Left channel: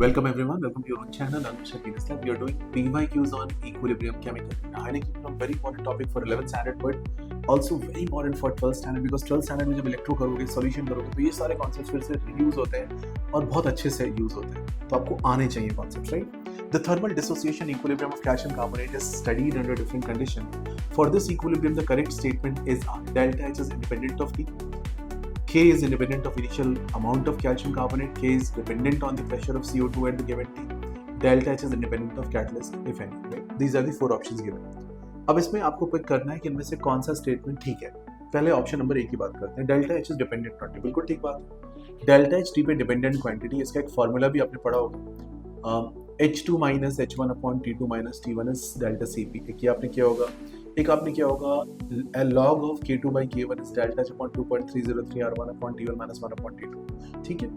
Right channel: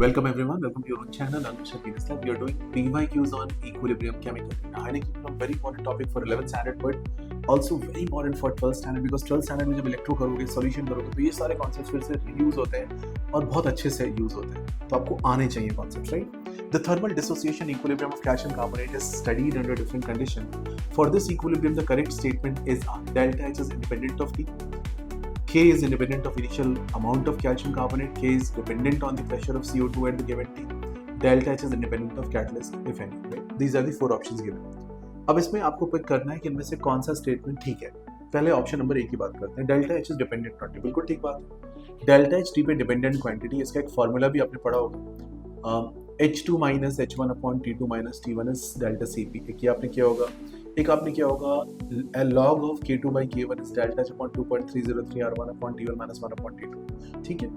Welcome everyone, welcome to your own channel. Anushka Venus Lab. We are doing PYQs on equilibrium chemical. Ironically, a very important topic for 11th standard, but also very important for 12th standard because 12th standard में जब electro करोगे, solution करोगे, तो ये सारे concepts फिर से use होते हैं और बहुत अच्छे से यूज होते हैं. तो आपको आने चाहिए concepts, right? The thermal dissociation equilibrium of calcium carbonate is studied under different conditions. For this equilibrium, the correct statement is delta H is independent of T. K is independent of initial amount of calcium carbonate. K is dependent on the pressure of CO2 at the given T. Delta H is independent of catalyst, if any. Right? These are the four options given. अब इसमें आपको pick करना है कि इनमें से कौन सा स्टेटमेंट ठीक है. पहले ऑप्शन नंबर 1 की बात करते हैं. Delta H is dependent on T. बिल्कुल ठीक बात है. डेल्टा एच टी पे डिपेंडेंट क्वांटिटी, इसका एक फॉर्मूला भी आपने पढ़ा होगा. H2 minus H1 upon T2 minus T1 is delta Cp. एक ये आपने किया होगा. एक आपने किया होगा log of K2 by K1 is delta H upon 2.303 R1 upon T1 minus 1 upon T2. ठीक है.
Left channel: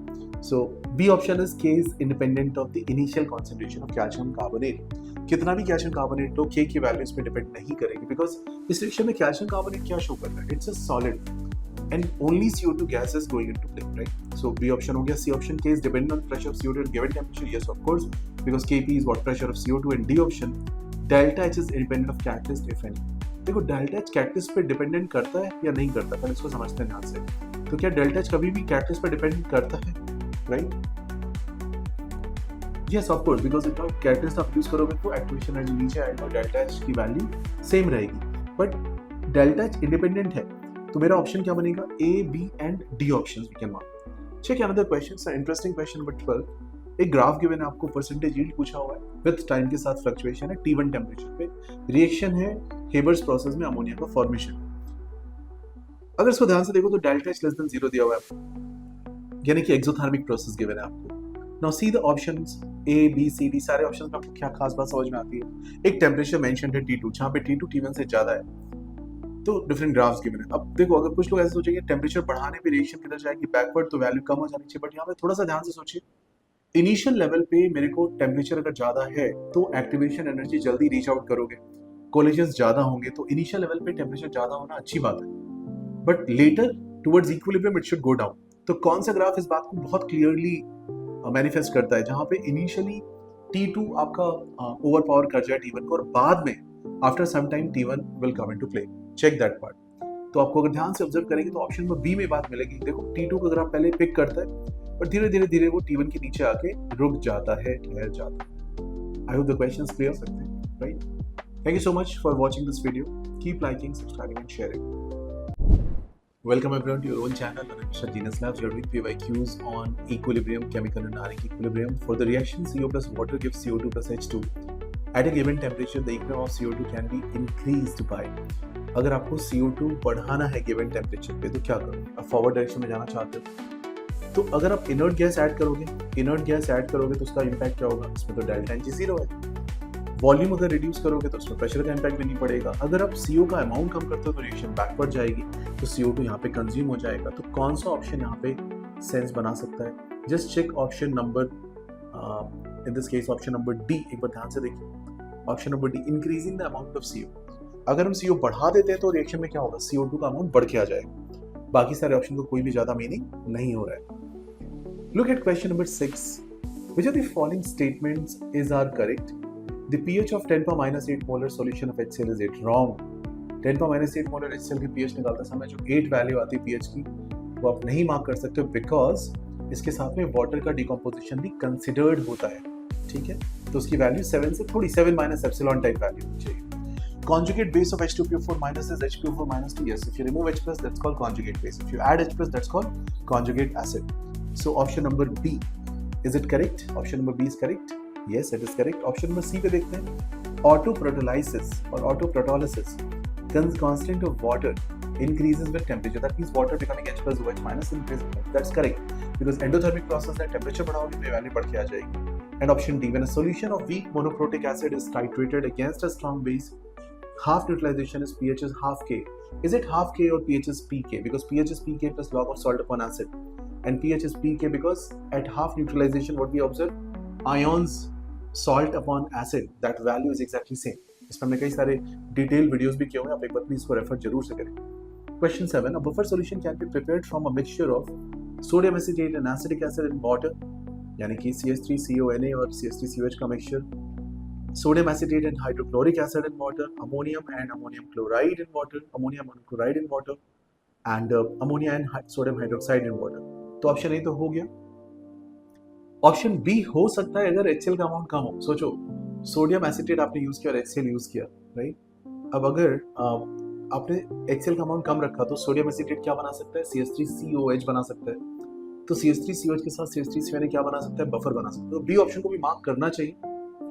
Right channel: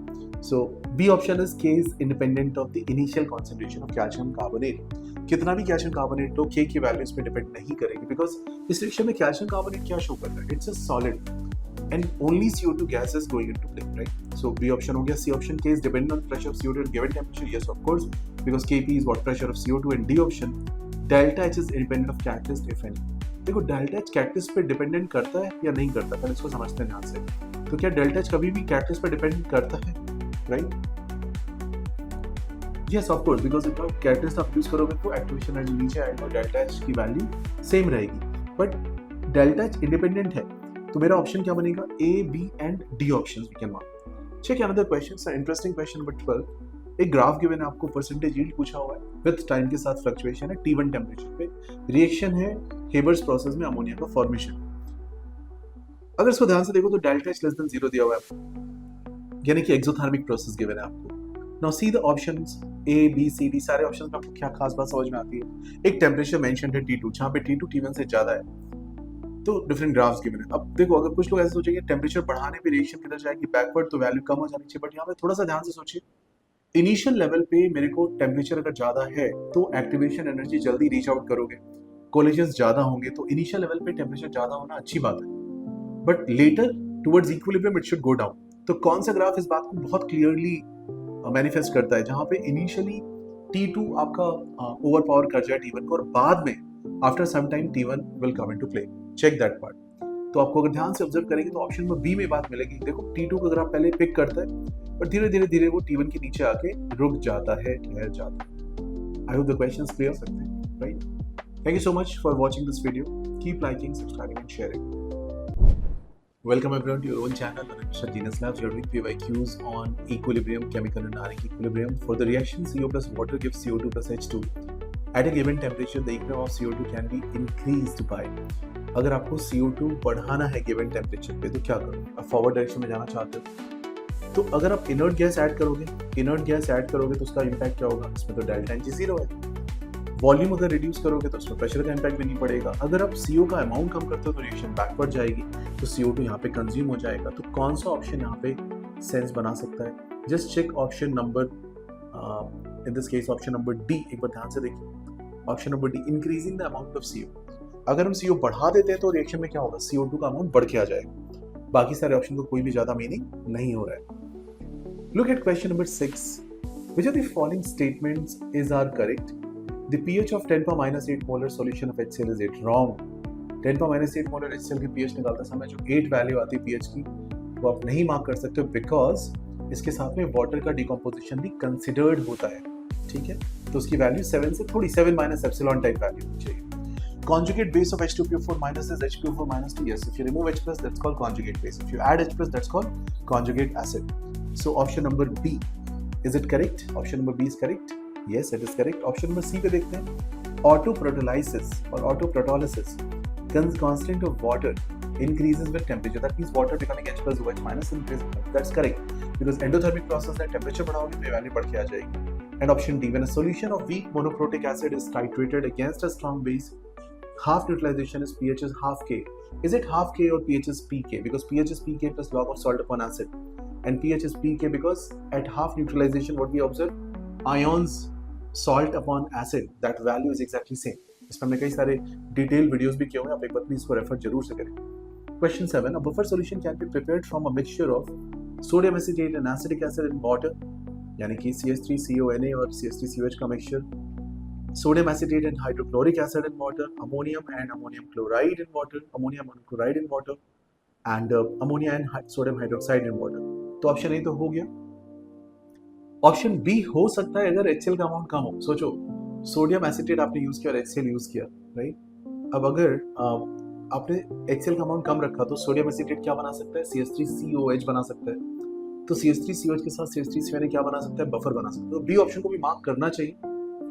So B option is K is independent of the initial concentration of calcium carbonate. कितना भी calcium carbonate तो K की value इस पे depend नहीं करेगी because इस रिएक्शन में calcium carbonate क्या शो कर रहा है? It's a solid. And only CO2 gas is going into play, right? So B option हो गया. C option, K is dependent on pressure of CO2 at given temperature. Yes, of course, because Kp is what pressure of CO2. And D option, delta H is independent of catalyst, if any. देखो delta H catalyst पे dependent करता है या नहीं करता, पहले इसको समझते हैं ध्यान से. तो क्या delta H कभी भी catalyst पे डिपेंडेंट करता है, right? Yes, of course, because if आप catalyst आप यूज करोगे तो एक्टिवेशन एनर्जी नीचे आएगा और delta H की वैल्यू सेम रहेगी. बट delta H इंडिपेंडेंट है, तो मेरा ऑप्शन क्या बनेगा? A, B and D options we can mark. Check another question. It's an interesting question number 12. एक ग्राफ गिवन है आपको, परसेंटेज यील्ड पूछा हुआ है, विद टाइम के साथ फ्लक्चुएशन है, T1 टेम्परेचर पे रिएक्शन है हेबर्स प्रोसेस में अमोनिया का फॉर्मेशन. अगर इसको ध्यान से देखो तो डेल्टा एच लेस देन 0 दिया हुआ है आपको, यानी कि एक्सोथर्मिक प्रोसेस गिवन है आपको. Now see the options A, B, C, D. सारे ऑप्शंस में आपको क्या खास बात समझ में आती है? एक टेम्परेचर मेंशन्ड है T2, जहाँ पे T2 T1 से ज्यादा है, तो डिफरेंट ग्राफ्स गिवन है. अब देखो, अगर कुछ लोग ऐसे सोचेंगे टेम्परेचर बढ़ाने पे रिएक्शन किधर जाएगी, बैकवर्ड, तो वैल्यू कम हो जानी चाहिए. बट यहाँ पे थोड़ा सा ध्यान से सोचिए. इनिशियल लेवल पे मेरे को टेम्परेचर अगर ज्यादा है तो एक्टिवेशन एनर्जी जल्दी रीच आउट करोगे, कोलिजन्स ज्यादा होंगे, तो इनिशियल लेवल पे टेम्परेचर ज्यादा होना अच्छी बात है. But later towards equilibrium it should go down. तो कौन सा ग्राफ इस बात को बहुत क्लियरली मैनिफेस्ट करता है? जहां पे इनिशियली T2 आपका ओवर पावर कर जाए T1 को और बाद में after some time T1 will come into play. Check that part. तो आपको अगर ध्यान से ऑब्जर्व करेंगे तो ऑप्शन नंबर बी में बात मिलेगी. देखो T2 को ग्राफ पहले पिक करता है और धीरे धीरे धीरे वो T1 के नीचे आके रुक जाता है, ठहर जाता है. I hope the questions clear सकते हैं, right? Thank you so much for watching this video. Keep liking, subscribing and sharing. Welcome everyone to your own channel, Anushka Venus Lab. We are doing PYQs on equilibrium, chemical and ionic equilibrium. For the reaction CO plus water gives CO2 plus H2. At a given temperature, the equilibrium of CO2 can be increased by. अगर आपको CO2 बढ़ाना है given temperature पे तो क्या करोगे? आप forward direction में जाना चाहते हो तो अगर आप इनर्ट गैस ऐड करोगे तो उसका इम्पैक्ट क्या होगा? इसमें तो डेल्टा एच 0 है. वॉल्यूम अगर रिड्यूस करोगे तो उसमें प्रेशर का इम्पैक्ट भी नहीं पड़ेगा. अगर आप CO का अमाउंट कम करते हो तो रिएक्शन बैकवर्ड जाएगी, तो CO2 यहाँ पे कंज्यूम हो जाएगा. तो कौन सा ऑप्शन यहाँ पे सेंस बना सकता है? Just check option number, in this case option number D. एक बार ध्यान से देखिए, option number D, increasing the amount of CO. अगर हम CO बढ़ा देते हैं तो रिएक्शन में क्या होगा? CO2 का अमाउंट बढ़ के आ जाएगा. बाकी सारे ऑप्शन को कोई भी ज्यादा मीनिंग नहीं हो रहा है. Look at question number 6. Which of the following statements is are correct? The pH of 10 power minus 8 molar solution of HCl is 8. Wrong. 10 power minus 8 molar HCl की pH निकालते समय जो 8 वैल्यू आती है pH की, वो आप नहीं मार्क कर सकते बिकॉज इसके साथ में वाटर का डिकम्पोजिशन भी कंसिडर्ड होता है. ठीक है, तो उसकी वैल्यू 7 से थोड़ी 7 माइनस एप्सिलॉन टाइप वैल्यू होनी चाहिए. Conjugate base of H2PO4 minus is HPO4 minus 2. Yes, if you remove H plus, that's called conjugate base. If you add H plus, that's called conjugate acid. So option number B, is it correct? Option number B is correct. Yes, it is correct. Option number C पे देखते हैं. Autoprotolysis or autoprotolysis, constant of water increases with temperature. That means water becoming H plus OH minus increases. That's correct because endothermic process है, temperature बढ़ाओगे तो ये value बढ़ के आ जाएगी. And option D, when a solution of weak monoprotic acid is titrated against a strong base, half neutralization is pH is half K. Is it half K or pH is pK? Because pH is pK plus log of salt upon acid, and pH is pK because at half neutralization what we observe, ions salt upon acid, that value is exactly same. इस पर हमने कई सारे detail videos भी किए हुए हैं, आप एक बार प्लीज इसको रेफर जरूर से करें. Question 7. A buffer solution can be prepared from a mixture of sodium acetate and acetic acid in water. यानी कि CH3CONA और CH3COH का mixture, sodium acetate and hydrochloric acid in water, ammonium and ammonium chloride in water, ammonium chloride in water and ammonia and sodium hydroxide in water. तो option A तो हो गया। Option B हो सकता है अगर HCl का अमाउंट कम हो। सोचो सोडियम एसिटेट आपने यूज किया और HCl यूज किया, राइट। अब अगर आपने HCl का अमाउंट कम रखा तो सोडियम एसिटेट क्या बना सकता है, CH3COH बना सकता है। तो CH3COH के साथ CH3CONA क्या बना सकता है, बफर बना सकता है। तो बी ऑप्शन को भी मार्क करना चाहिए।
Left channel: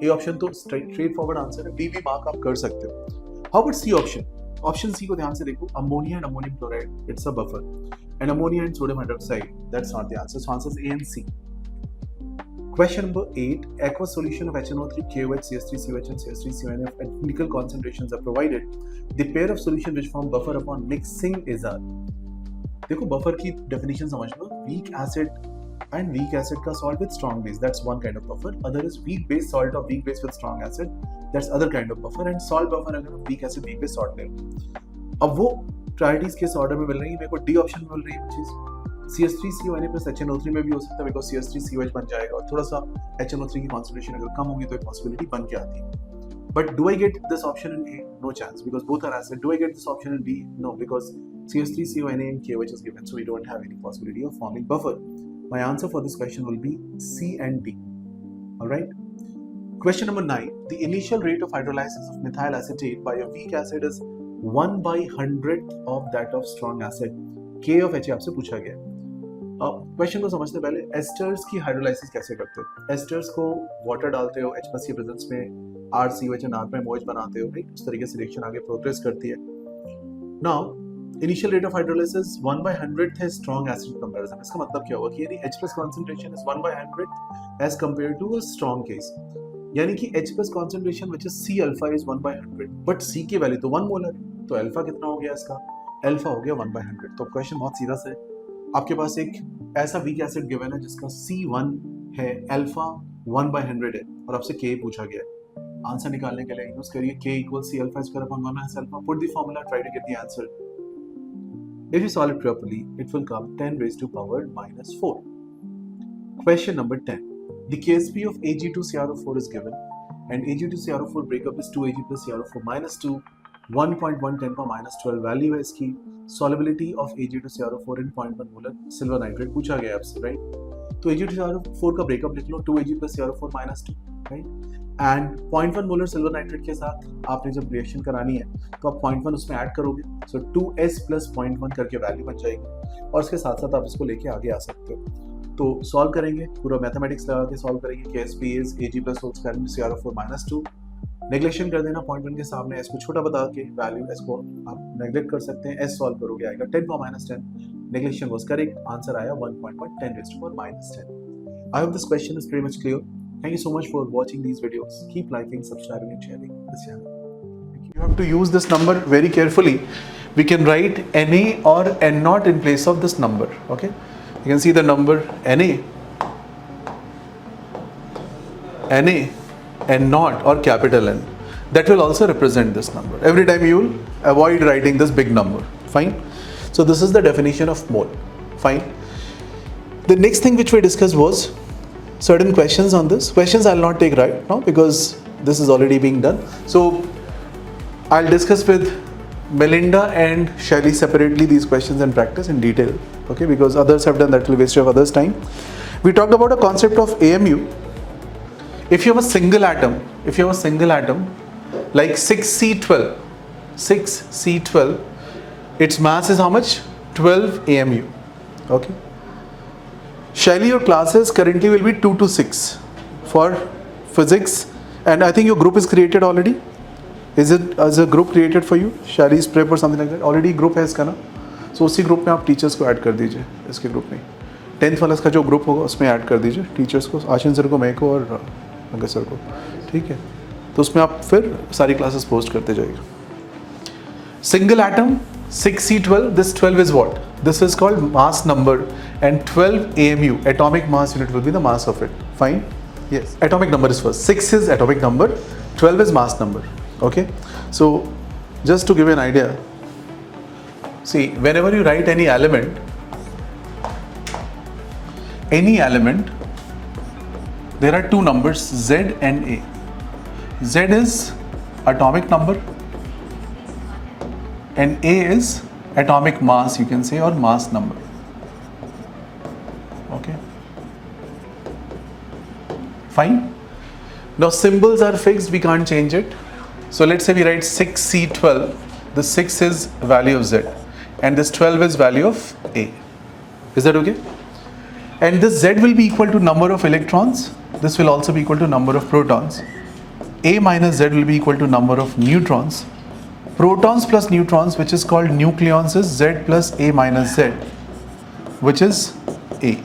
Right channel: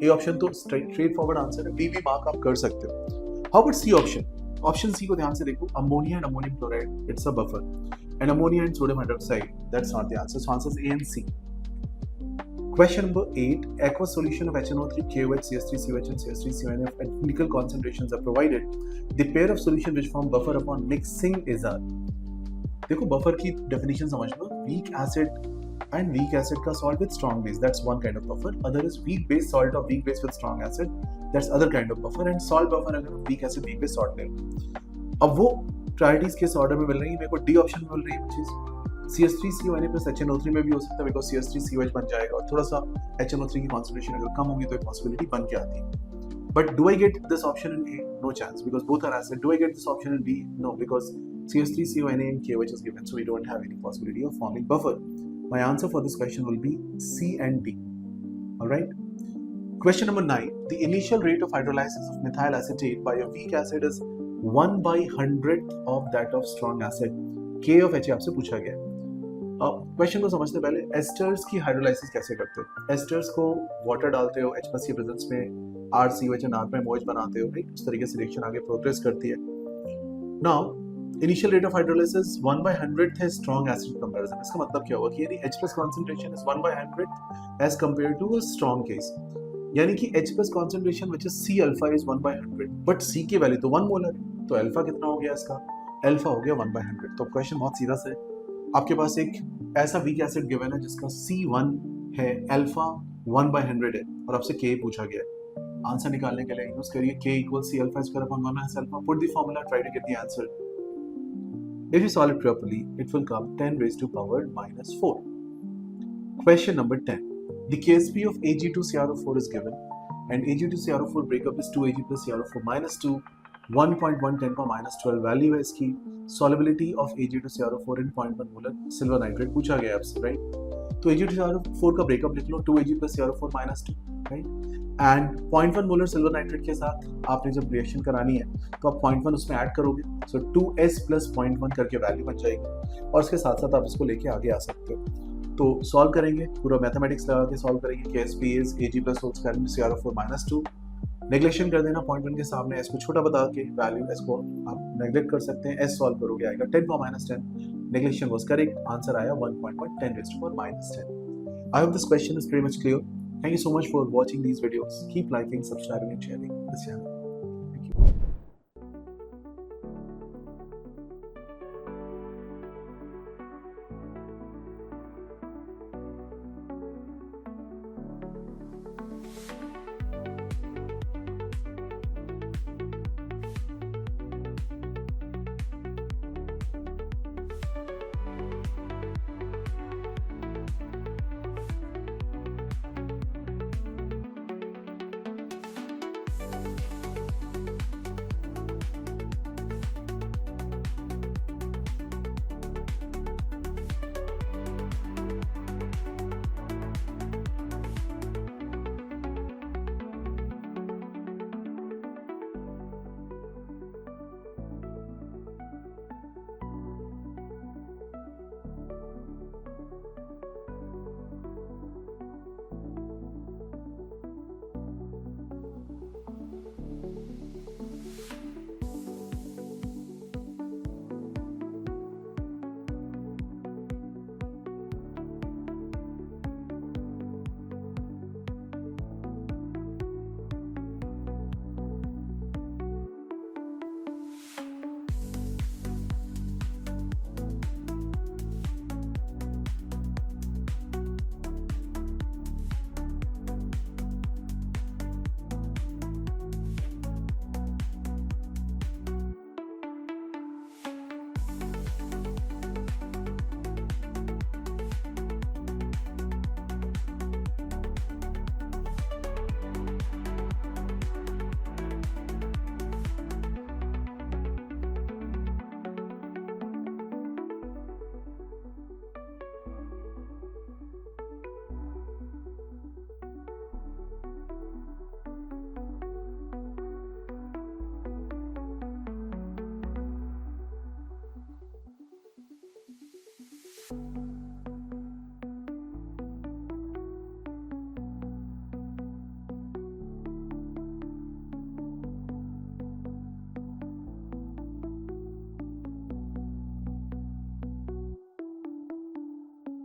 ए ऑप्शन तो स्ट्रेट फॉरवर्ड आंसर है, बी भी मार्क आप कर सकते हो। How about C option? Option C को ध्यान से देखो, ammonia and ammonium chloride, it's a buffer, and ammonia and sodium hydroxide, that's not the answer. So answer is A and C. Question number 8. Aqueous solution of HNO3, KOH, CH3COH and CH3CONA at critical concentrations are provided. The pair of solution which form buffer upon mixing is a. देखो buffer की definition समझ लो, weak acid and weak acid का salt with strong base, that's one kind of buffer. Other is weak base salt or weak base with strong acid, that's other kind of buffer. And salt buffer अगर हम weak acid weak base salt ले लो, अब वो priorities किस order में मिल रही है? मेरे को डी ऑप्शन में मिल रही है वो चीज। CH3CONA प्लस HNO3 में भी हो सकता है, बिकॉज CH3COH बन जाएगा और थोड़ा सा HNO3 की कॉन्सेंट्रेशन अगर कम होगी तो एक पॉसिबिलिटी बन के आती है। But do I get this option in A? No chance, because both are acid. Do I get this option in B? No, because CH3CONA and KOH is given, so we don't have any possibility of forming buffer. My answer for this question will be C and D. All right. Question number 9. The initial rate of hydrolysis of methyl acetate by a weak acid is 1/100th of that of strong acid. K of H आपसे पूछा गया। Question को समझते पहले asters की hydrolysis कैसे करते हो? एस्टर्स को वाटर डालते हो, H+ की प्रेजेंस में RCOH and R' बनाते हो, राइट। उस तरीके से रिएक्शन आगे प्रोग्रेस करती है। Now initial rate of hydrolysis 1/100th है स्ट्रॉन्ग एसिड कंपैरिजन। इसका मतलब क्या हुआ कि यानी H+ concentration is 1/100th as compare to a strong case, यानी कि H+ concentration which is C alpha is 1/100, but C की वैल्यू तो 1 मोलर है, तो अल्फा कितना हो गया इसका? अल्फा हो गया 1/100। तो क्वेश्चन बहुत सीधा सा है, आपके पास एक ऐसा वीक एसिड गिवन है जिसका C1 है, अल्फा 1/100 है और आपसे K पूछा गया है। आंसर निकालने के लिए यूज करिए K = C alpha square upon 1 minus alpha. Put the formula, try to get the answer. If you solve it properly, it will come 10 raised to power minus 4. Question number 10. The KSP of Ag2CrO4 is given and Ag2CrO4 breakup is 2Ag plus CrO4 minus 2, 1.1 10 power minus 12 value है इसकी। solubility of Ag2CrO4 in 0.1 molar silver nitrate पूछा गया आपसे, right. तो Ag2CrO4 का breakup लिख लो, 2Ag plus CrO4 minus 2, right. And 0.1 molar silver nitrate के साथ आपने जब रिएक्शन करानी है तो आप 0.1 उसमें ऐड करोगे, सो 2S plus 0.1 करके वैल्यू बन जाएगी और उसके साथ साथ आप इसको लेके आगे आ सकते हो। तो सॉल्व करेंगे, पूरा मैथमेटिक्स लगा के सॉल्व करेंगे। KSP is Ag plus whole square into CrO4 minus 2। Neglection कर देना 0.1 के सामने, इसको छोटा बता के वैल्यू इसको आप नेग्लेक्ट कर सकते हैं। S सॉल्व करोगे आएगा 10 power minus 10। Neglection was correct, answer आया 1.1 10 raised to power minus 10। I hope this question is pretty much clear. Thank you so much for watching these videos. Keep liking, subscribing and sharing this channel. You have to use this number very carefully. We can write Na or N0 in place of this number, okay? You can see the number Na, N0 or capital N. That will also represent this number. Every time you will avoid writing this big number, fine? So this is the definition of mole, fine? The next thing which we discussed was certain questions on this. Questions I'll not take right now because this is already being done. So I'll discuss with Melinda and Shelly separately these questions and practice in detail, okay? Because others have done, that will waste of others' time. We talked about a concept of AMU. If you have a single atom like 6C12, its mass is how much? 12 AMU, okay? Shelly, your classes currently will be 2 to 6 for physics, and I think your group is created already. Is it as a group created for you? Shelly's prep or something like that. Already group है इसका ना, so उसी group में आप teachers को add कर दीजिए इसके group में। 10th वाला इसका जो group होगा उसमें add कर दीजिए teachers को, आशीन सर को, मैं को और अंकल सर को, ठीक है? तो उसमें आप फिर सारी classes post करते जाइए। Single atom 6C12, this 12 is what? This is called mass number, and 12 AMU, atomic mass unit, will be the mass of it. Fine? Yes. Atomic number is first. 6 is atomic number, 12 is mass number. Okay? So, just to give you an idea, see, whenever you write any element, there are two numbers, Z and A. Z is atomic number and A is atomic mass, you can say, or mass number. Okay, fine. Now symbols are fixed, we can't change it. So let's say we write 6C12. The 6 is value of Z and this 12 is value of A. Is that okay? And this Z will be equal to number of electrons. This will also be equal to number of protons. A minus Z will be equal to number of neutrons. Protons plus neutrons, which is called nucleons, is Z plus A minus Z, which is A.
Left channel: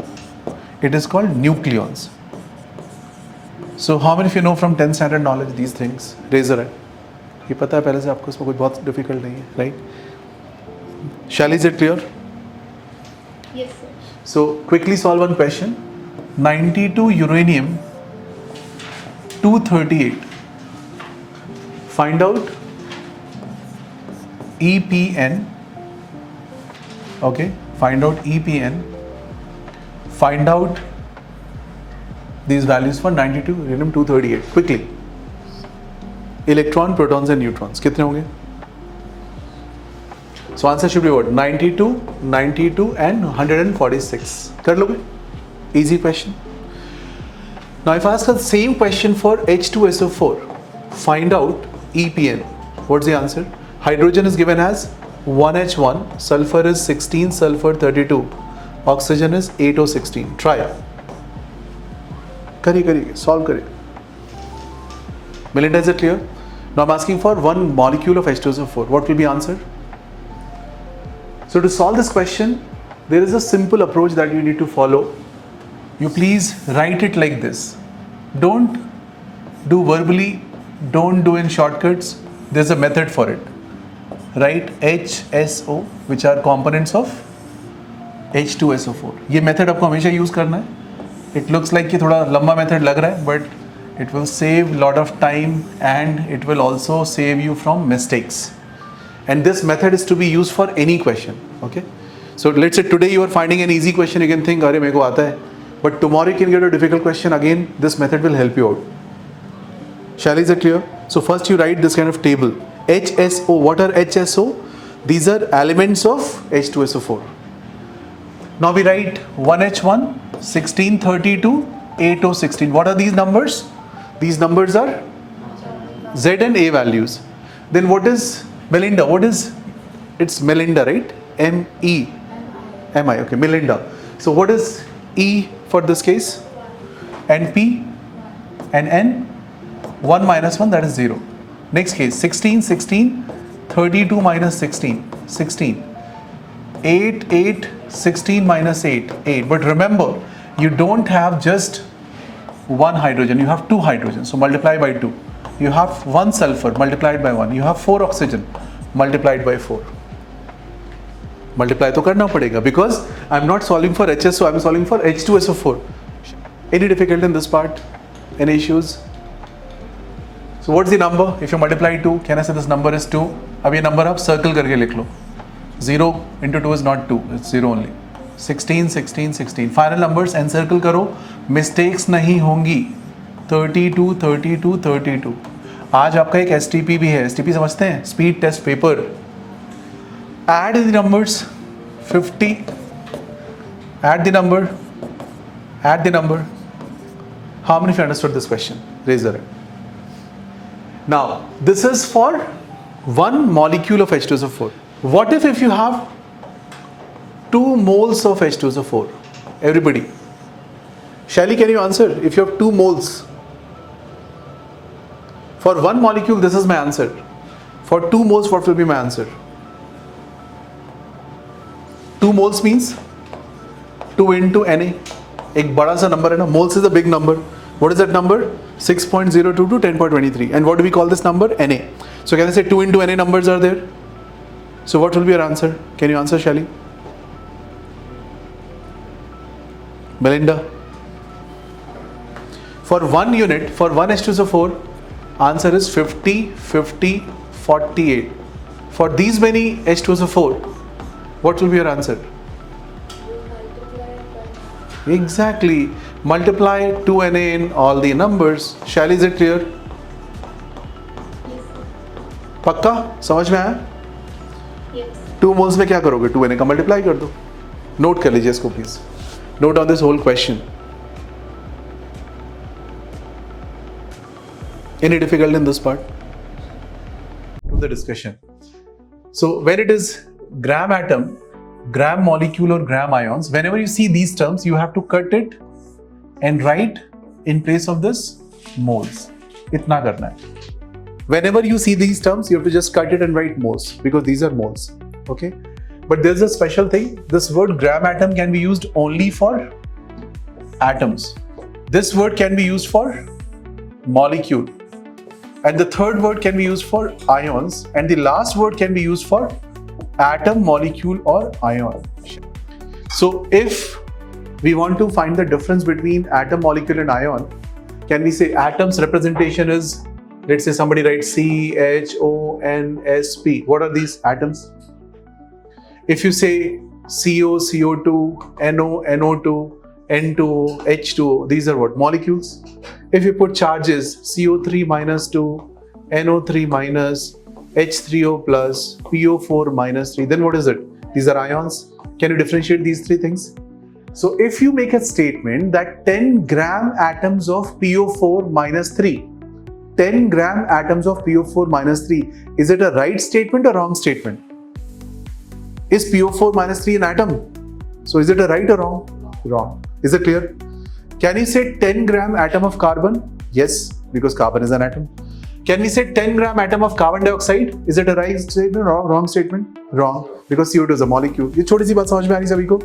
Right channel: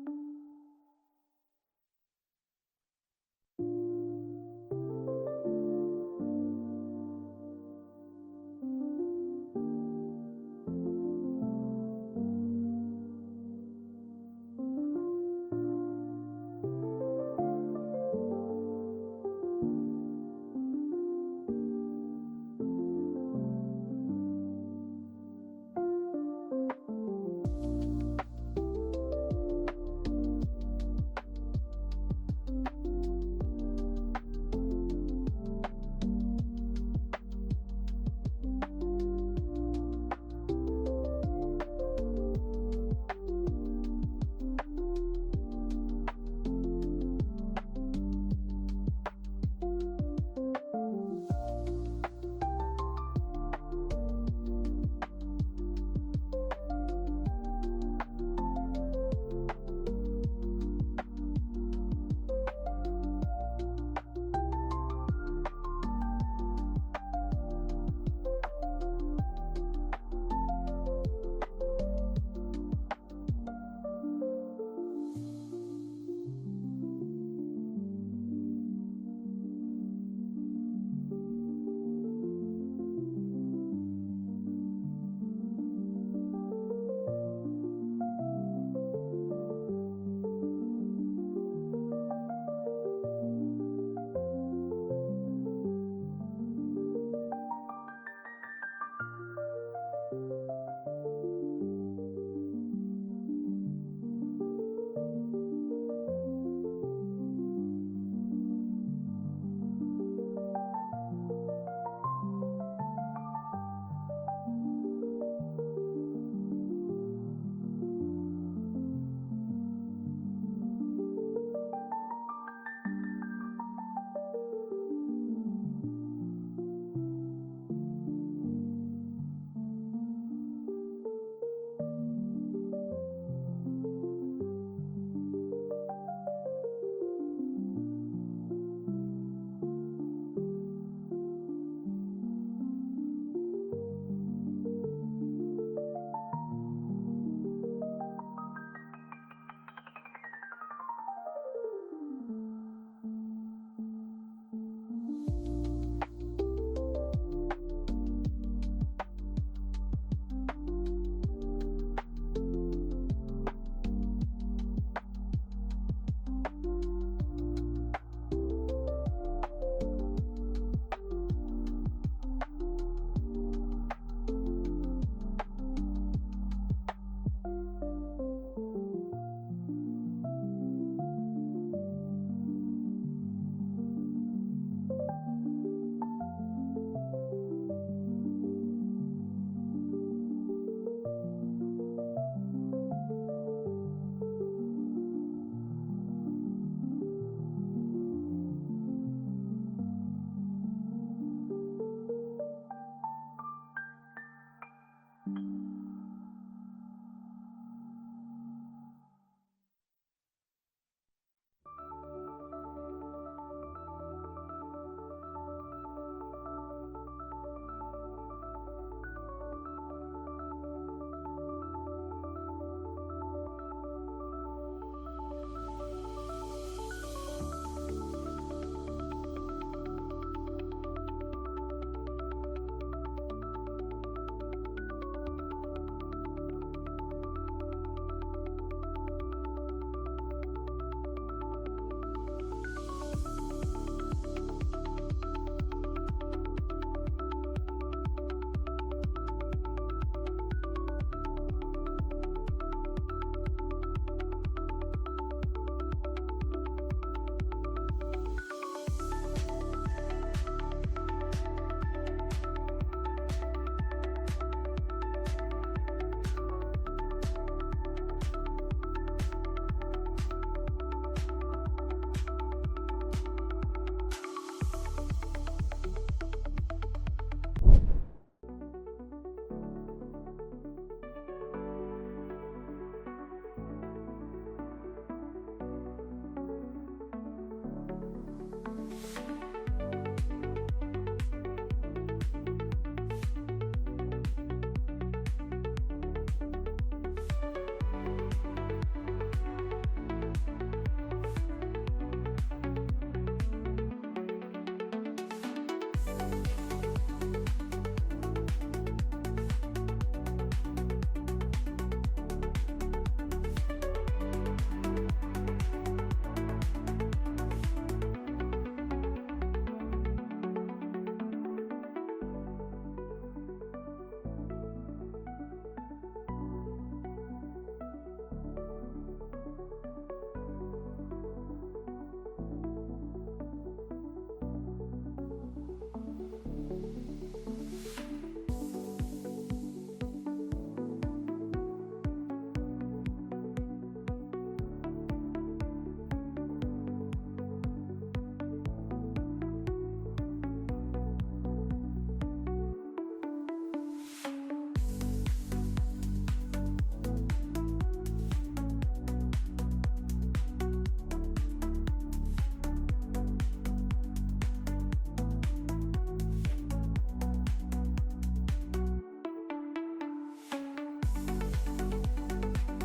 It is called nucleons. So how many of you know from 10th standard knowledge these things? Raise your hand. ये पता है पहले से आपको, इसमें कुछ बहुत difficult नहीं है, right? Shall, is it clear? Yes, sir. So quickly solve one question. 92 uranium 238. Find out EPN. Okay, find out EPN. Find out these values for 92 uranium 238. Quickly. Electron, protons and neutrons. कितने होंगे? So answer should be what? 92, 92 and 146. कर लोगे? Easy question. Now if I ask the same question for H2SO4, find out EPN. What's the answer? Hydrogen is given as 1H1, sulfur is 16, sulfur 32, oxygen is 8O16. Try. करिए, solve करिए. Melinda, is it clear? Now I'm asking for one molecule of H2SO4. What will be answer? So to solve this question, there is a simple approach that you need to follow. You please write it like this. Don't do verbally, don't do in shortcuts. There's a method for it. Write HSO, which are components of H2SO4. ये method आपको हमेशा use करना है. It looks like कि थोड़ा लंबा method लग रहा है, but it will save lot of time and it will also save you from mistakes. And this method is to be used for any question. Okay? So let's say today you are finding an easy question, you can think, अरे मेरे को आता है. But tomorrow you can get a difficult question. Again, this method will help you out. Shall, is it clear? So first you write this kind of table. HSO. What are HSO? These are elements of H2SO4. Now we write 1H1, 1632, 8O16. What are these numbers? These numbers are Z and A values. Then what is Melinda? What is? It's Melinda, right? M-E-M-I. Okay, Melinda. So what is E for this case? And P and N? 1 minus 1, that is 0. Next case, 16, 16, 32 minus 16, 16. 8, 8, 16 minus 8, 8. But remember, you don't have just one hydrogen, you have two hydrogens, so multiply by 2. You have one sulfur, multiplied by 1. You have 4 oxygen, multiplied by 4. Multiply तो करना पड़ेगा because I'm not solving for HSO, I'm solving for H2SO4. Any difficult in this part? Any issues? So what's the number? If you multiply 2, can I say this number is 2? अब ये number आप circle करके लिख लो. 0 into 2 is not 2, it's 0 only. 16, 16, 16. Final numbers encircle करो, mistakes नहीं होंगी. 32, 32, 32. आज आपका एक STP भी है. STP समझते हैं? Speed test paper. Add the numbers. 50. Add the number. Add the number. How many of you understood this question? Raise your hand. Now, this is for one molecule of H2SO4. What if you have 2 moles of H2SO4? Everybody. Shelly, can you answer? If you have 2 moles. For one molecule, this is my answer. For 2 moles, what will be my answer? 2 moles means 2 into Na. एक बड़ा सा number है ना. Moles is a big number. What is that number? 6.02 to 10.23. And what do we call this number? Na. So can I say 2 into Na numbers are there? So what will be your answer? Can you answer, Shelly? Melinda? For one unit, for one H2SO4, answer is 50, 50, 48. For these many H2SO4, what will be your answer? Exactly. Multiply 2Na in all the numbers. Shall, is it clear? पक्का समझ में आया? Yes. 2 moles में क्या करोगे? 2Na का multiply कर दो. नोट कर लीजिए इसको please. Note down this whole question. Any difficulty in this part? Of the discussion. So when it is gram atom, gram molecule or gram ions, whenever you see these terms, you have to cut it and write in place of this moles. इतना करना है. Whenever you see these terms, you have to just cut it and write moles because these are moles. Okay? But there's a special thing. This word gram atom can be used only for atoms. This word can be used for molecule. And the third word can be used for ions. And the last word can be used for atom, molecule, or ion. So if we want to find the difference between atom, molecule, and ion, can we say atom's representation is, let's say somebody writes C, H, O, N, S, P. What are these atoms? If you say CO, CO2, NO, NO2, N2, H2O, these are what? Molecules. If you put charges CO3 minus 2, NO3 minus, H3O plus, PO4 minus 3, then what is it? These are ions. Can you differentiate these three things? So if you make a statement that 10 gram atoms of PO4 minus 3, 10 gram atoms of PO4 minus 3, is it a right statement or wrong statement? Is PO4 minus 3 an atom? So is it a right or wrong? Wrong. Is it clear? Can you say 10 gram atom of carbon? Yes, because carbon is an atom. Can we say 10 gram atom of carbon dioxide? Is it a right statement or wrong statement? Wrong, because CO2 is a molecule. ये छोटी सी बात समझ में आ रही सभी को?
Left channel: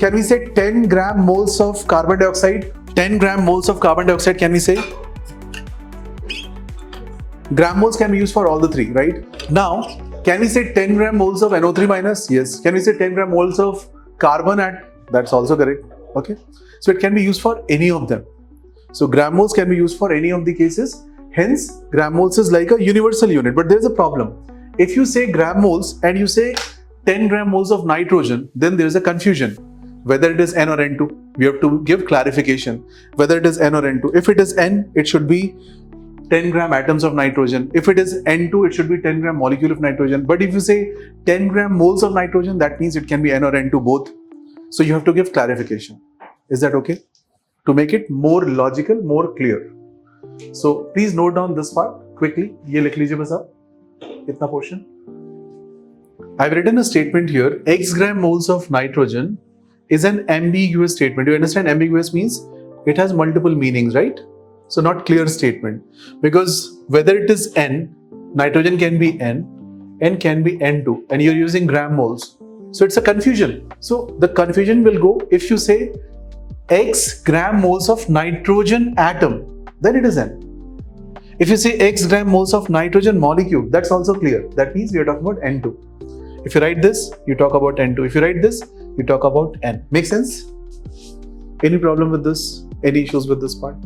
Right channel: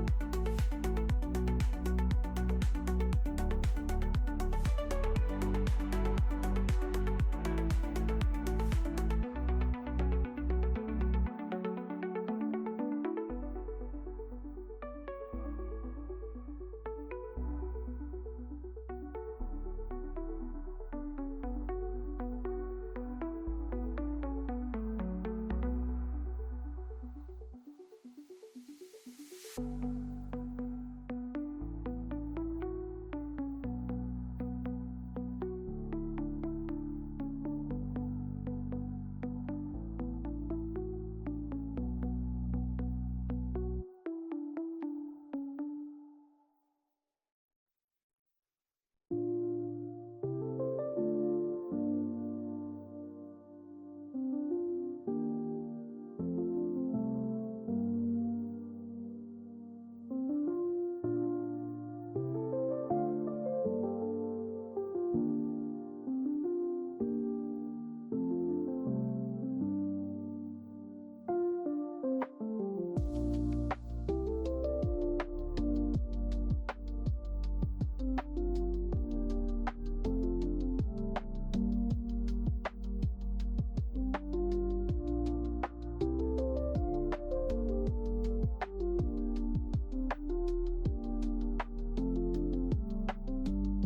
Can we say 10 gram moles of carbon dioxide? 10 gram moles of carbon dioxide, can we say? Gram moles can be used for all the three, right? Now, can we say 10 gram moles of NO3 minus? Yes. Can we say 10 gram moles of carbon at? That's also correct. Okay. So it can be used for any of them. So gram moles can be used for any of the cases. Hence, gram moles is like a universal unit. But there's a problem. If you say gram moles and you say 10 gram moles of nitrogen, then there's a confusion. Whether it is N or N2, we have to give clarification. Whether it is N or N2. If it is N, it should be 10 gram atoms of nitrogen. If it is N2, it should be 10 gram molecule of nitrogen. But if you say 10 gram moles of nitrogen, that means it can be N or N2 both. So you have to give clarification. Is that okay? To make it more logical, more clear. So please note down this part quickly. ये लिख लीजिए बस आप इतना portion. I've written a statement here. X gram moles of nitrogen is an ambiguous statement. You understand? Ambiguous means it has multiple meanings, right? So not clear statement, because whether it is N, nitrogen can be N can be N2, and you're using gram moles. So it's a confusion. So the confusion will go if you say X gram moles of nitrogen atom, then it is N. If you say X gram moles of nitrogen molecule, that's also clear. That means we are talking about N2. If you write this, you talk about N2. If you write this, you talk about N. Make sense? Any problem with this? Any issues with this part?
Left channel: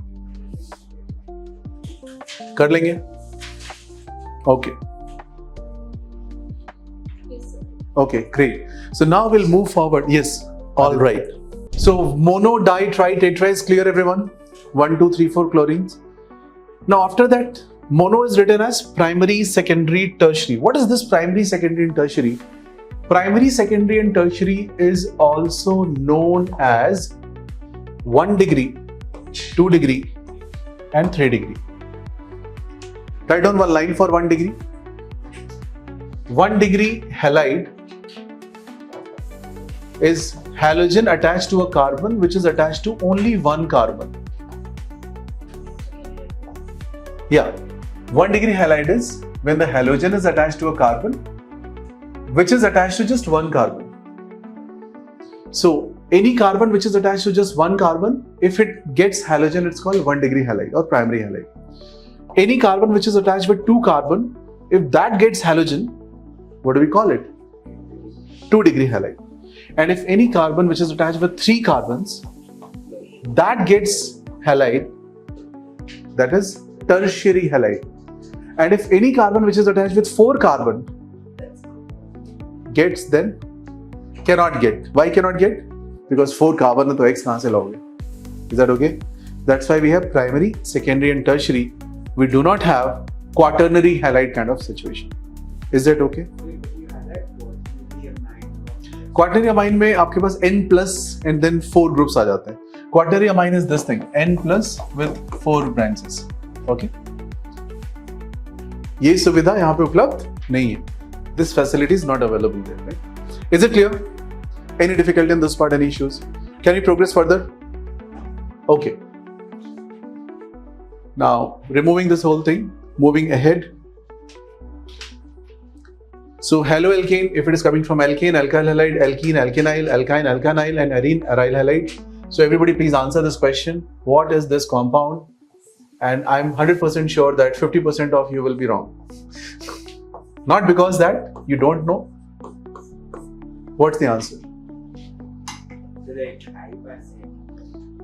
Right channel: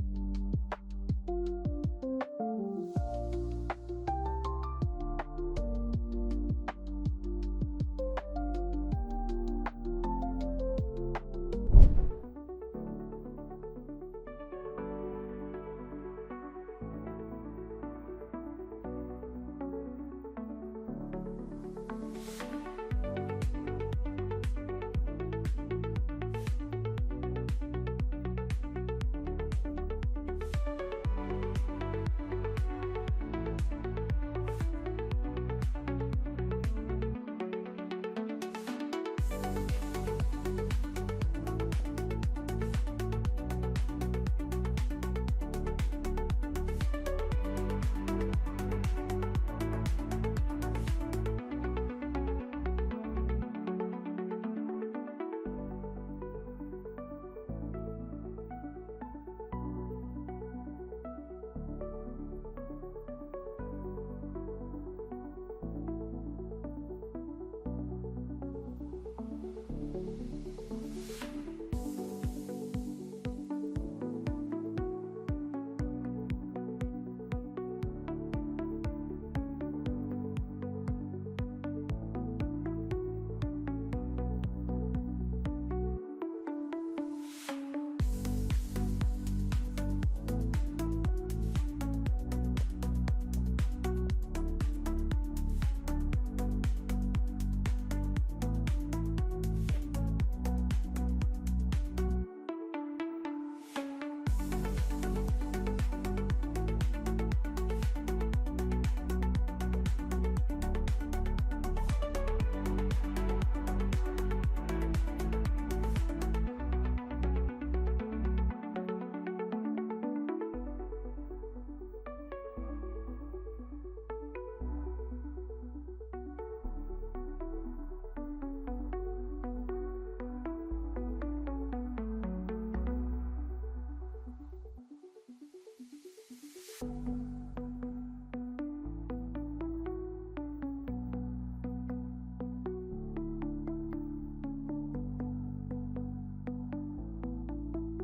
कर लेंगे? Okay. Yes, sir. Okay, great. So now we'll move forward. Yes, all right. So mono, di, tri, tetra is clear, everyone? 1, 2, 3, 4 chlorines. Now after that, mono is written as primary, secondary, tertiary. What is this primary, secondary, and tertiary? Primary, secondary, and tertiary is also known as 1 degree, 2 degree, and 3 degree. Write down one line for 1 degree. 1 degree halide is halogen attached to a carbon which is attached to only one carbon. Yeah, 1 degree halide is when the halogen is attached to a carbon which is attached to just one carbon. So any carbon which is attached to just one carbon, if it gets halogen, it's called 1 degree halide or primary halide. Any carbon which is attached with 2 carbon, if that gets halogen, what do we call it? 2 degree halide. And if any carbon which is attached with 3 carbons, that gets halide, that is tertiary halide. And if any carbon which is attached with 4 carbon gets, then cannot get. Why cannot get? because 4 carbon है तो X कहाँ से लाओगे? Is that okay? That's why we have primary, secondary and tertiary. We do not have quaternary halide kind of situation. Is that okay? Quaternary amine में आपके पास N plus and then 4 groups आ जाते हैं. Quaternary amine is this thing, N plus with 4 branches. Okay? ये सुविधा यहाँ पे उपलब्ध नहीं है. This facility is not available there. Right? Is it clear? Any difficulty in this part? Any issues? Can we progress further? Okay. Now, removing this whole thing, moving ahead. So, haloalkane, if it is coming from alkane, alkyl halide, alkene, alkenyl, alkyne, alkanyl, and arene, aryl halide. So, everybody please answer this question. What is this compound? And I'm 100% sure that 50% of you will be wrong. Not because that you don't know. What's the answer?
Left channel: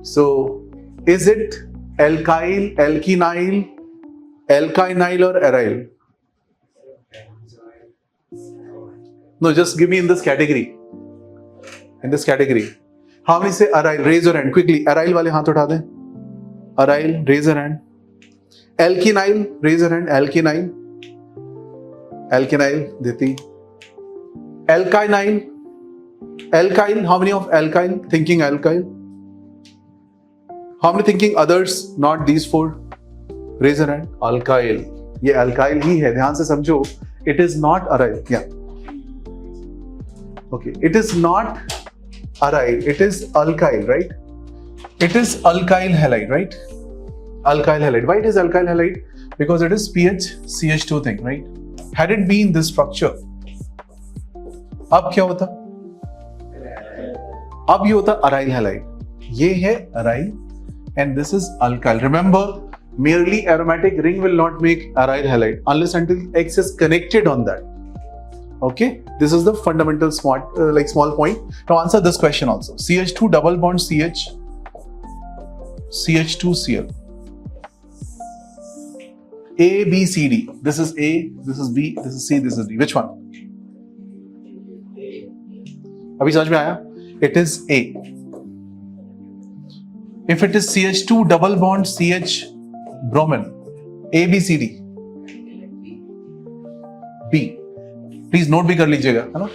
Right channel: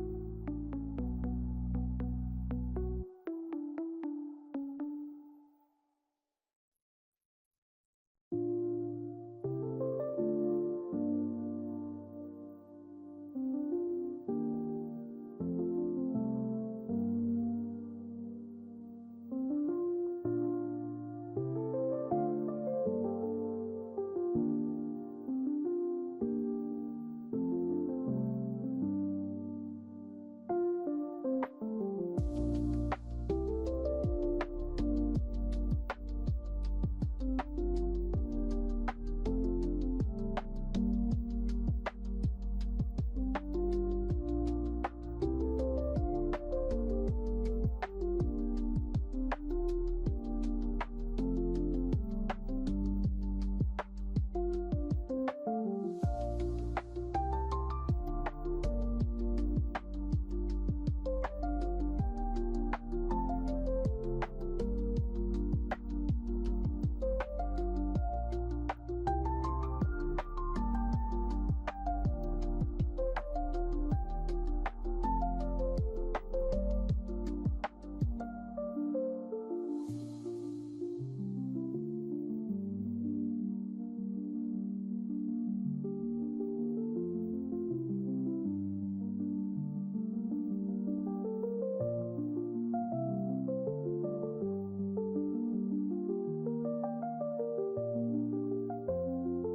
So, is it alkyl, alkenyl, alkynyl or aryl? No, just give me in this category. In this category. How many say aryl? Raise your hand quickly. Aryl वाले हाथ उठा दें. Aryl, raise your hand. Alkenyl, raise your hand. Alkenyl. Alkenyl, Diti. Alkynyl. Alkyl, how many of alkyl? Thinking alkyl. How many thinking others? Not these 4. Raise your hand. Alkyl. ये alkyl ही है. ध्यान से समझो. It is not aryl. Yeah. Okay. It is not aryl. It is alkyl, right? It is alkyl halide, right? Alkyl halide. Why it is alkyl halide? Because it is pH CH2 thing, right? Had it been this structure, अब क्या होता? अब ये होता aryl halide. ये है aryl and this is alkyl. Remember, merely aromatic ring will not make aryl halide unless until X is connected on that. Okay, this is the fundamental small point. Now answer this question also. CH2 double bond CH, CH2Cl. A, B, C, D. This is A, this is B, this is C, this is D. Which one? अभी समझ में आया? It is A. If it is CH2 double bond CH bromine, A, B, C, D. B. Please note भी कर लीजिएगा, है ना?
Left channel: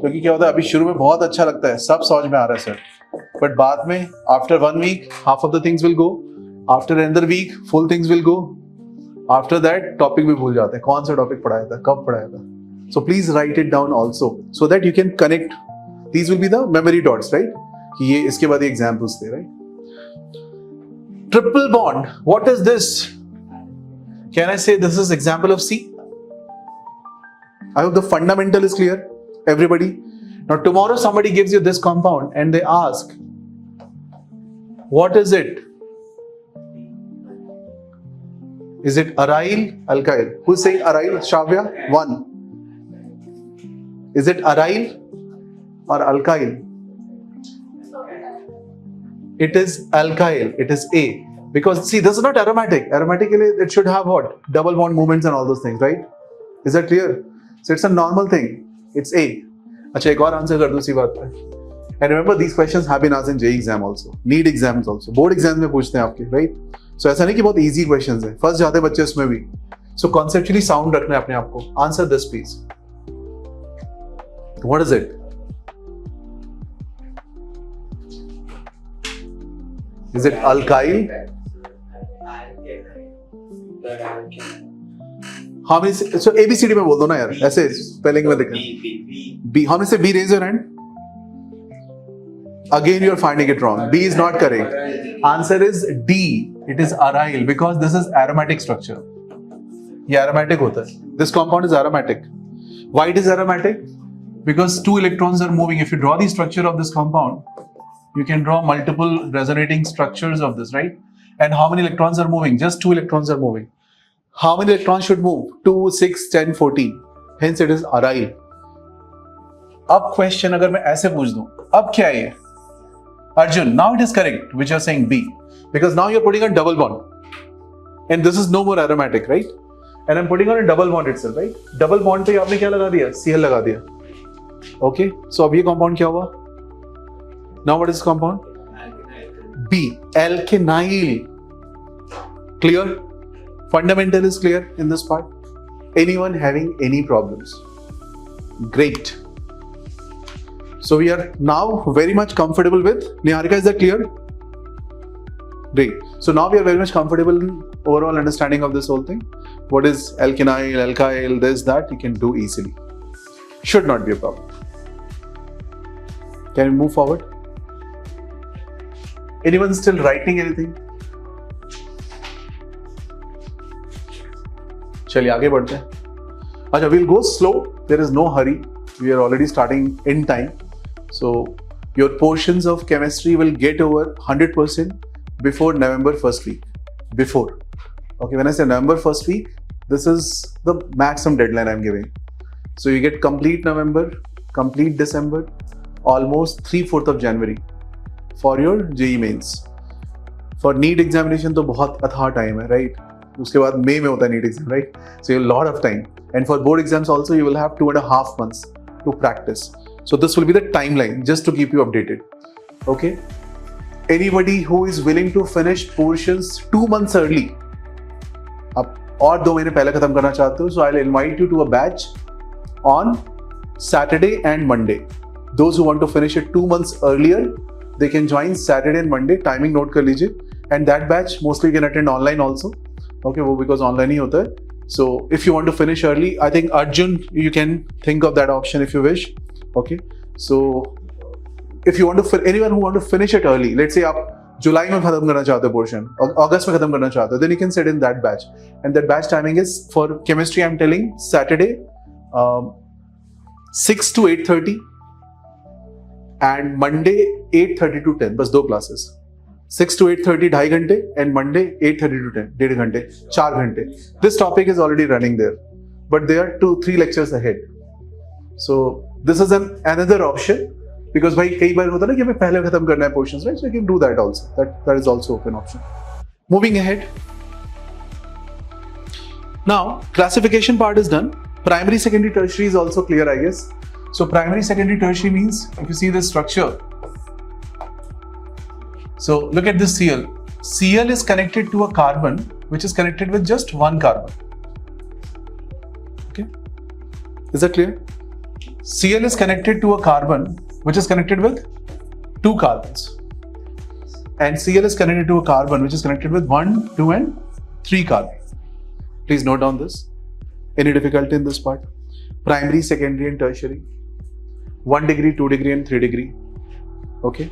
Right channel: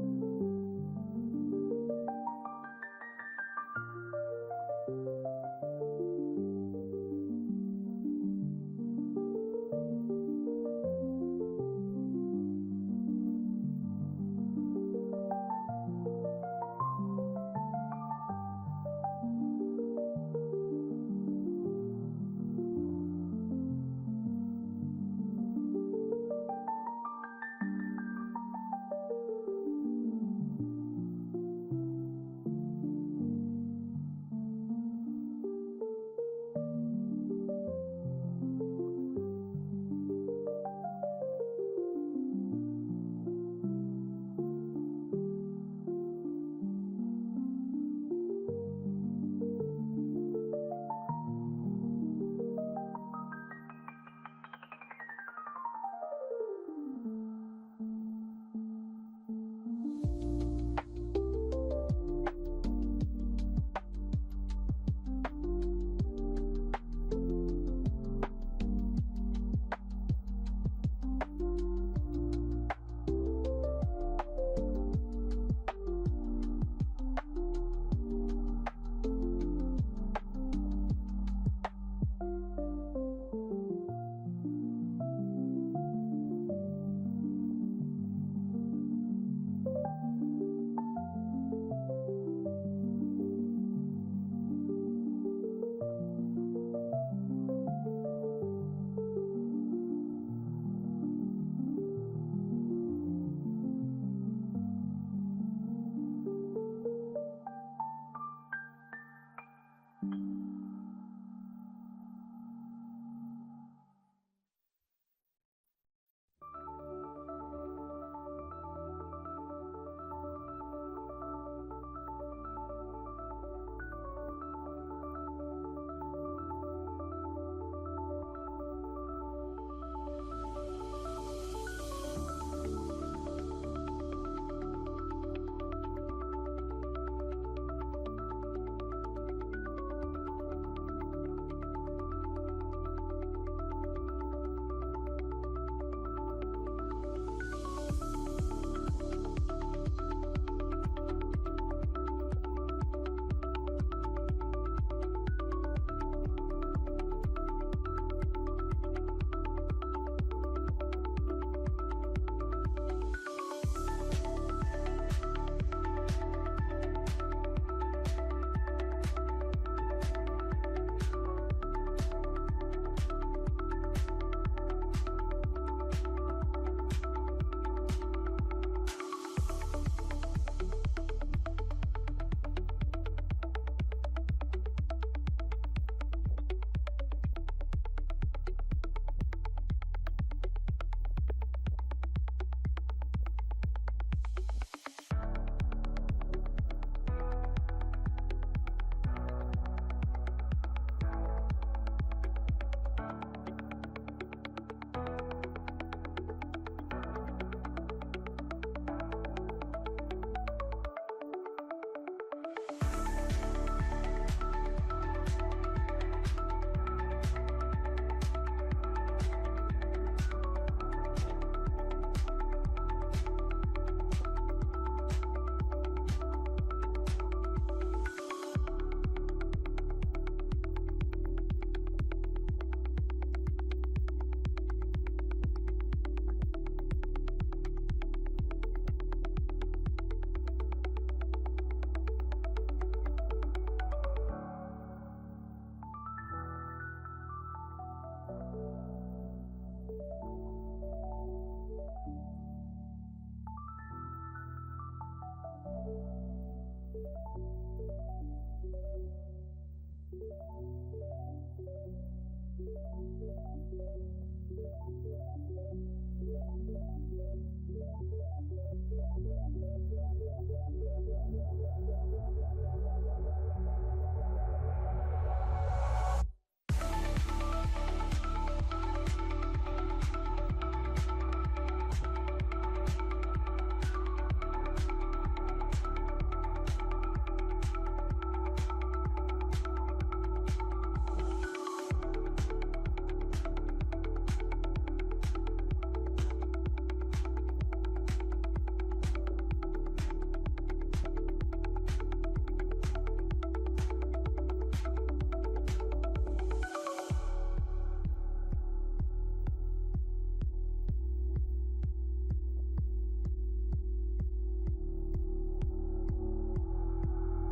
क्योंकि क्या होता है, अभी शुरू में बहुत अच्छा लगता है, सब समझ में आ रहा है सर, बट बाद में after 1 week half of the things will go, after another week full things will go, after that topic भी भूल जाते हैं, कौन सा टॉपिक पढ़ाया था, कब पढ़ाया था. So please write it down also so that you can connect. These will be the memory dots, right? कि ये इसके बाद एग्जाम्पल्स थे, right? Triple bond, what is this? Can I say this is example of C? I hope the fundamental is clear, everybody. Now tomorrow somebody gives you this compound and they ask, what is it? Is it aryl, alkyl? Who's saying aryl? Shavya? 1. Is it aryl or alkyl? It is alkyl. It is A. Because see, this is not aromatic. Aromatically, it should have what? Double bond movements and all those things, right? Is that clear? So it's a normal thing. It's A. अच्छा, एक और answer कर दूं इसी बात पे. And remember, these questions have been asked in JEE exam also, NEET exams also, board exams में पूछते हैं आपके, right? So ऐसा नहीं कि बहुत easy questions है. First जाते हैं बच्चे उसमें भी. So conceptually sound रखना है अपने आप को. Answer this please. What is it? Is it alkyl? How many? So ABCD में बोल दो ना यार, ऐसे स्पेलिंग में देखना. B. How many say B? Raise your hand. Again, you are finding it wrong. B is not correct. Answer is D. It is aryl because this is aromatic structure. ये aromatic होता है. This compound is aromatic. Why it is aromatic? Because 2 electrons are moving. If you draw the structure of this compound, you can draw multiple resonating structures of this, right? And how many electrons are moving? Just 2 electrons are moving. How many electrons should move? 2, 6, 10, 14. Hence it is aryl. अब question अगर मैं ऐसे पूछ दूं, अब क्या है? Arjun, now it is correct which you are saying B, because now you are putting a double bond, and this is no more aromatic, right? And I'm putting on a double bond itself, right? Double bond पे आपने क्या लगा दिया? Cl लगा दिया. Okay, so अब ये compound क्या हुआ? Now what is compound? B, alkynyl. Clear? Fundamental is clear in this part. Anyone having any problems? Great. So we are now very much comfortable with Niharika. Is that clear? Great. So now we are very much comfortable in overall understanding of this whole thing. What is alkynyl, alkyl, this, that, you can do easily. Should not be a problem. Can we move forward? Anyone still writing anything? चलिए आगे बढ़ते हैं. अच्छा, we'll go slow. There is no hurry. We are already starting in time. So your portions of chemistry will get over 100% before November first week. Before. Okay, when I say November first week, this is the maximum deadline I'm giving. So you get complete November, complete December, almost 3/4 of January for your JEE mains. For NEET examination तो बहुत अथाह time है, right? उसके बाद मई में होता है NEET exam, right? So you have a lot of time. And for board exams also, you will have 2.5 months to practice. So this will be the timeline, just to keep you updated. Okay? Anybody who is willing to finish portions 2 months early, आप और 2 महीने पहले खत्म करना चाहते हो, so I'll invite you to a batch on Saturday and Monday. Those who want to finish it 2 months earlier, they can join Saturday and Monday. Timing note कर लीजिए. And that batch mostly you can attend online also. Okay, वो because online ही होता है. So if you want to finish early, I think Arjun, you can think of that option if you wish. Okay, so if you want to, anyone who want to finish it early, let's say आप जुलाई में खत्म करना चाहते हो portion, और अगस्त में खत्म करना चाहते हो, then you can sit in that batch. And that batch timing is for chemistry. I'm telling Saturday, 6 to 8:30, and Monday 8:30 to 10. बस 2 classes. 6 to 8:30 2.5 घंटे, and Monday 8:30 to 10 1.5 घंटे, 4 घंटे. This topic is already running there, but there are 2-3 lectures ahead. So this is another option, because भाई कई बार होता है ना कि हमें पहले खत्म करना है portions, right? So you can do that also. That is also an option. Moving ahead. Now classification part is done. Primary, secondary, tertiary is also clear, I guess. So primary, secondary, tertiary means if you see this structure. So look at this Cl. Cl is connected to a carbon which is connected with just one carbon. Okay, is that clear? Cl is connected to a carbon which is connected with 2 carbons, and Cl is connected to a carbon which is connected with 1, 2, and 3 carbons. Please note down this. Any difficulty in this part? Primary, secondary, and tertiary. 1 degree, 2 degree, and 3 degree. Okay.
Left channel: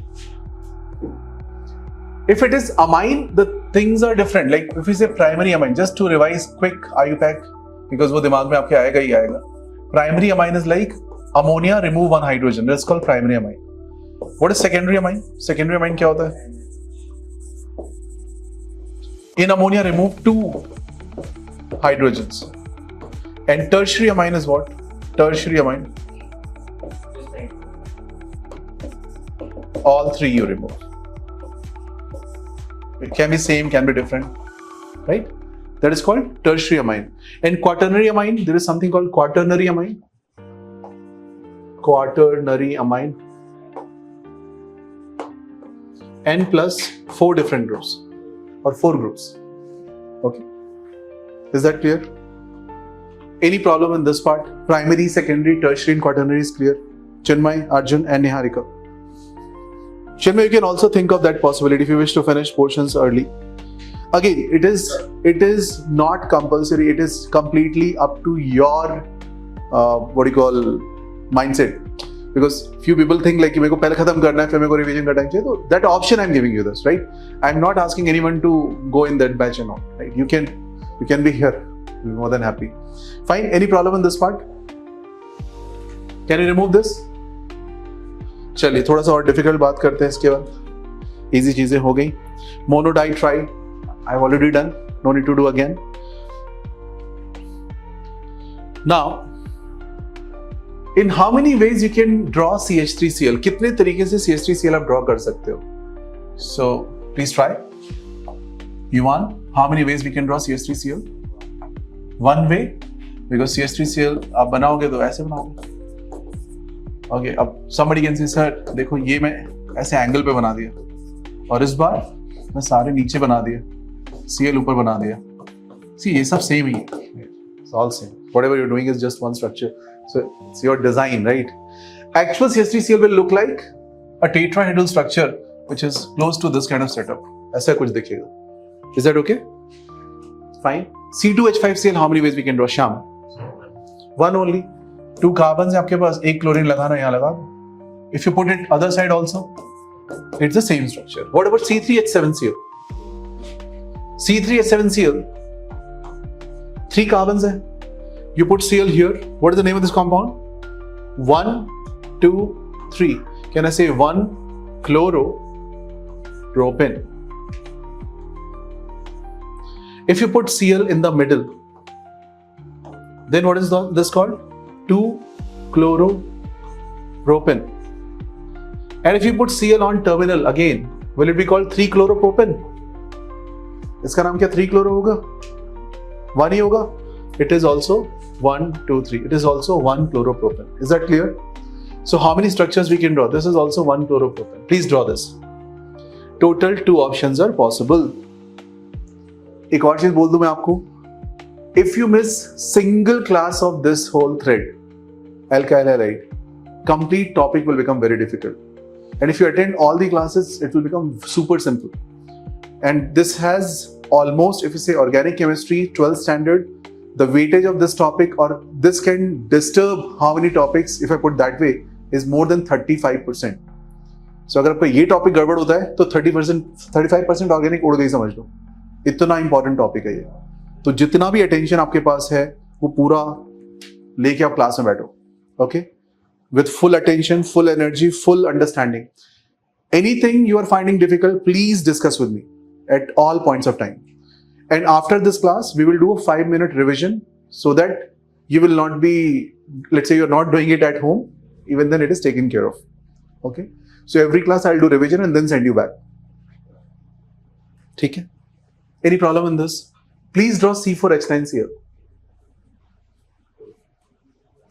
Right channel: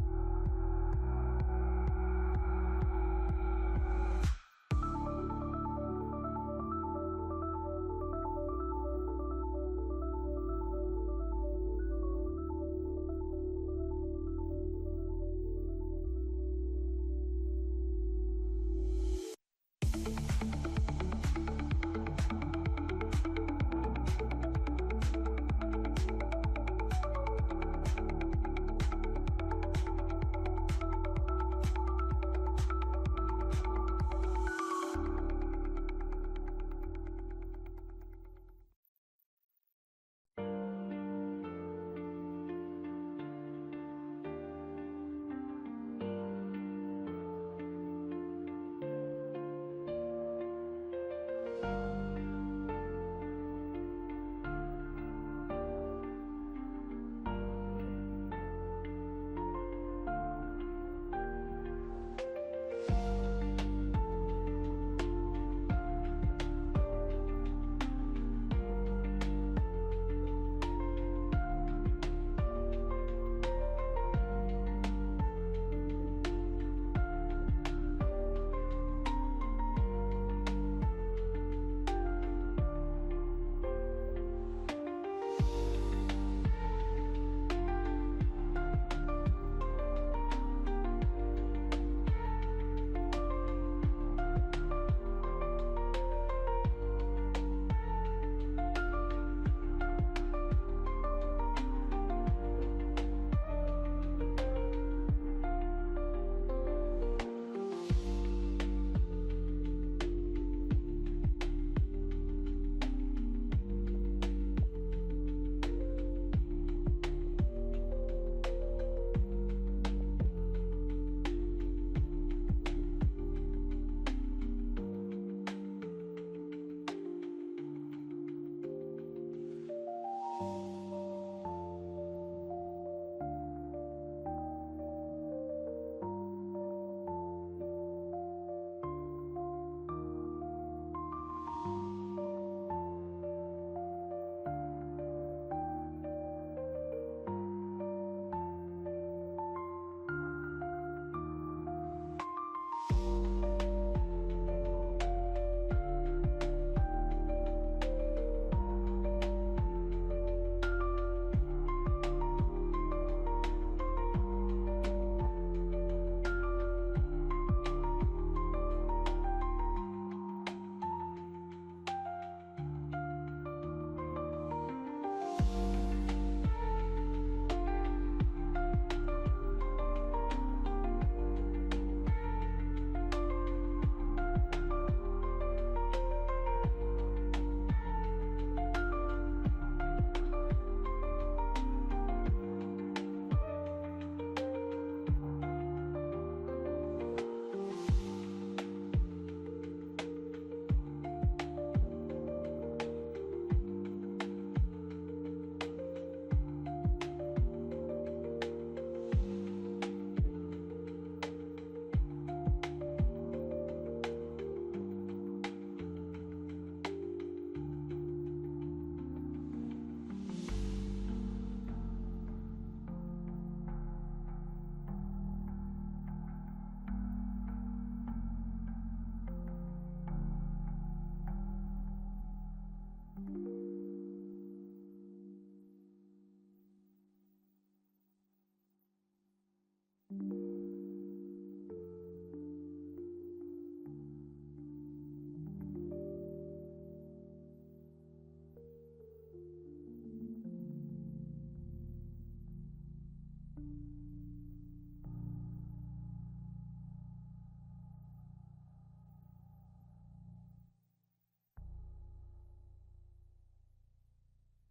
If it is amine, the things are different. Like if we say primary amine, just to revise quick IUPAC, because वो दिमाग में आपके आएगा ही आएगा. Primary amine is like ammonia remove 1 hydrogen. That's called primary amine. What is secondary amine? Secondary amine क्या होता है? In ammonia remove 2 hydrogens. And tertiary amine is what? Tertiary amine. All 3 you remove. It can be same, can be different, right? That is called tertiary amine. And quaternary amine, there is something called quaternary amine. Quaternary amine. N plus 4 different groups, or 4 groups. Okay. Is that clear? Any problem in this part? Primary, secondary, tertiary, and quaternary is clear. Chinmay, Arjun, and Niharika. Chinmay, you can also think of that possibility if you wish to finish portions early. Again, it is not compulsory. It is completely up to your mindset. Because few people think like मेरे को पहले खत्म करना है फिर मेरे को revision का time चाहिए. तो that option I'm giving you this, right? I'm not asking anyone to go in that batch and all, right? You can be here. I'm more than happy. Fine. Any problem in this part? Can you remove this? चलिए थोड़ा सा और difficult बात करते हैं इसके बाद. Easy चीजें हो गई. Monoditride, I've already done. No need to do again. Now, in how many ways you can draw CH3Cl? कितने तरीके से CH3Cl आप ड्रॉ कर सकते हो? So please try. Yuvan, how many ways we can draw CH3Cl? One way, because CH3Cl आप बनाओगे तो ऐसे बनाओगे. Okay, अब somebody can say, sir, देखो ये मैं ऐसे एंगल पे बना दिया, और इस बार मैं सारे नीचे बना दिया, Cl ऊपर बना दिया. See, ये सब सेम ही है. It's all same. Whatever you're doing is just one structure. So it's your design, right? Actual CH3Cl will look like a tetrahedral structure which is close to this kind of setup. ऐसा कुछ दिखेगा. Is that okay? Fine. C2H5Cl, how many ways we can draw? Sham. One only. 2 carbons है आपके पास, एक chlorine लगाना यहाँ लगा. If you put it other side also, it's the same structure. What about C3H7Cl? C3H7Cl, 3 carbons है. You put Cl here. What is the name of this compound? 1, 2, 3. Can I say 1 chloropropane? If you put Cl in the middle, then what is this called? 2 chloropropane. And if you put Cl on terminal again, will it be called 3 chloropropane? इसका नाम क्या 3 chloro होगा? 1 ही होगा? It is also 1, 2, 3. It is also 1 chloropropane. Is that clear? So how many structures we can draw? This is also 1 chloropropane. Please draw this. Total 2 options are possible. एक और चीज बोल दूं मैं आपको. If you miss single class of this whole thread, alkyl halide, complete topic will become very difficult. And if you attend all the classes, it will become super simple. And this has almost, if you say organic chemistry, 12th standard, the weightage of this topic, or this can disturb how many topics, if I put that way, is more than 35%. So अगर आपका ये topic गड़बड़ होता है तो 35% organic उड़ गई, समझ लो. इतना इंपॉर्टेंट टॉपिक है ये. तो जितना भी अटेंशन आपके पास है वो पूरा लेके आप क्लास में बैठो. Okay, with full attention, full energy, full understanding. Anything you are finding difficult, please discuss with me at all points of time. And after this class, we will do a 5-minute revision so that you will not be, let's say you're not doing it at home, even then it is taken care of. Okay? So every class I'll do revision and then send you back. Okay? Any problem in this? Please draw C4H9Cl.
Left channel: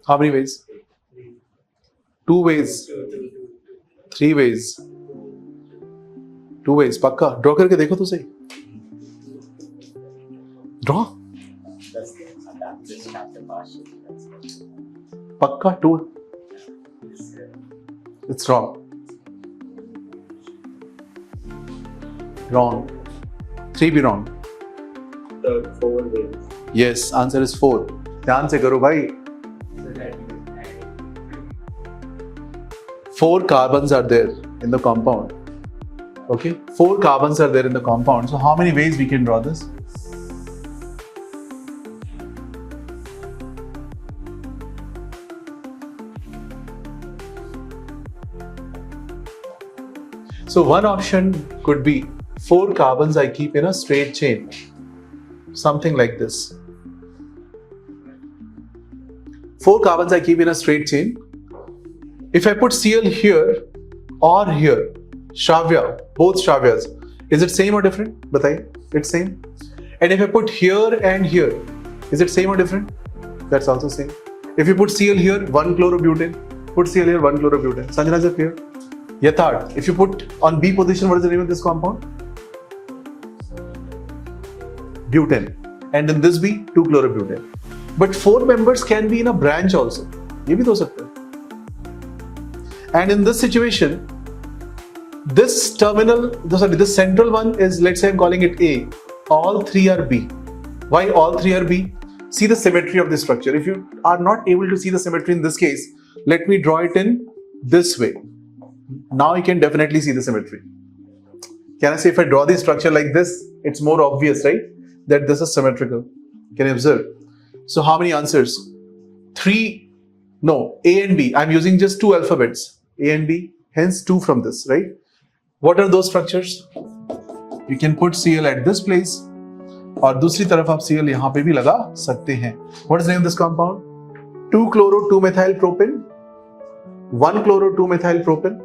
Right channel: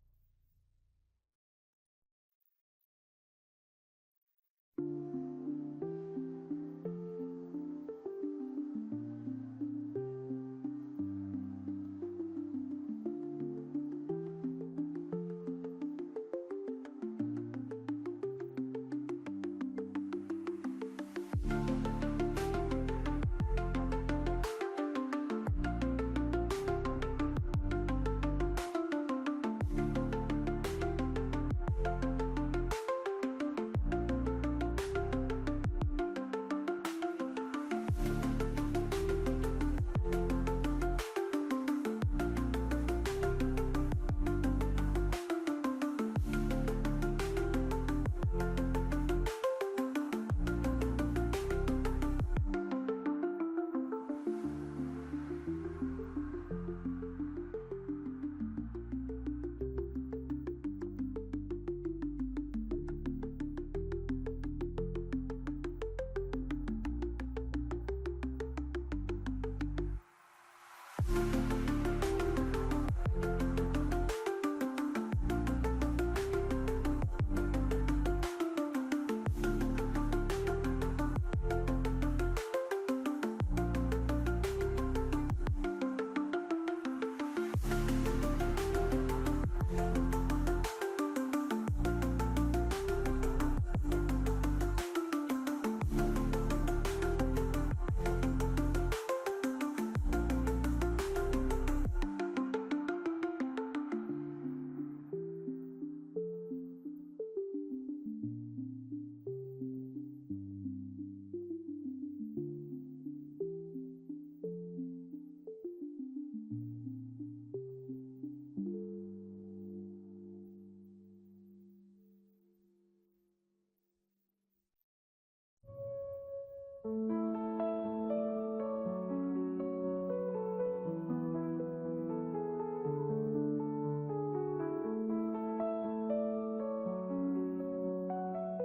How many ways? 2 ways. 3 ways. 2 ways. पक्का draw करके देखो तो सही. Draw पक्का 2. It's wrong. Wrong. 3 भी wrong. 4 ways. Yes, answer is 4. ध्यान से करो भाई. 4 carbons are there in the compound. Okay, 4 carbons are there in the compound. So how many ways we can draw this? So one option could be 4 carbons I keep in a straight chain. Something like this. 4 carbons I keep in a straight chain. If I put Cl here or here, Shravya, both Shravyas, is it same or different? Bataiye, it's same. And if I put here and here, is it same or different? That's also same. If you put Cl here, 1 chlorobutane, put Cl here, 1 chlorobutane. Sanjana is clear? Yathard, if you put on B position, what is the name of this compound? Butane. And in this B, 2 chlorobutane. But 4 members can be in a branch also. ये भी तो हो सकता है. And in this situation, this terminal, this central one is, let's say I'm calling it A. All 3 are B. Why all 3 are B? See the symmetry of the structure. If you are not able to see the symmetry in this case, let me draw it in this way. Now you can definitely see the symmetry. Can I say if I draw the structure like this, it's more obvious, right? That this is symmetrical. Can you observe? So how many answers? 3. No, A and B. I'm using just 2 alphabets. A and B, hence 2 from this, right? What are those structures? You can put Cl at this place, और दूसरी तरफ आप Cl यहाँ पे भी लगा सकते हैं. What is the name of this compound? 2 chloro 2 methyl propane, 1 chloro 2 methyl propane.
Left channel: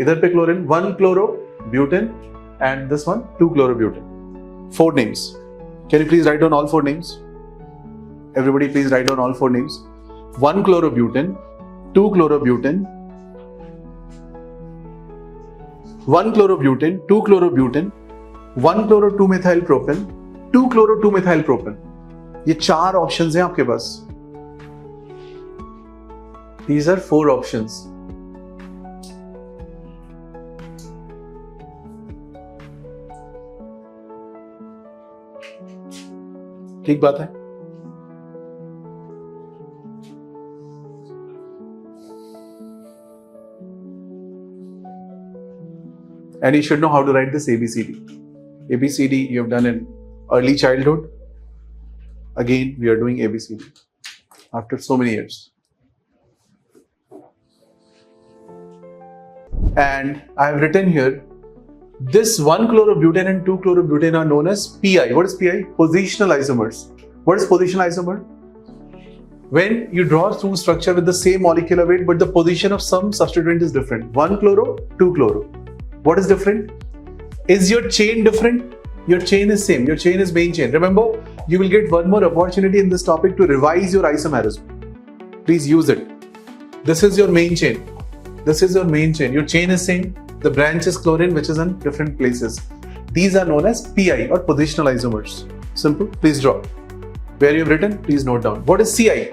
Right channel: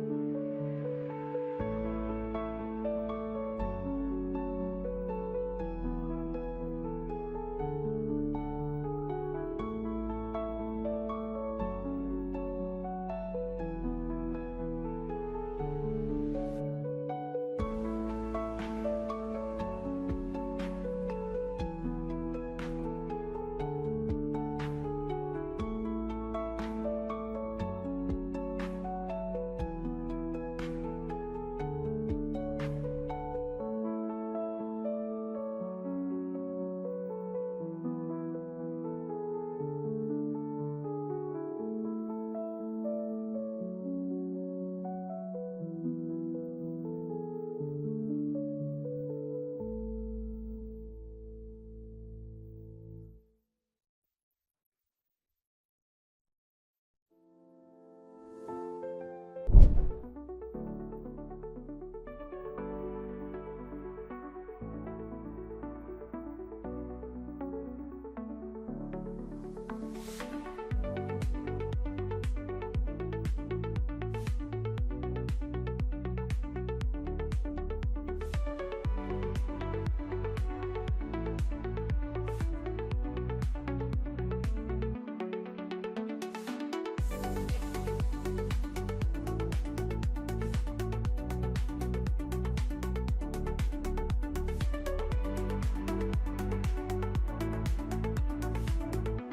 इधर पे chlorine, 1 chloro butane, and this one 2 chlorobutane. 4 names. Can you please write down all 4 names? Everybody, please write down all 4 names. 1 chlorobutane, 2 chlorobutane, 1 chlorobutane, 2 chlorobutane, 1 chloro 2 methyl propane, 2 chloro 2 methyl propane. ये 4 options हैं आपके पास. These are 4 options. ठीक बात है. And you should know how to write this ABCD. ABCD you have done in early childhood. Again, we are doing ABCD after so many years. And I have written here, this 1 chlorobutane and 2 chlorobutane are known as PI. What is PI? Positional isomers. What is positional isomer? When you draw through structure with the same molecular weight, but the position of some substituent is different. 1 chloro, 2 chloro. What is different? Is your chain different? Your chain is same. Your chain is main chain. Remember, you will get one more opportunity in this topic to revise your isomerism. Please use it. This is your main chain. This is your main chain. Your chain is same. The branch is chlorine, which is in different places. These are known as PI or positional isomers. Simple. Please draw. Where you've written, please note down. What is CI?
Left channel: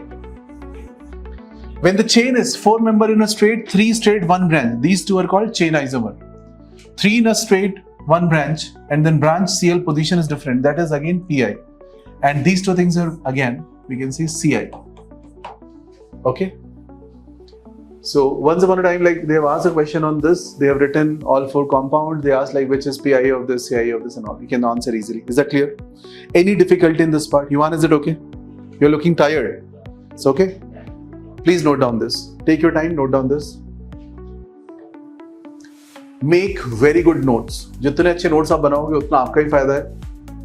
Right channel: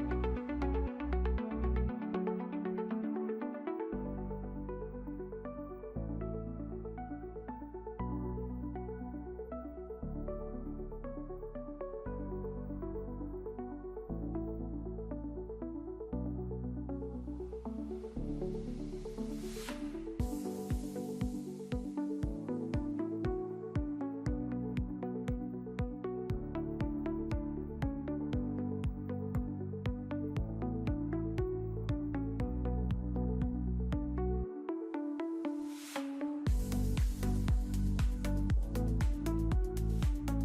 When the chain is 4 member in a straight, 3 straight, 1 branch. These two are called chain isomer. 3 in a straight, 1 branch, and then branch CL position is different. That is again PI. And these two things are again, we can see CI. Okay. So once upon a time, like they have asked a question on this, they have written all 4 compounds. They asked like which is PI of this, CI of this, and all. You can answer easily. Is that clear? Any difficulty in this part? Yuvan, is it okay? You're looking tired. It's okay. Please note down this. Take your time. Note down this. Make very good notes. जितने अच्छे notes आप बनाओगे उतना आपका ही फायदा है.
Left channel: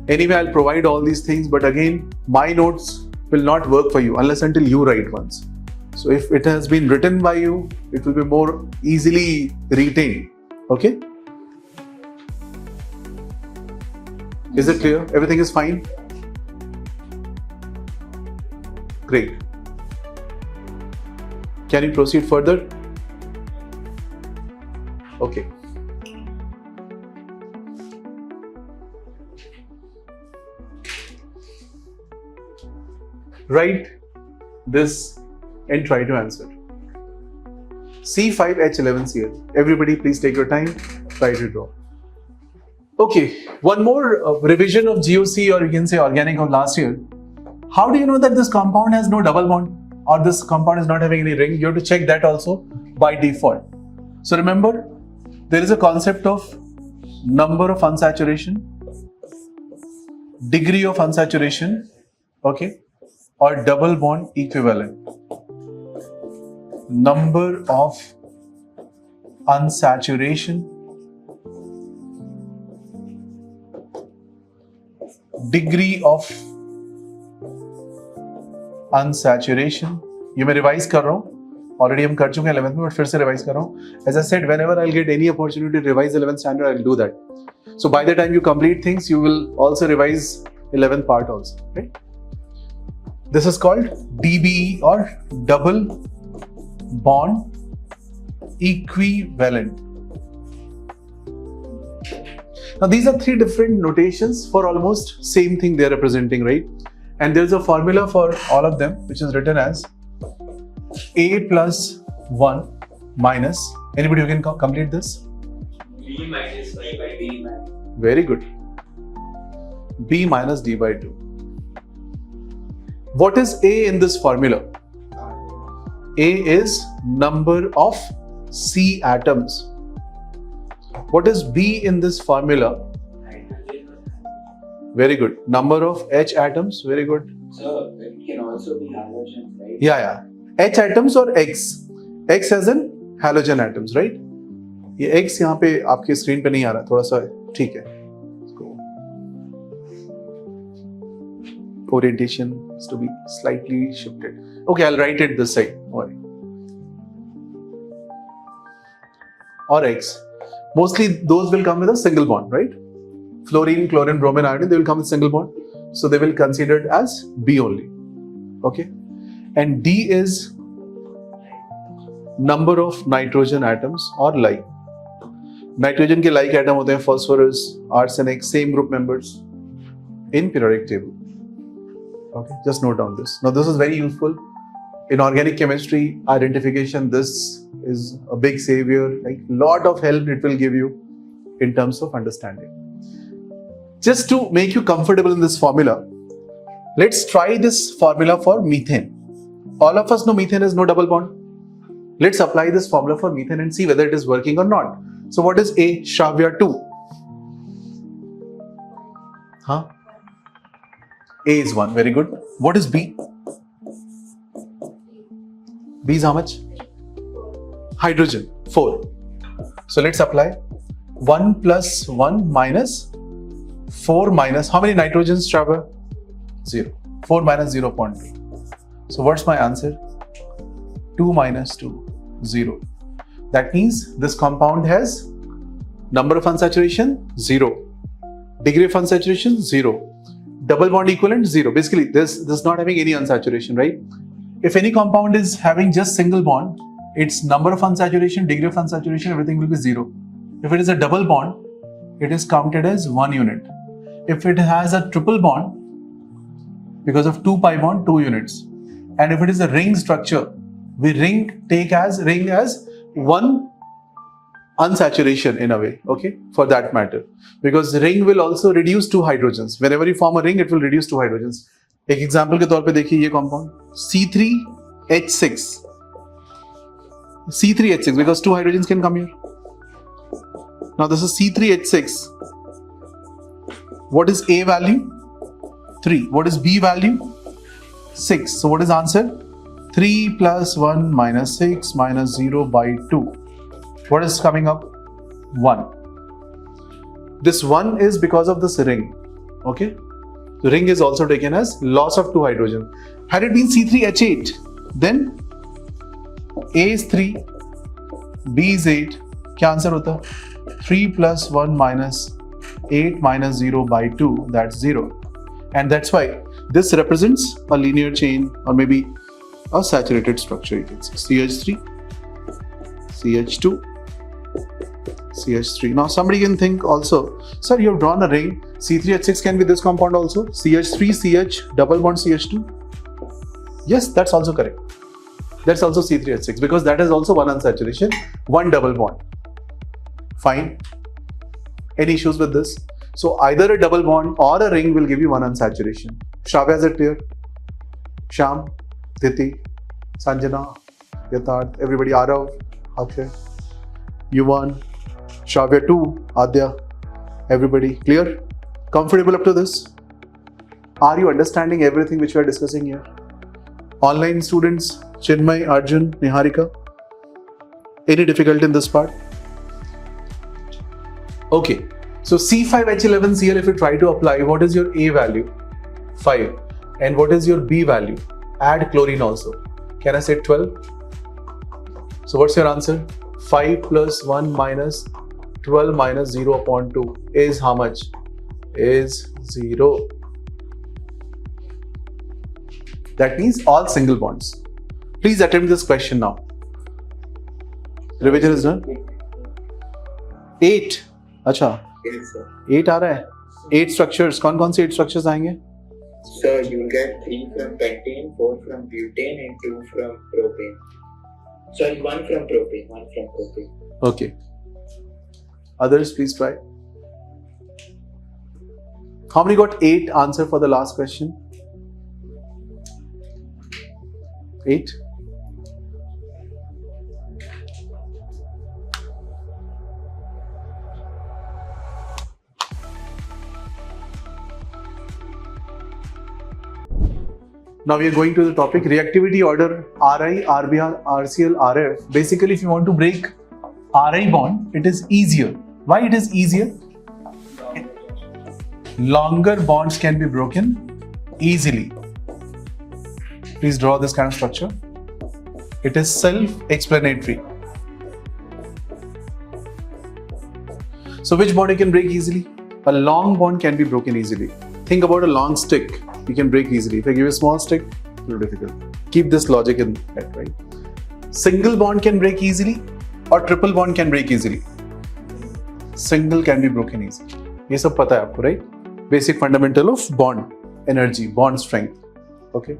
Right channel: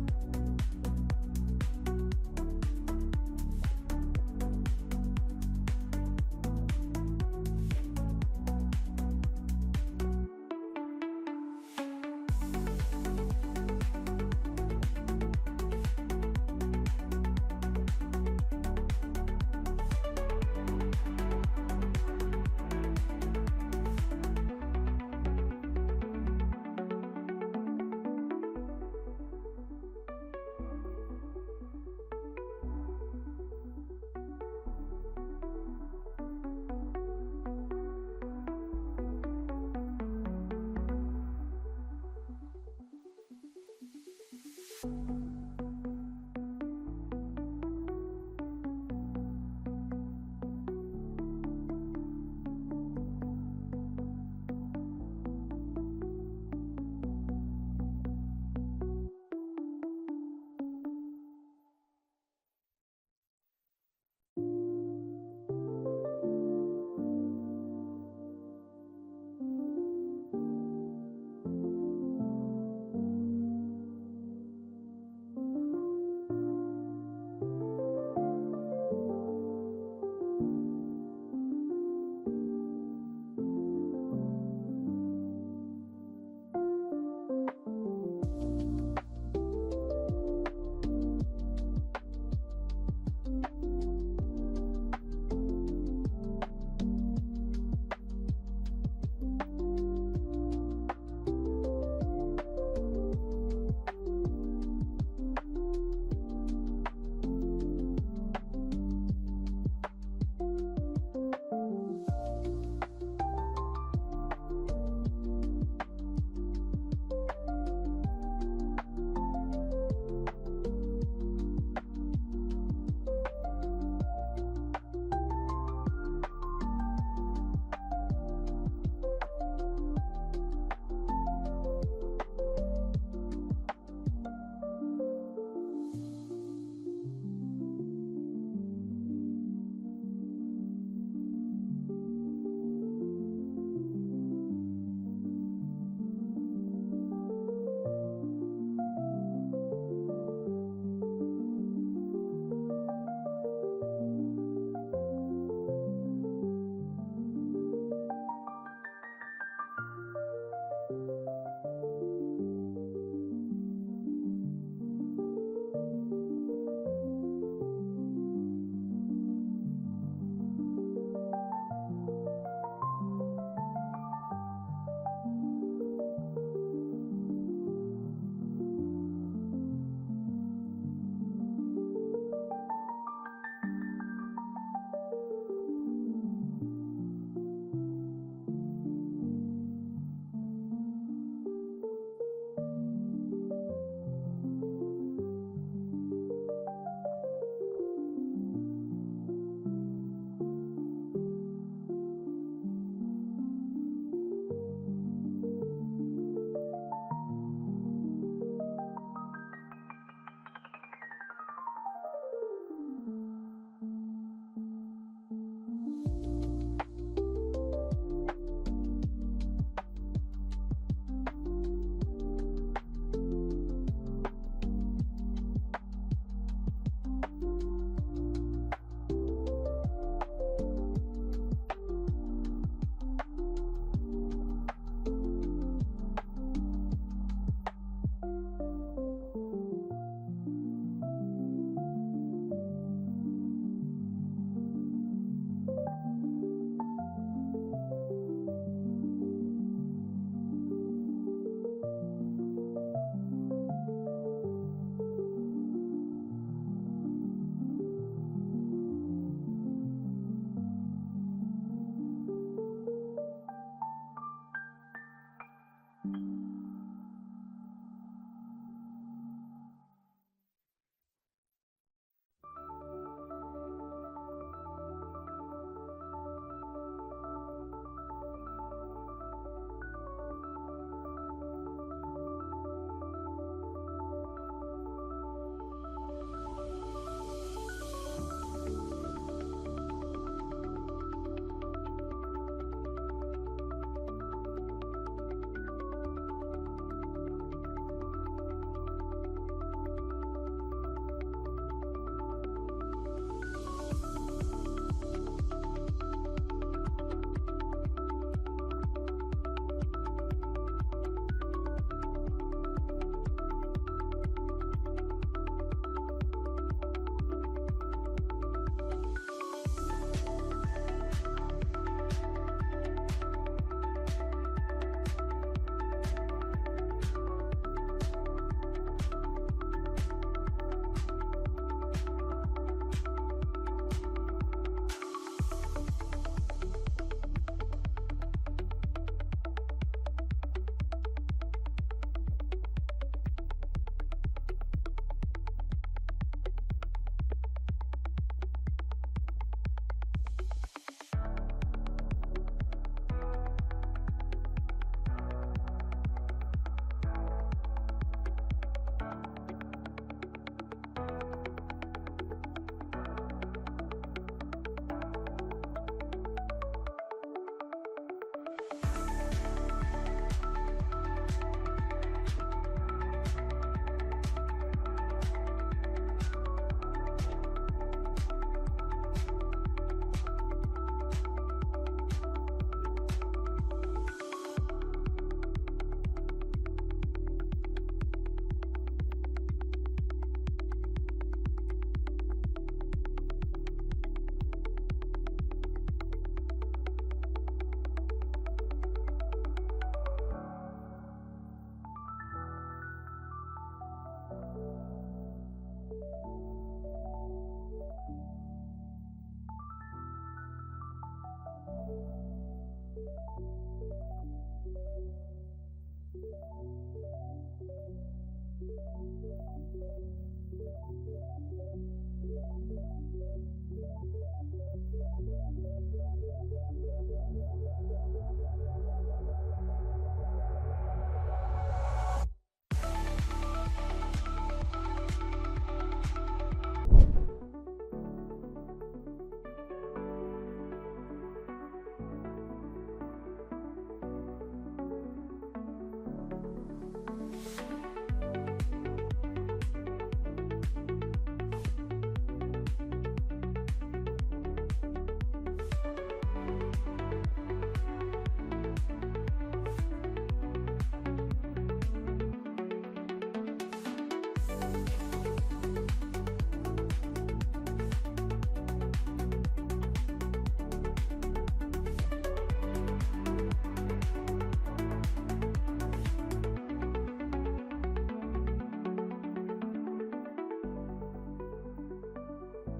Anyway, I'll provide all these things, but again, my notes will not work for you unless until you write once. So if it has been written by you, it will be more easily retained. Okay? Is it clear? Everything is fine? Great. Can you proceed further? Okay. Write this and try to answer. C5H11Cl. Everybody please take your time, try to draw. Okay, one more revision of GOC, or you can say organic, of last year. How do you know that this compound has no double bond or this compound is not having any ring? You have to check that also by default. So remember, there is a concept of number of unsaturation, degree of unsaturation, okay, or double bond equivalent. Number of unsaturation, degree of unsaturation. ये मैं revise कर रहा हूँ, already हम कर चुके हैं 11th में, बट फिर से रिवाइज कर रहा हूँ. As I said, whenever I'll get any opportunity to revise 11th standard, I'll do that. So by the time you complete things, you will also revise 11th part also, right? This is called DBE, or double bond equivalent. Now these are 3 different notations for almost same thing they are representing, right? And there's a formula for all of them, which is written as A plus 1 minus, anybody who can complete this? B minus Y by D minus. Very good. B minus D by 2. What is A in this formula? A is number of C atoms. What is B in this formula? Very good. Number of H atoms. Very good. So it can also be halogen, right? Yeah. H atoms or X? X as in halogen atoms, right? ये X यहाँ पे आपके screen पे नहीं आ रहा, थोड़ा सा ठीक है. Orientation is to be slightly shifted. Okay, I'll write it this side. Or X. Mostly those will come with a single bond, right? Fluorine, chlorine, bromine, iodine, they will come with single bond. So they will consider it as B only. Okay. And D is number of nitrogen atoms or like. Nitrogen के like atom होते हैं phosphorus, arsenic, same group members in periodic table. Okay, just note down this. Now this is very useful in organic chemistry identification. This is a big savior, like lot of help it will give you in terms of understanding. Just to make you comfortable in this formula, let's try this formula for methane. All of us know methane has no double bond. Let's apply this formula for methane and see whether it is working or not. So what is A? Shravya 2. Huh? A is 1. Very good. What is B? B is how much? Hydrogen. 4. So let's apply 1 plus 1 minus 4 minus how many nitrogens, Shravya? 0. 4 minus 0.2. So what's my answer? 2 minus 2, 0. That means this compound has number of unsaturation 0, degree of unsaturation 0, double bond equivalent 0. Basically this is not having any unsaturation, right? If any compound is having just single bond, its number of unsaturation, degree of unsaturation, everything will be 0. If it is a double bond, it is counted as 1 unit. If it has a triple bond, because of 2 pi bond, 2 units. And if it is a ring structure, we take as ring as 1 unsaturation in a way, okay, for that matter. Because the ring will also reduce 2 hydrogens. Whenever you form a ring, it will reduce 2 hydrogens. एक example के तौर पे देखिए ये compound C3H6. C3H6 because 2 hydrogens can come here. Now this is C3H6. What is A value? 3. What is B value? 6. So what is answer? 3 plus 1 minus 6 minus 0 by 2. What is coming up? 1. This 1 is because of this ring. Okay? The ring is also taken as loss of 2 hydrogen. Had it been C3H8, then A is 3, B is 8. क्या answer होता? 3 plus 1 minus 8 minus 0 by 2, that's 0. And that's why this represents a linear chain or maybe a saturated structure. You can see CH3, CH2, CH3. Now somebody can think also, sir, you have drawn a ring. C3H6 can be this compound also. CH3, CH, double bond CH2. Yes, that's also correct. That's also C3H6 because that is also 1 unsaturation, 1 double bond. Fine. Any issues with this? So either a double bond or a ring will give you 1 unsaturation. Shravya, is it clear? Sham, Diti, Sanjana, Yatharth, everybody, Arav, Akshay, Yuvan, Shravya 2, Adya, everybody clear? Comfortable up to this? Are you understanding everything which we are discussing here? Online students, Chinmay, Arjun, Niharika, any difficulty in this part? Okay, so C5H11Cl, if you try to apply, what is your A value? 5. And what is your B value? Add chlorine also. Can I say 12? So what's your answer? 5 plus 1 minus 12 minus 0.2 is how much? Is 0. That means all single bonds. Please attempt this question now. Revision is done. 8. अच्छा 8 आ रहा है. 8 structures. कौन कौन से 8 structures आएंगे? So you will get 3 from pentane, 4 from butane, and 2 from propane. Sorry, 1 from propane, 1 from propane. Okay. Others, please try. How many got 8 answer for the last question? 8. Now we are going to the topic reactivity order Ri, Rbr, RCl, Rf. Basically, if you want to break Ri bond, it is easier. Why it is easier? Longer bonds can be broken easily. Please draw this kind of structure. It is self-explanatory. So which bond you can break easily? A long bond can be broken easily. Think about a long stick. You can break easily. If I give you a small stick, a little difficult. Keep this logic in head, right? Single bond can break easily or triple bond can break easily. single can be broken easily. ये सब पता है आपको, right? Basic fundamental of bond energy, bond strength. Okay.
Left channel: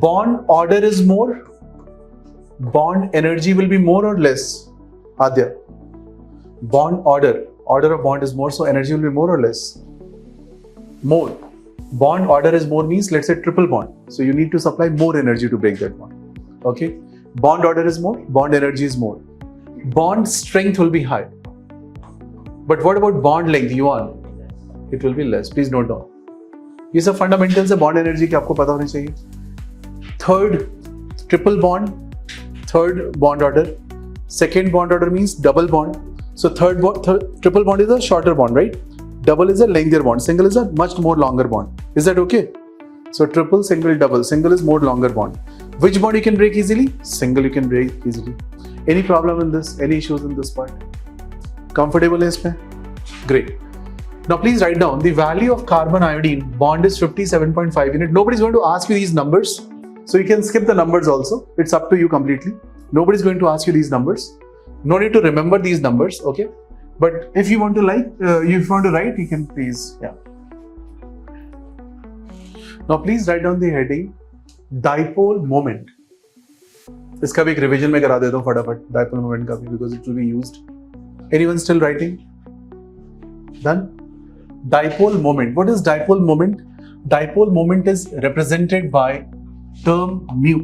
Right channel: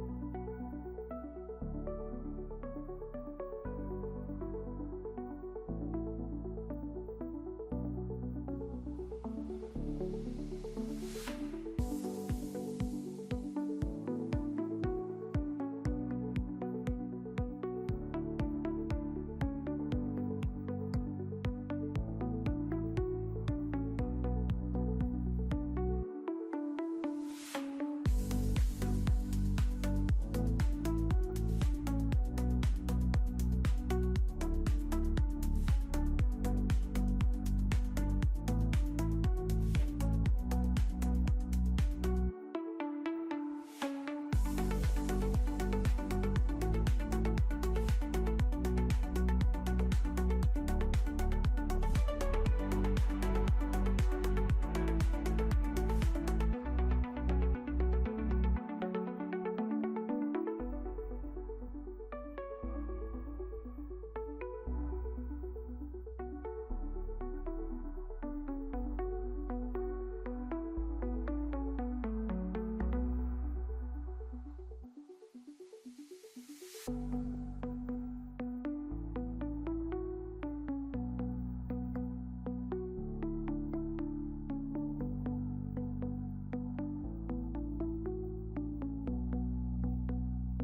Bond order is more. Bond energy will be more or less. Adya. Bond order of bond is more, so energy will be more or less. More. Bond order is more means, let's say triple bond. So you need to supply more energy to break that bond. Okay. Bond order is more, bond energy is more. Bond strength will be high. But what about bond length, Yuan? It will be less. Please note down. ये सब fundamentals है bond energy के, आपको पता होने चाहिए. Third, triple bond. Third bond order. Second bond order means double bond. So triple bond is a shorter bond, right? Double is a lengthier bond. Single is a much more longer bond. Is that okay? So triple, single, double. Single is more longer bond. Which bond you can break easily? Single you can break easily. Any problem in this? Any issues in this part? Comfortable is में? Great. Now please write down the value of carbon iodine bond is 57.5 unit. Nobody's going to ask you these numbers. So you can skip the numbers also. It's up to you completely. Nobody's going to ask you these numbers. No need to remember these numbers, okay? But if you want to write, you can please, yeah. Now please write down the heading dipole moment. इसका भी एक revision में करा देता हूँ फटाफट dipole moment का भी, because it will be used. Anyone still writing? Done? Dipole moment. What is dipole moment? Dipole moment is represented by term mu.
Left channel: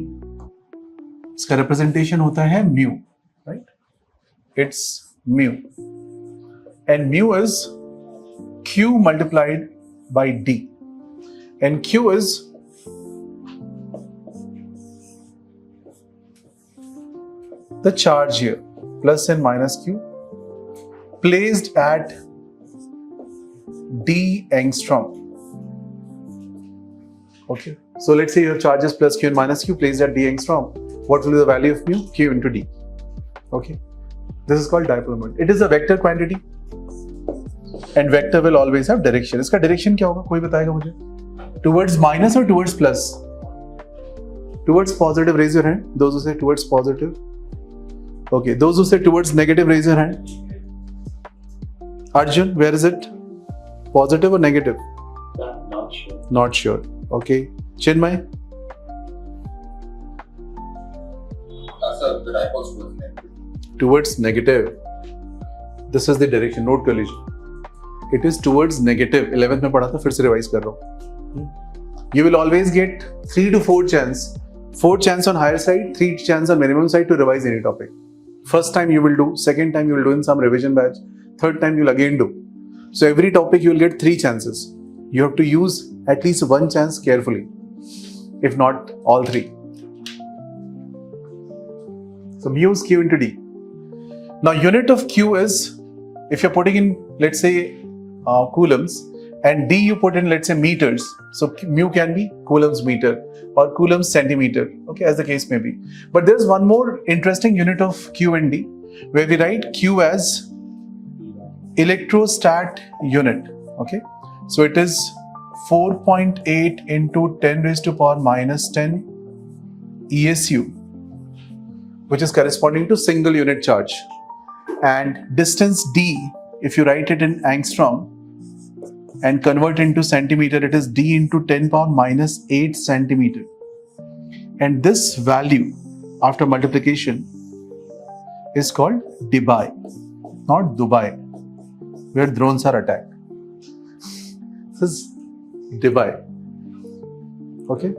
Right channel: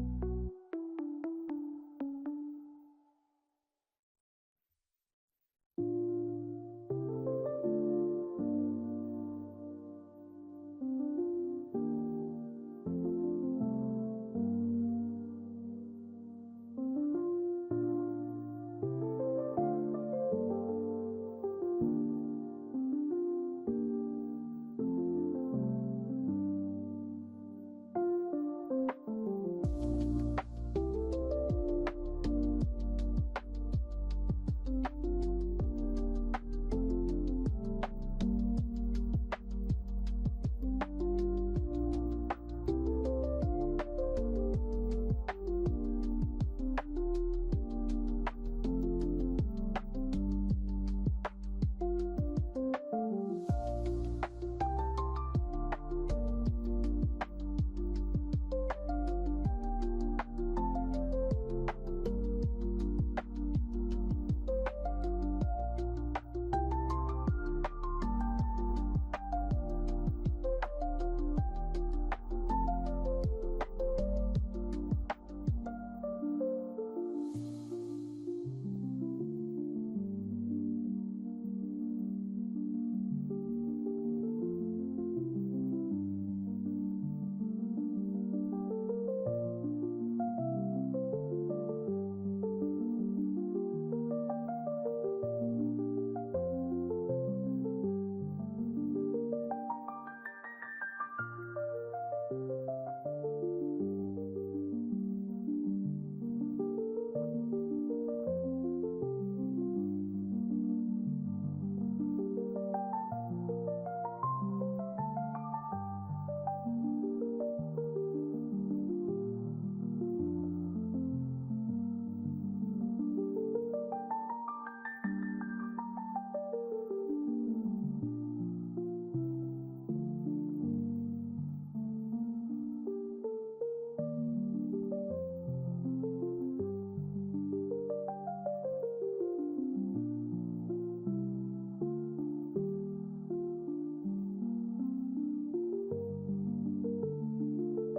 इसका representation होता है mu, right? It's mu. And mu is Q multiplied by D. And Q is the charge here, plus and minus Q, placed at D angstrom. Okay, so let's say your charge is plus Q and minus Q placed at D angstrom. What will be the value of mu? Q into D. Okay, this is called dipole moment. It is a vector quantity, and vector will always have direction. इसका direction क्या होगा? कोई बताएगा मुझे? Towards minus or towards plus? Towards positive, raise your hand. Those who say towards positive. Okay, those who say towards negative, raise your hand. Arjun, where is it? Positive or negative? Not sure. Not sure. Okay. Chinmay? Sir, the dipole is towards negative. Towards negative. This is the direction. Note कर लीजिए. It is towards negative. 11th में पढ़ा था, फिर से revise कर रहा हूँ. You will always get 3 to 4 chance. 4 chance on higher side, 3 chance on minimum side to revise any topic. First time you will do, second time you will do in some revision batch, third time you will again do. So every topic you will get 3 chances. You have to use at least 1 chance carefully, if not all 3. So mu is Q into D. Now unit of Q is, if you're putting in, let's say, coulombs, and D you put in, let's say, meters. So mu can be coulombs meter or coulombs centimeter, okay, as the case may be. But there's one more interesting unit of Q and D, where we write Q as electrostat unit, okay. So it is 4.8 into 10 raised to power minus 10 ESU, which is corresponding to single unit charge. And distance D, if you write it in angstrom and convert into centimeter, it is D into 10 power minus 8 centimeter. And this value after multiplication is called dBi, not Dubai, where drones are attacked. This is dBi. Okay?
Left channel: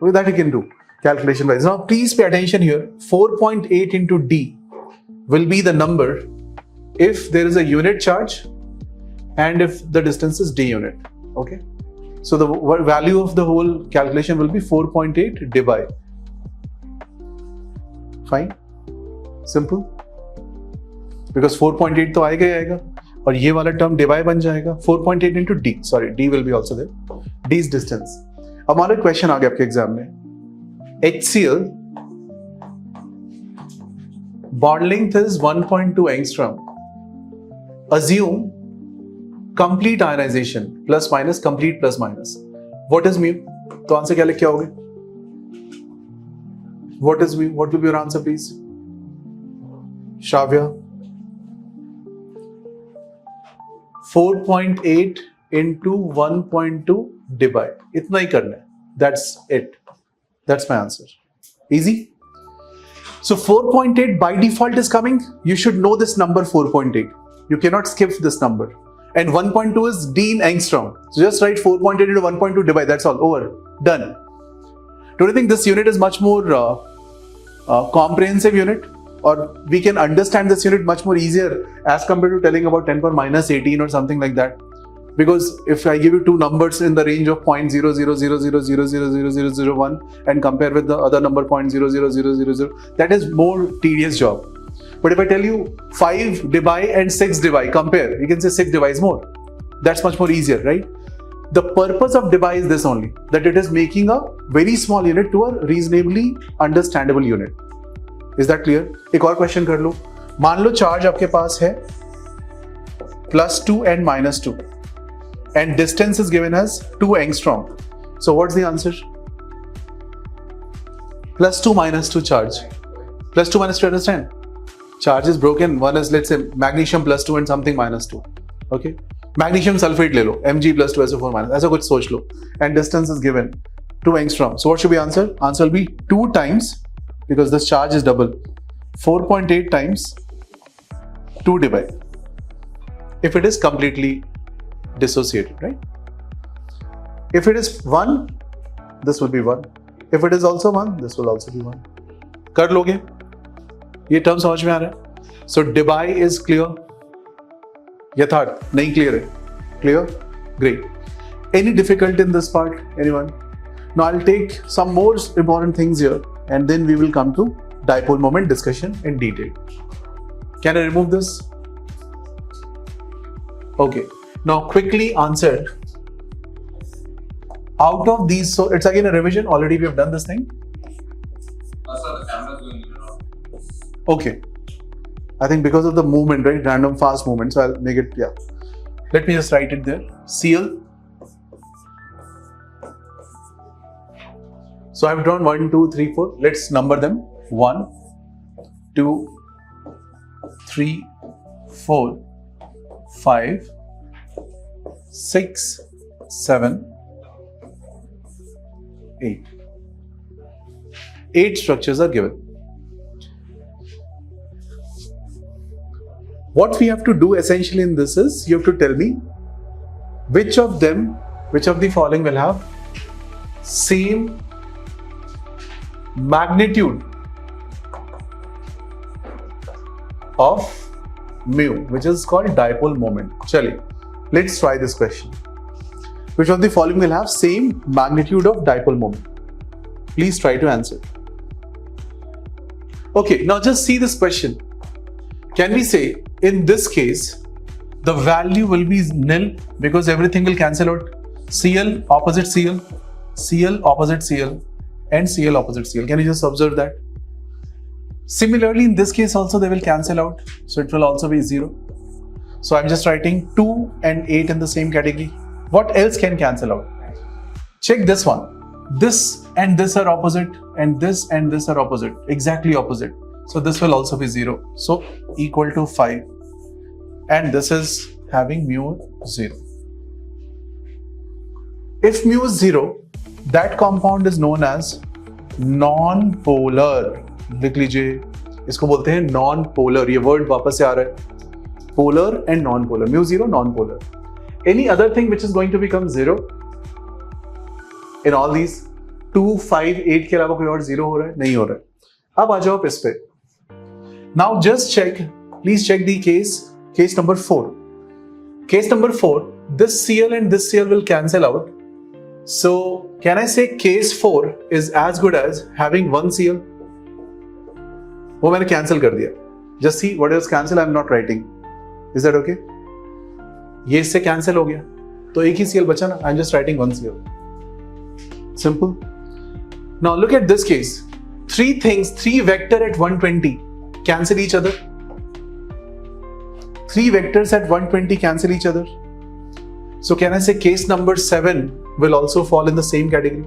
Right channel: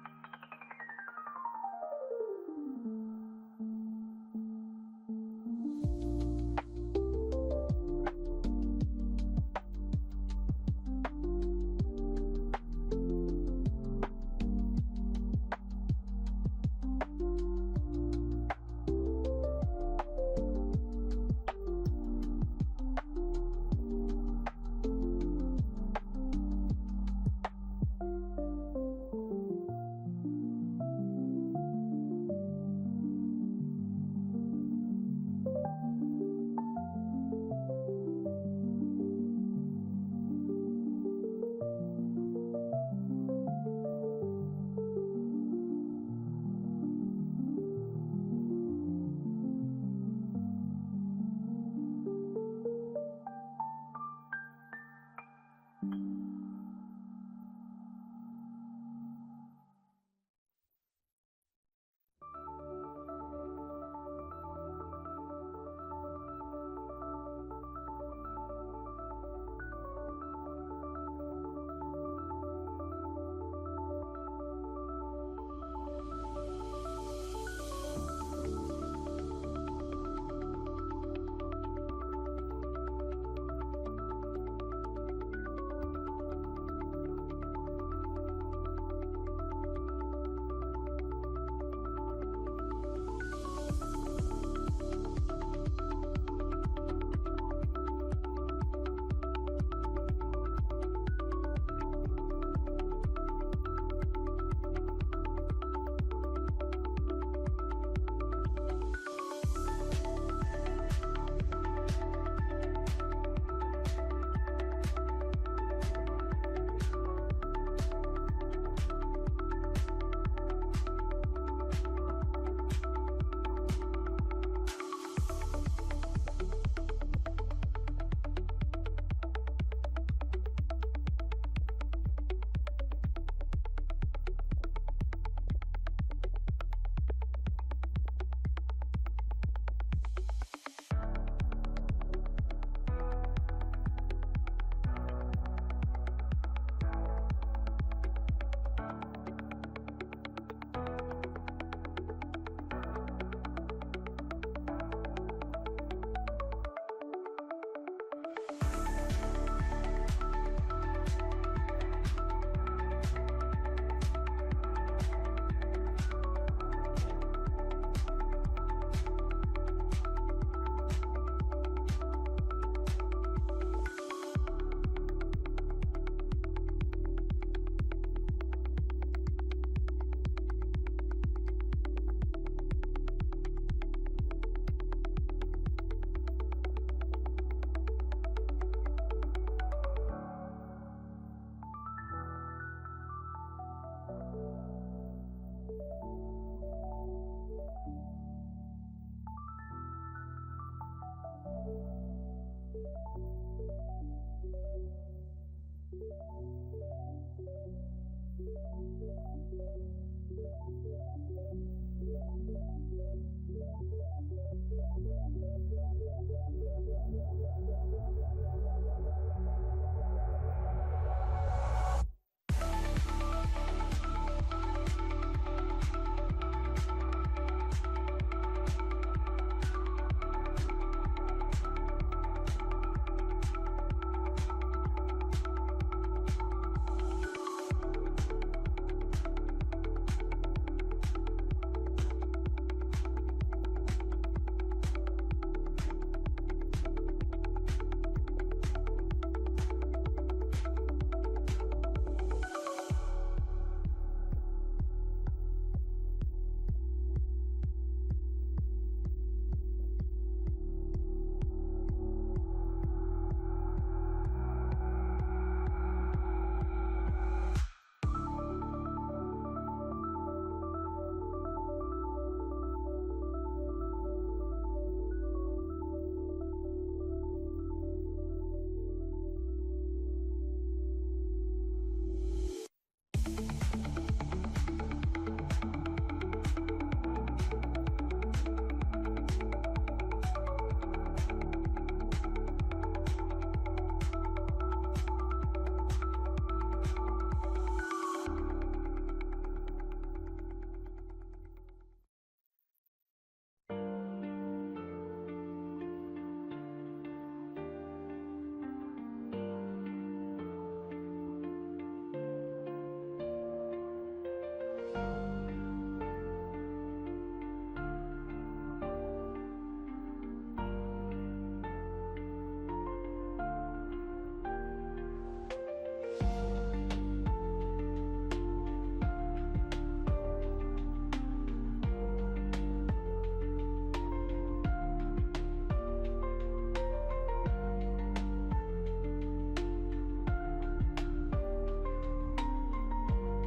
Well, that you can do calculation wise. Now please pay attention here. 4.8 into D will be the number if there is a unit charge and if the distance is D unit. Okay? So the value of the whole calculation will be 4.8 dBi. Fine? Simple? Because 4.8 तो आएगा ही आएगा और ये वाला term dBi बन जाएगा. 4.8 into D. Sorry, D will be also there. D is distance. अब हमारा क्वेश्चन आ गया आपके एग्जाम में. HCl bond length is 1.2 angstrom. Assume complete ionization, plus minus, complete plus minus. What is mu? तो answer क्या लिख के आओगे? What will be your answer, please? Shravya? 4.8 into 1.2 divide. इतना ही करना है. That's it. That's my answer. Easy? So 4.8 by default is coming. You should know this number 4.8. You cannot skip this number. And 1.2 is D in angstrom. So just write 4.8 into 1.2 divide. That's all. Over. Done. Don't you think this unit is much more comprehensive unit? Or we can understand this unit much more easier as compared to telling about 10 power minus 18 or something like that. Because if I give you two numbers in the range of 0.00000000001 and compare with the other number 0.00000, that is more tedious job. But if I tell you 5 divide and 6 divide, compare, you can say 6 divide is more. That's much more easier, right? The purpose of divide is this only, that it is making a very small unit to a reasonably understandable unit. Is that clear? एक और question कर लो. मान लो charge आपके पास है +2 and -2 and distance is given as 2 angstrom. So what's the answer? +2 -2 charge. +2 -2, understand? Charge is broken. One is, let's say, magnesium +2 and something -2. Okay? Magnesium sulfate ले लो, Mg+2SO4-, ऐसा कुछ सोच लो. And distance is given 2 angstrom. So what should be answer? Answer will be 2 times, because this charge is double, 4.8 times 2 divide. If it is completely dissociated, right? If it is 1, this will be 1. If it is also 1, this will also be 1. कर लोगे? ये term समझ में आ रहा है? So divide is clear. यथार्थ नहीं clear है? Clear? Great. Any difficulty in this part? Anyone? Now I'll take some more important things here, and then we will come to dipole moment discussion in detail. Can I remove this? Okay. Now quickly answer. Out of these, so it's again a revision. Already we have done this thing. Sir, the camera is doing it now. Okay. I think because of the movement, right? Random fast movement. So I'll make it, yeah. Let me just write it there. Cl. So I've drawn 1, 2, 3, 4. Let's number them. 1, 2, 3, 4, 5, 6, 7, 8. 8 structures are given. What we have to do essentially in this is, you have to tell me which of the following will have same magnitude of mu, which is called dipole moment. Chaliye, let's try this question. Which of the following will have same magnitude of dipole moment? Please try to answer. Okay, now just see this question. Can we say, in this case, the value will be nil because everything will cancel out? Cl opposite Cl, Cl opposite Cl, and Cl opposite Cl. Can you just observe that? Similarly, in this case also they will cancel out, so it will also be 0. So I'm just writing 2 and 8 in the same category. What else can cancel out? Check this one. This and this are opposite, and this are opposite, exactly opposite. So this will also be 0. So equal to 5. And this is having mu 0. If mu is 0, that compound is known as non-polar. लिख लीजिए, इसको बोलते हैं non-polar. ये word वापस से आ रहा है. Polar and non-polar. Mu 0, non-polar. Any other thing which is going to become 0? In all these 2, 5, 8 के अलावा कोई और 0 हो रहा है? नहीं हो रहा है. अब आ जाओ इस पे. Now just check, please check the case number 4. Case number 4, this Cl and this Cl will cancel out. So can I say case 4 is as good as having 1 Cl? वो मैंने cancel कर दिया. Just see what is cancel, I am not writing. Is that okay? ये इससे cancel हो गया. तो एक ही Cl बचा ना, I am just writing 1 Cl. Simple. Now look at this case. 3 things, 3 vector at 120 cancel each other. 3 vectors at 120 cancel each other. So can I say case number 7 will also fall in the same category?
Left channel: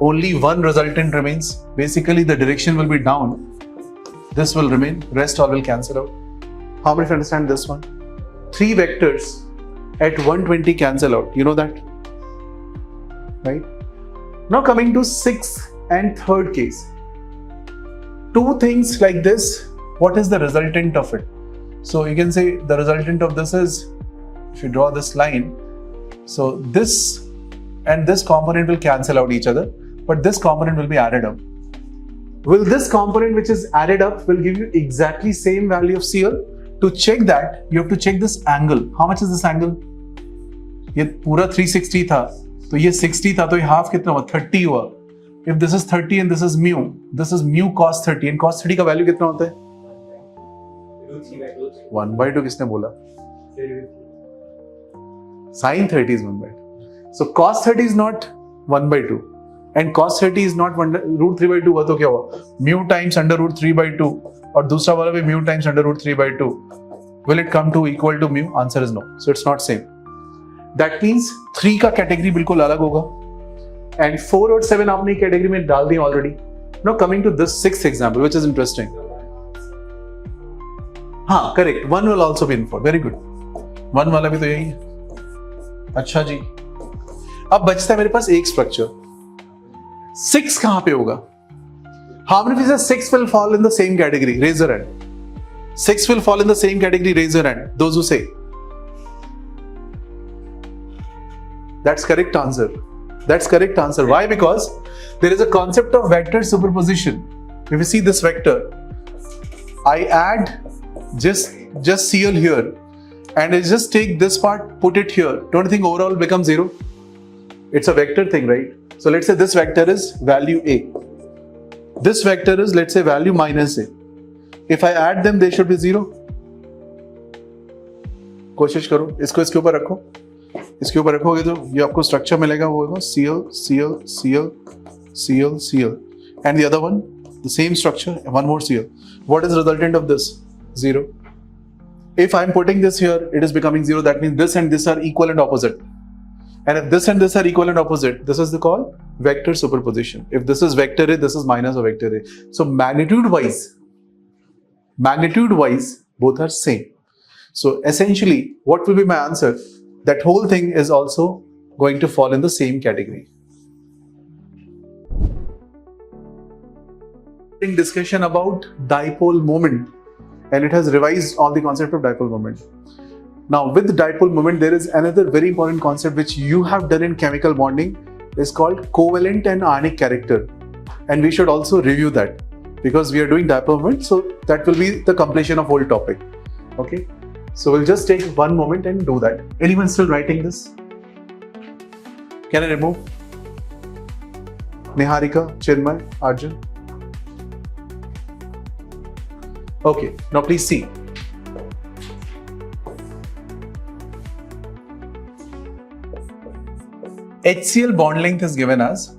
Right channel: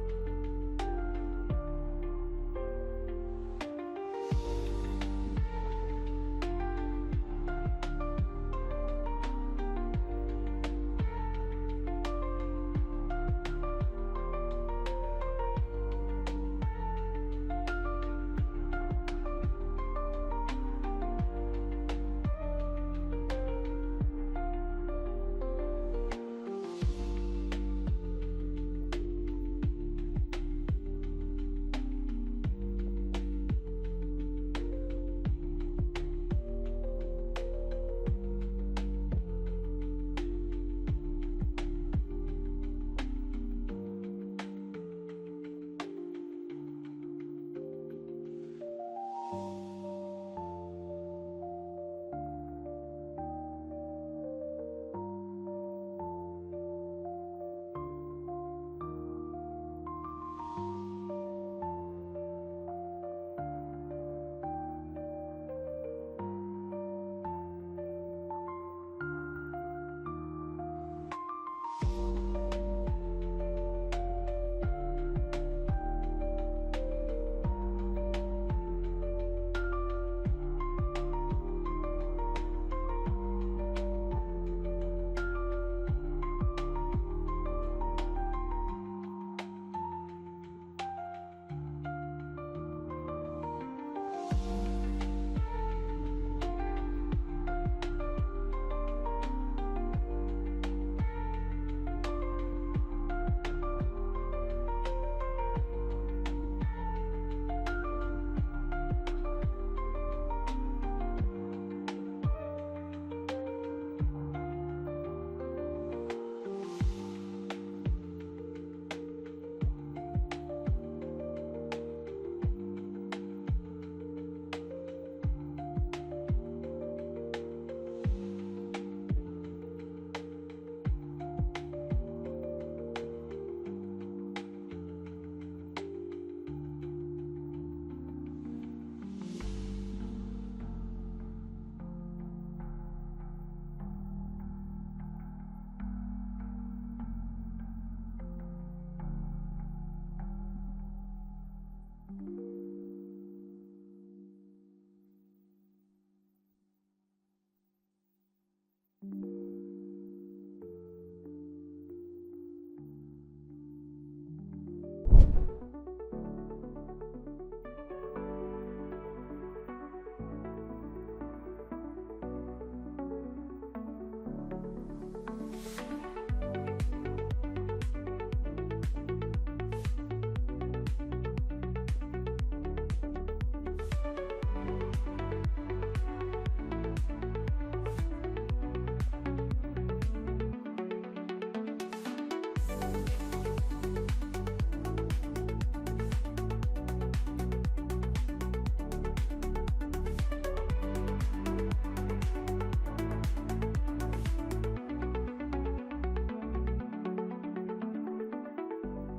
only one resultant remains. Basically, the direction will be down. This will remain, rest all will cancel out. How many of you understand this one? 3 vectors at 120 cancel out. You know that? Right? Now coming to 6th and 3rd case. 2 things like this, what is the resultant of it? So you can say the resultant of this is, if you draw this line, so this and this component will cancel out each other, but this component will be added up. Will this component which is added up will give you exactly same value of CL? To check that, you have to check this angle. How much is this angle? ये पूरा 360 था, तो ये 60 था, तो ये half कितना हुआ? 30 हुआ. If this is 30 and this is mu cos 30, and cos 30 का value कितना होता है? 1/2 किसने बोला? Sin 30 is 1/2. So cos 30 is not 1/2 and cos 30 is not root 3/2 हुआ तो क्या हुआ? Mu times under root 3/2 और दूसरा वाला भी mu times under root 3/2. Will it come to equal to mu? Answer is no. So it's not same. That means 3 का category बिल्कुल अलग होगा and 4 और 7 आपने category में डाल दी already. Now coming to this 6th example, which is interesting. हाँ, correct. 1 will also be inferred. Very good. 1 वाला भी तो यही है. अच्छा जी. अब बचता है मेरे पास एक स्ट्रक्चर. 6 कहां पे होगा? How many of you say 6 will fall in the same category? Raise your hand. 6 will fall in the same category. Raise your hand. Those who say. That's correct answer. That's correct answer. Why? Because there is a concept of vector superposition. If you see this vector, I add just CL here, and I just take this part, put it here. Don't you think overall becomes 0? It's a vector thing, right? So let's say this vector is value A. This vector is, let's say, value minus A. If I add them, they should be 0. कोशिश करो, इसको इसके ऊपर रखो. इसके ऊपर रखोगे तो ये आपको स्ट्रक्चर मिलेगा, वो होगा CL, CL, CL, CL, CL. And the other one, the same structure, one more CL. What is the resultant of this? 0. If I'm putting this here, it is becoming 0. That means this and this are equal and opposite. And if this and this are equal and opposite, this is called vector superposition. If this is vector A, this is minus of vector A. So magnitude-wise, both are same. So essentially, what will be my answer? That whole thing is also going to fall in the same category. In discussion about dipole moment, and it has revised all the concept of dipole moment. Now with dipole moment, there is another very important concept which you have done in chemical bonding. Is called covalent and ionic character, and we should also review that because we are doing dipole moment, so that will be the completion of whole topic. Okay, so we'll just take one moment and do that. Anyone still writing this? Can I remove? Niharika, Chinmay, Arjun. Okay, now please see. HCl bond length is given as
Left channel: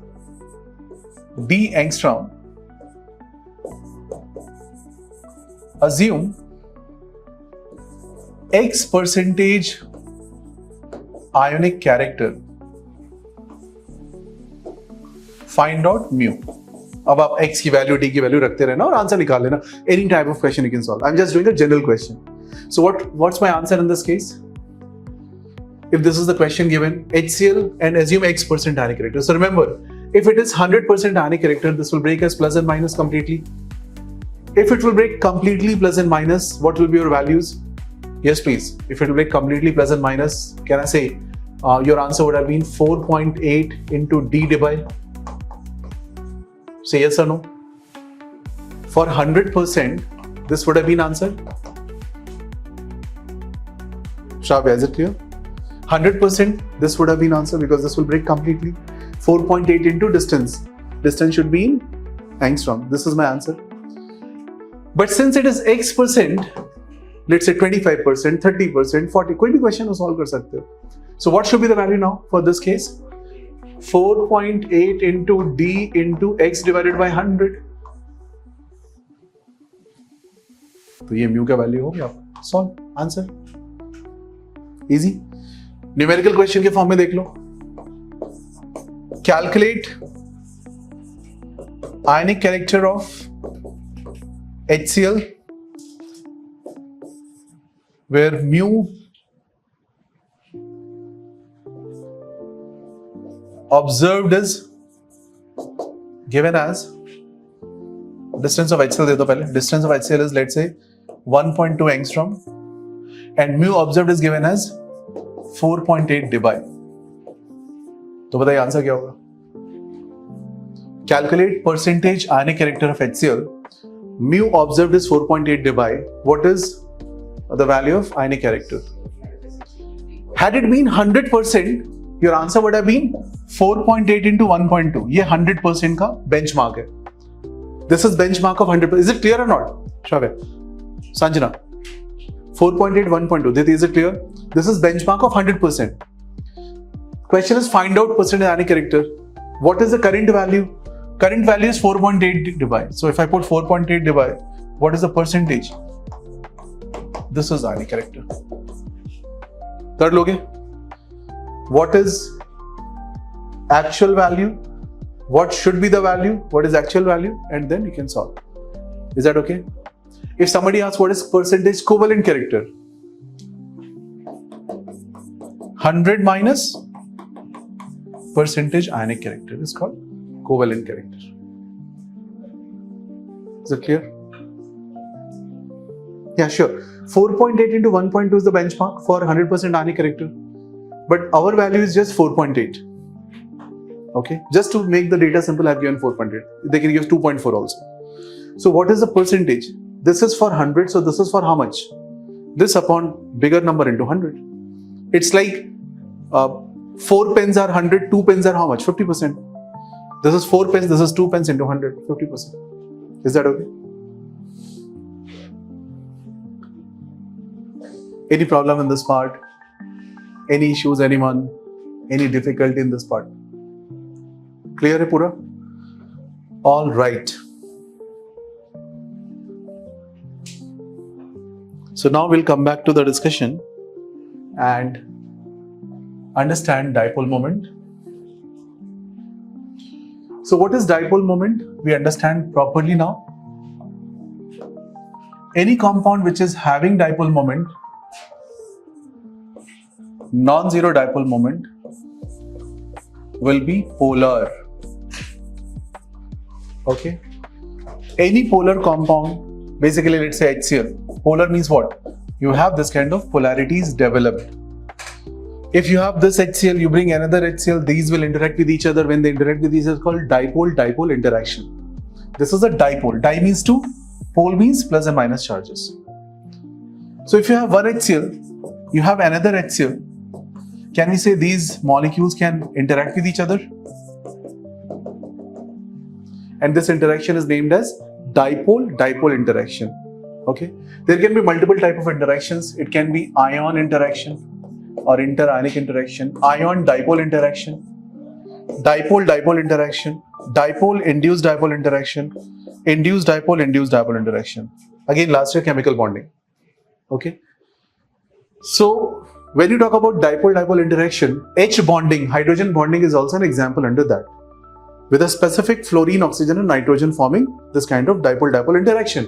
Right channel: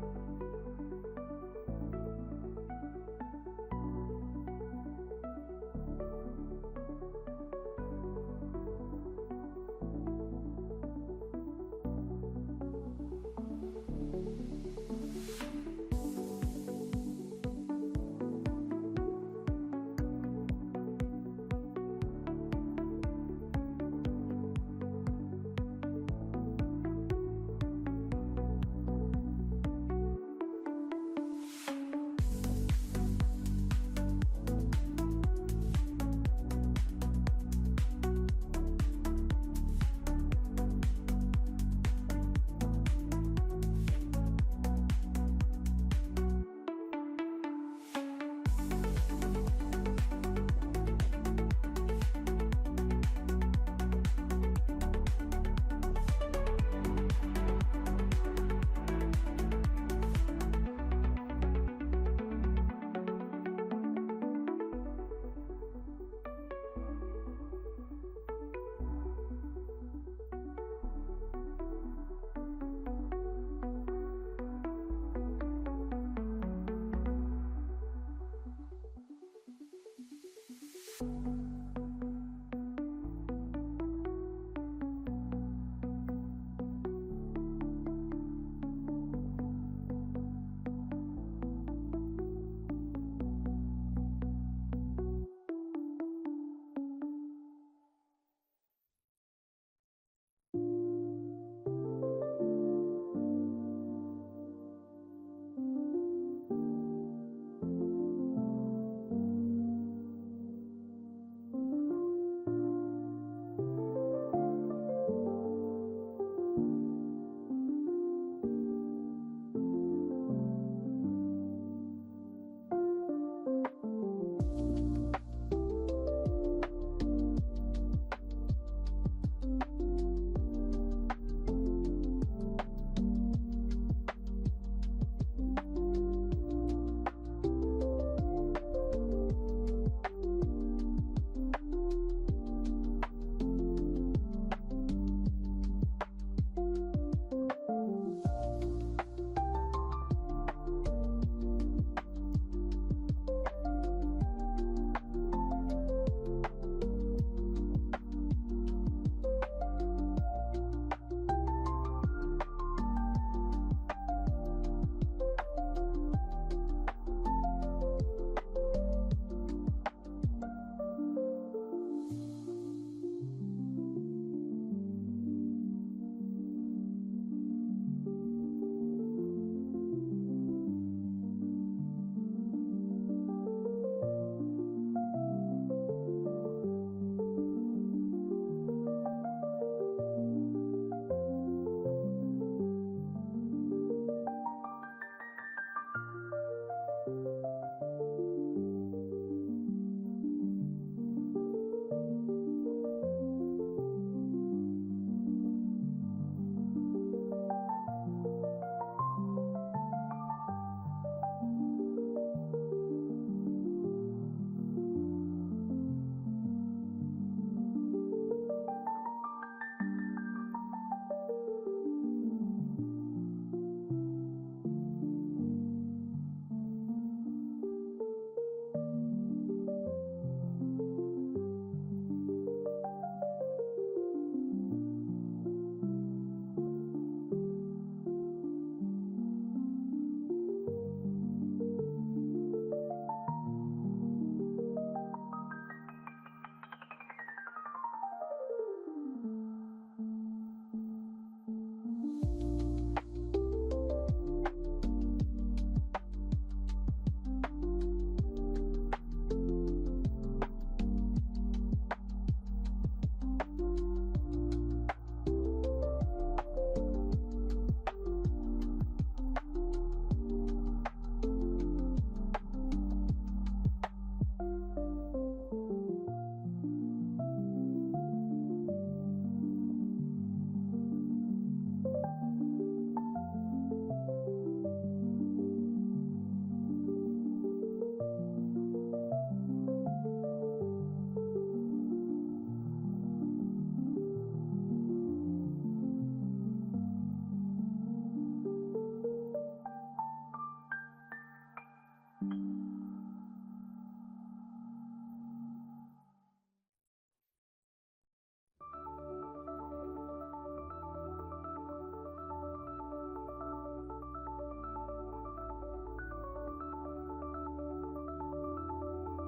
D angstrom. Assume X percentage ionic character. Find out mu. अब आप X की value D की value रखते रहना और answer निकाल लेना. Any type of question you can solve. I'm just doing a general question. So what's my answer in this case? If this is the question given, HCl and assume X% ionic character. So remember, if it is 100% ionic character, this will break as plus and minus completely. If it will break completely plus and minus, what will be your values? Yes, please. If it will break completely plus and minus, can I say your answer would have been 4.8 into D divided? Say yes or no. For 100%, this would have been answer. Shravya, is it clear? 100%, this would have been answer because this will break completely. 4.8 into distance. Distance should be in angstrom. This is my answer. But since it is X%, let's say 25%, 30%, 40, कोई भी question solve कर सकते हो. So what should be the value now for this case? 4.8 into D into X divided by 100. तो ये mu का value हो गया. Solve. Answer. Easy. Numerical question के फॉर्म में देख लो. Calculate ionic character of HCl, where mu observed is given as distance of HCl. दे दो पहले. Distance of HCl is, let's say, 1.2 angstrom, and mu observed is given as 4.8 dBi. तो बताइए answer क्या होगा? Calculate percentage ionic character of HCl. Mu observed is 4.8 dBi. What is the value of ionic character? Had it been 100%, your answer would have been 4.8 into 1.2. ये 100% का benchmark है. This is benchmark of 100%. Is it clear or not? Shravya, Sanjana. 4.8, 1.2. Didi, is it clear? This is benchmark of 100%. Question is find out percentage ionic character. What is the current value? Current value is 4.8 dBi. So if I put 4.8 dBi, what is the percentage? This is ionic character. Third loge. What is actual value? What should be the value? What is actual value? And then you can solve. Is that okay? If somebody asks what is percentage covalent character? 100 minus percentage ionic character is called covalent character. Is it clear? Yeah, sure. 4.8 into 1.2 is the benchmark for 100% ionic character. But our value is just 4.8. Okay, just to make the data simple, I have given 4.8. They can give 2.4 also. So what is the percentage? This is for 100, so this is for how much? This upon bigger number into 100. It's like 4 pens are 100, 2 pens are how much? 50%. This is 4 pens, this is 2 pens into 100, 50%. Is that okay? Any problem in this part? Any issues, anyone? Any difficulty in this part? Clear hai pura? All right. So now we'll come back to the discussion and understand dipole moment. So what is dipole moment? We understand properly now. Any compound which is having dipole moment, non-zero dipole moment, will be polar. Okay? Any polar compound, basically let's say HCl. Polar means what? You have this kind of polarities developed. If you have this HCl, you bring another HCl, these will interact with each other. When they interact with each other, it's called dipole-dipole interaction. This is a dipole. Di means two, pole means plus and minus charges. So if you have one HCl, you have another HCl, can we say these molecules can interact with each other? And this interaction is named as dipole-dipole interaction. Okay? There can be multiple type of interactions. It can be ion interaction or interionic interaction, ion-dipole interaction, dipole-dipole interaction, dipole-induced dipole interaction, induced dipole interaction. Again, last year chemical bonding. Okay? So, when you talk about dipole-dipole interaction, H bonding, hydrogen bonding is also an example under that. With a specific fluorine, oxygen and nitrogen forming this kind of dipole-dipole interaction.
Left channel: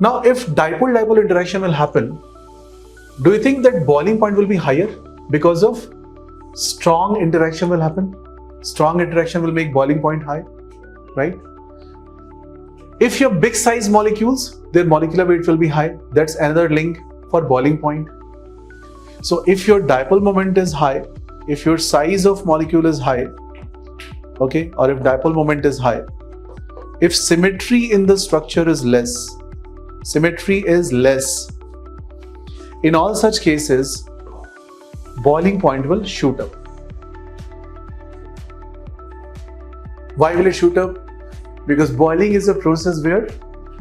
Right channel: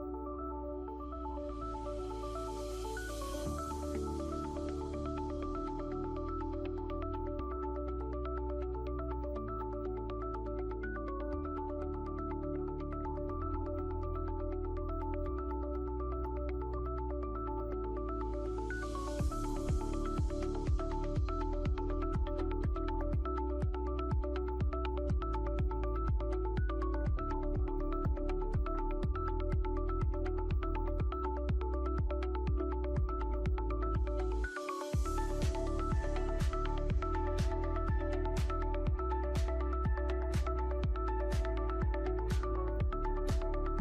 Now, if dipole-dipole interaction will happen, do you think that boiling point will be higher because of strong interaction will happen? Strong interaction will make boiling point high, right? If you have big size molecules, their molecular weight will be high. That's another link for boiling point. So if your dipole moment is high, if your size of molecule is high, okay, or if dipole moment is high, if symmetry in the structure is less, in all such cases, boiling point will shoot up. Why will it shoot up? Because boiling is a process where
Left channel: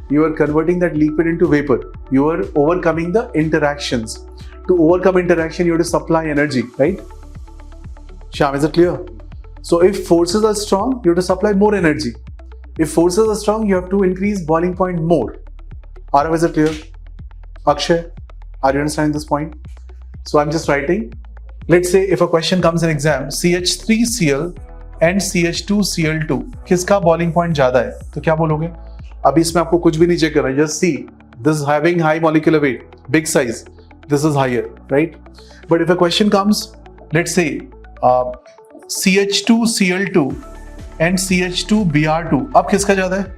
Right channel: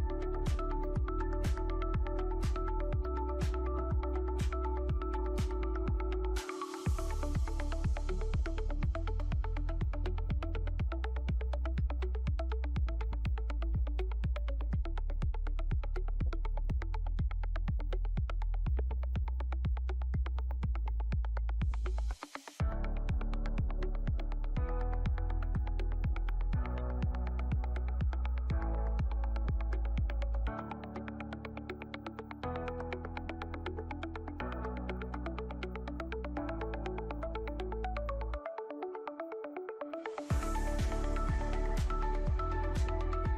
you are converting that liquid into vapor. You are overcoming the interactions. To overcome interaction, you have to supply energy, right? Shyam, is it clear? So if forces are strong, you have to supply more energy. If forces are strong, you have to increase boiling point more. Arav, is it clear? Akshay, are you understanding this point? So I'm just writing. Let's say if a question comes in exam, CH3Cl and CH2Cl2 किसका boiling point ज्यादा है? तो क्या बोलोगे? अभी इसमें आपको कुछ भी नहीं चेक करना है, just see this having high molecular weight, big size, this is higher, right? But if a question comes, let's say CH2Cl2 and CH2Br2, अब किसका ज्यादा है?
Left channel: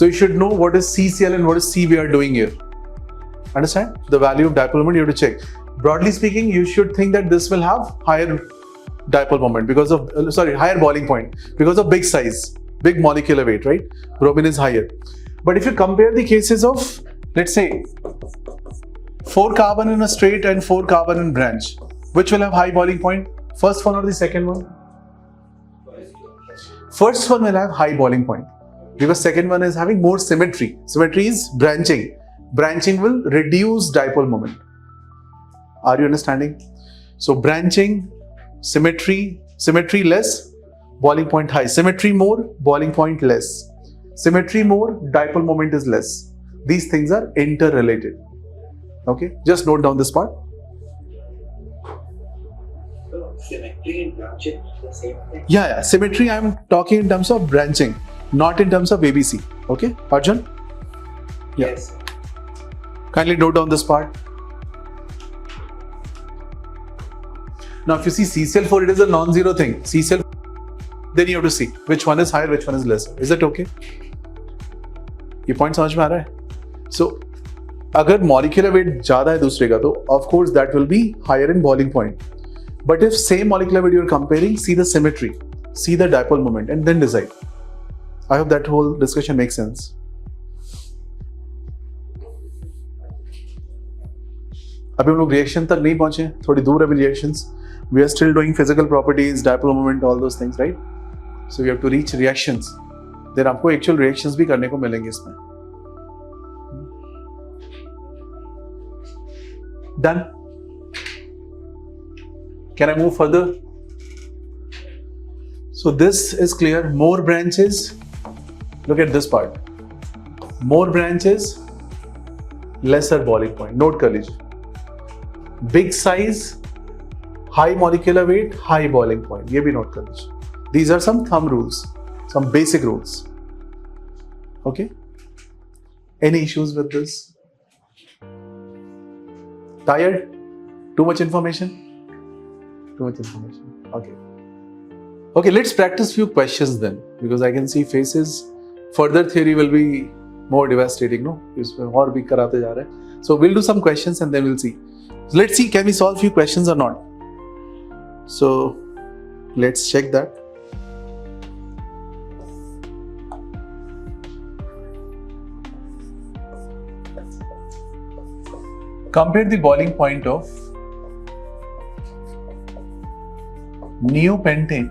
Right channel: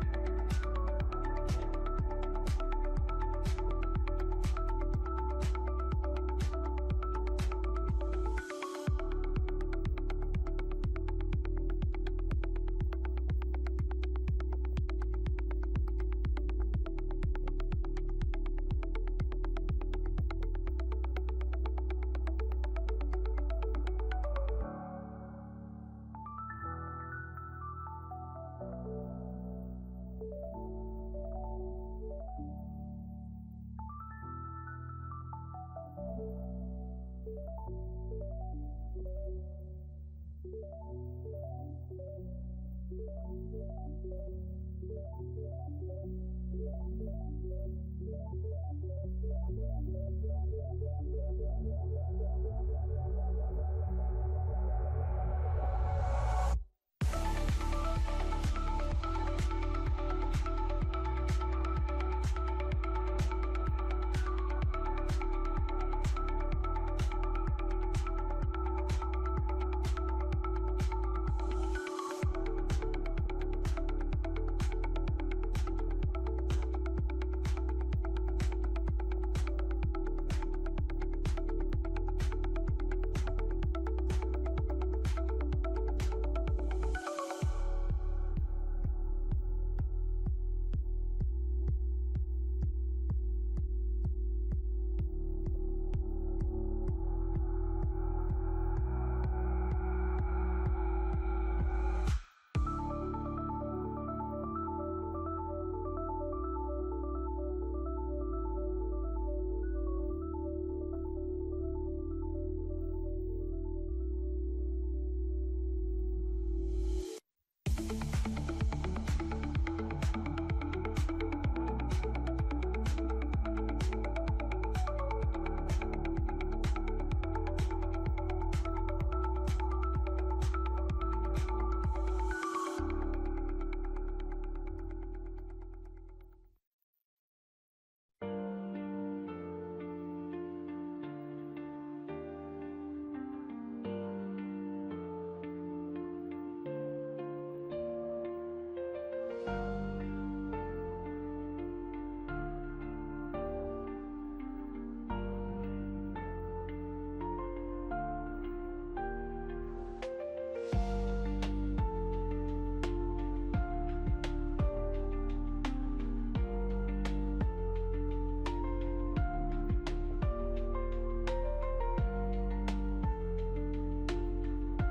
So you should know what is CCl and what is CBr doing here. Understand? The value of dipole moment you have to check. Broadly speaking, you should think that this will have higher dipole moment because of, higher boiling point because of big size, big molecular weight, right? Bromine is higher. But if you compare the cases of, let's say, 4 carbon in a straight and 4 carbon in branch, which will have high boiling point? First one or the second one? First one will have high boiling point. Because second one is having more symmetry. Symmetry is branching. Branching will reduce dipole moment. Are you understanding? So branching, symmetry less, boiling point high. Symmetry more, boiling point less. Symmetry more, dipole moment is less. These things are interrelated. Okay, just note down this part. Symmetry and branching are the same thing. Yeah, symmetry I am talking in terms of branching, not in terms of ABC. Okay, Arjun? Yes. Kindly note down this part. Now, if you see CCl4, it is a non-zero thing. CCl, then you have to see which one is higher, which one is less. Is that okay? ये point समझ में आ रहा है? So, अगर molecular weight ज़्यादा है दूसरे का तो of course that will be higher in boiling point. But if same molecular weight you are comparing, see the symmetry, see the dipole moment, and then decide. I hope that whole discussion makes sense. अभी हम लोग reaction तक नहीं पहुंचे, थोड़ी दूर है अभी reactions. We are still doing physical properties, dipole moment, all those things, right? So we have to reach reactions. Then आपको actual reactions भी करने को मिलेंगे इसमें. Done. Can I move further? So this is clear. More branches. Look at this part. More branches, lesser boiling point. Note कर लीजिए. Big size, high molecular weight, high boiling point. ये भी note कर लीजिए. These are some thumb rules, some basic rules. Okay? Any issues with this? Tired? Too much information? Too much information. Okay. Okay, let's practice few questions then, because I can see faces. Further theory will be more devastating, no? इसमें और भी कराते जा रहे हैं. So we'll do some questions and then we'll see. So let's see, can we solve few questions or not? So let's check that. Compare the boiling point of neopentane,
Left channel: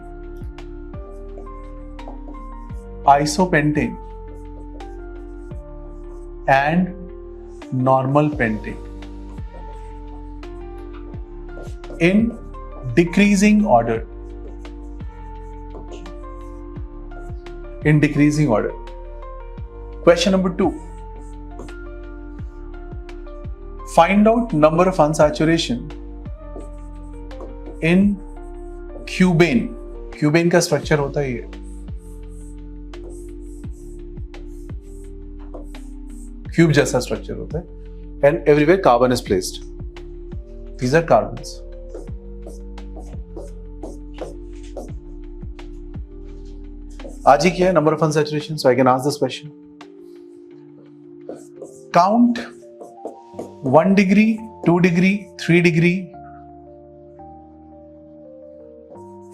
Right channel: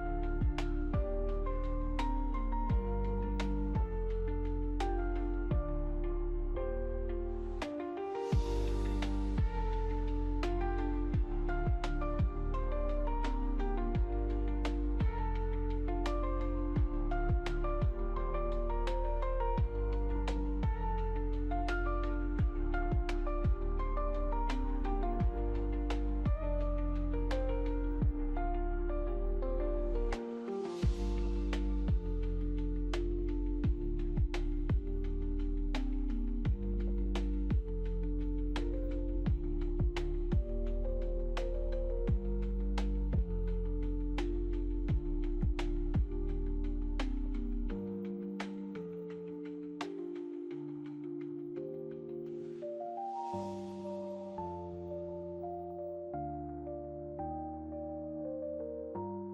isopentane and normal pentane in decreasing order. In decreasing order. Question number 2. Find out number of unsaturation in cubane. Cubane का structure होता है ये. Cube जैसा structure होता है. And everywhere carbon is placed. These are carbons. आज ही किया है number of unsaturation, so I can ask this question. Count 1 degree, 2 degree, 3 degree,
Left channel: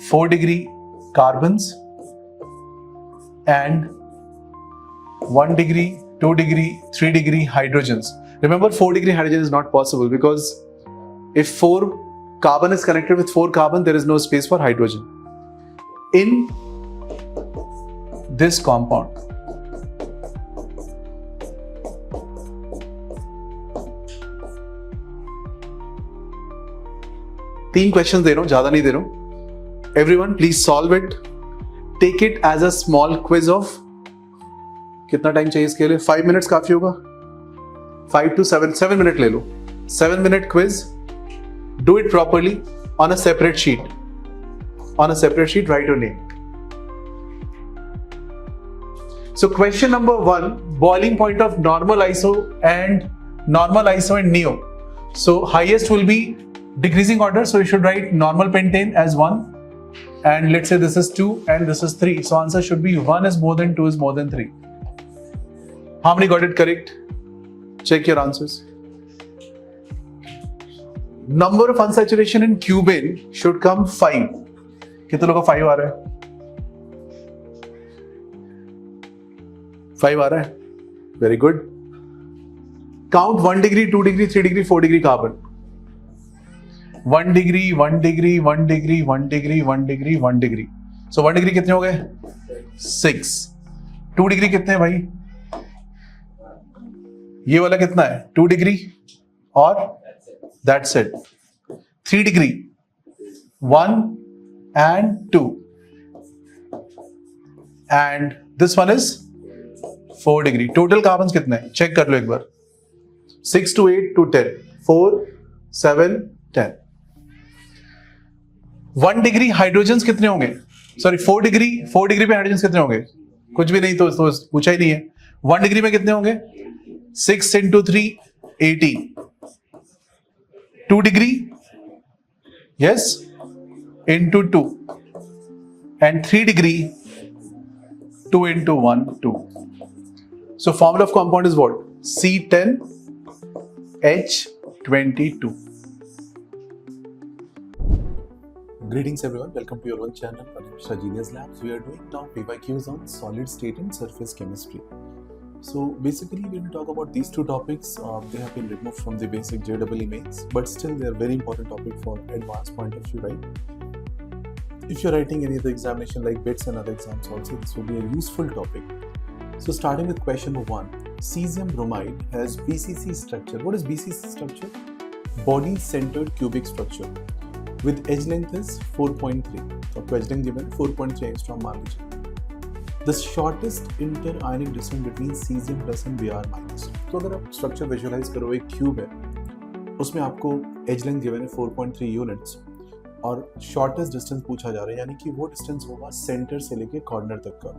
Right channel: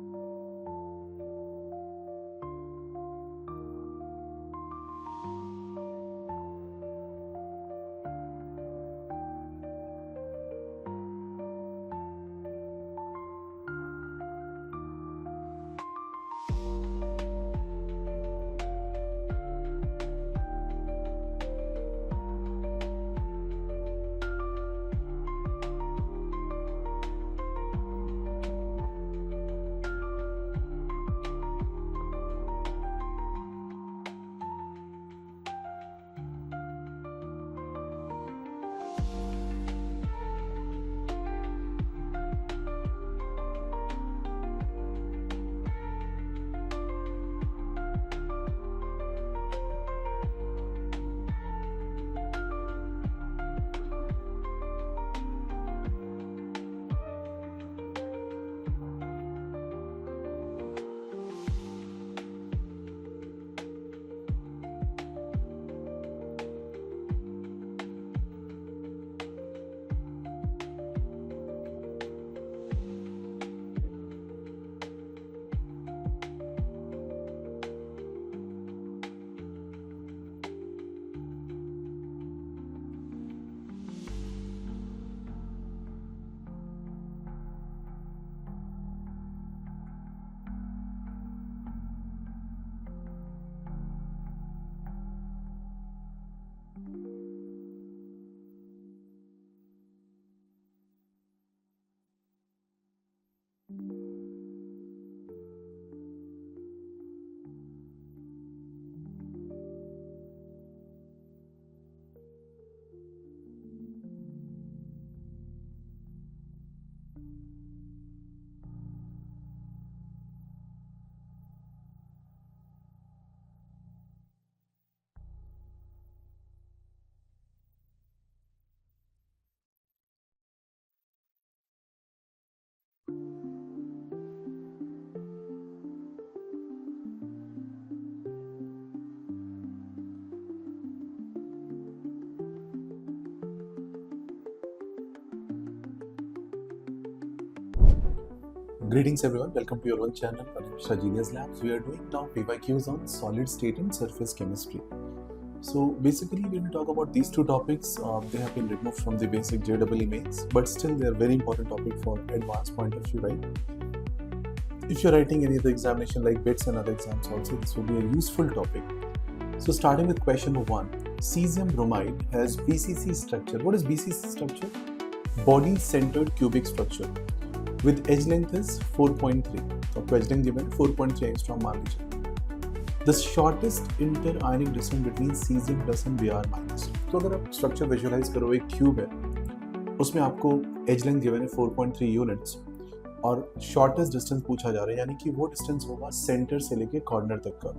4 degree carbons and 1 degree, 2 degree, 3 degree hydrogens. Remember, 4 degree hydrogen is not possible because if 4 carbon is connected with 4 carbon, there is no space for hydrogen. In this compound, तीन question दे रहा हूं, ज्यादा नहीं दे रहा हूं. Everyone please solve it. Take it as a small quiz of, कितना टाइम चाहिए इसके लिए? 5 मिनट्स काफी होगा. 5 to 7 मिनट ले लो. 7 minute quiz. Do it properly. on a separate sheet. On a separate sheet, write your name. So question number 1, boiling point of normal iso and neo. So highest will be decreasing order, so you should write normal pentane as 1, and let's say this is 2 and this is 3. So answer should be 1 is more than 2 is more than 3. How many got it correct? Check your answers. Number of unsaturation in cubane should come 5. कितने लोगों का 5 आ रहा है? 5 आ रहा है? Very good. Count 1 degree, 2 degree, 3 degree, 4 degree carbon. 1 degree, 1 degree, 1 degree, 1 degree, 1 degree, 1 degree. So 1 degree कितने हो गए? 6. 2 degree कितने हैं भाई? ये वाला कितना है? 2 degree और that's it. 3 degree, 1 and 2. And this one is 4 degree. Total carbons कितने हैं? Check कर लो एक बार. 6 to 8 to 10. 4, 7, 10. 1 degree हाइड्रोजन्स कितने होंगे? सॉरी 4 डिग्री पे हाइड्रोजन्स कितने होंगे? कुछ भी नहीं, तो पूछा ही नहीं है. 1 डिग्री में कितने होंगे? 6 into 3, 80. 2 degree, yes, into 2. And 3 degree, 2 into 1, 2. So formula of compound is what? C10H22. Greetings everyone, welcome to your own channel, Pariksha Genius Labs. We are doing now PYQs on solid state and surface chemistry. So basically when we talk about these two topics, they have been removed from the basic JEE mains, but still they are very important topic for advanced point of view, right? If you're writing any other examination like BITS and other exams also, this will be a useful topic. So starting with question number 1, cesium bromide has BCC structure. What is BCC structure? Body centered cubic structure with edge length is 4.3. So edge length given 4.3 angstrom मान लीजिए. The shortest inter-ionic distance between cesium plus and Br minus. तो अगर आप structure visualize करो, एक cube है, उसमें आपको edge length given है 4.3 units और shortest distance पूछा जा रहा है, यानी कि वो distance होगा center से लेके corner तक का,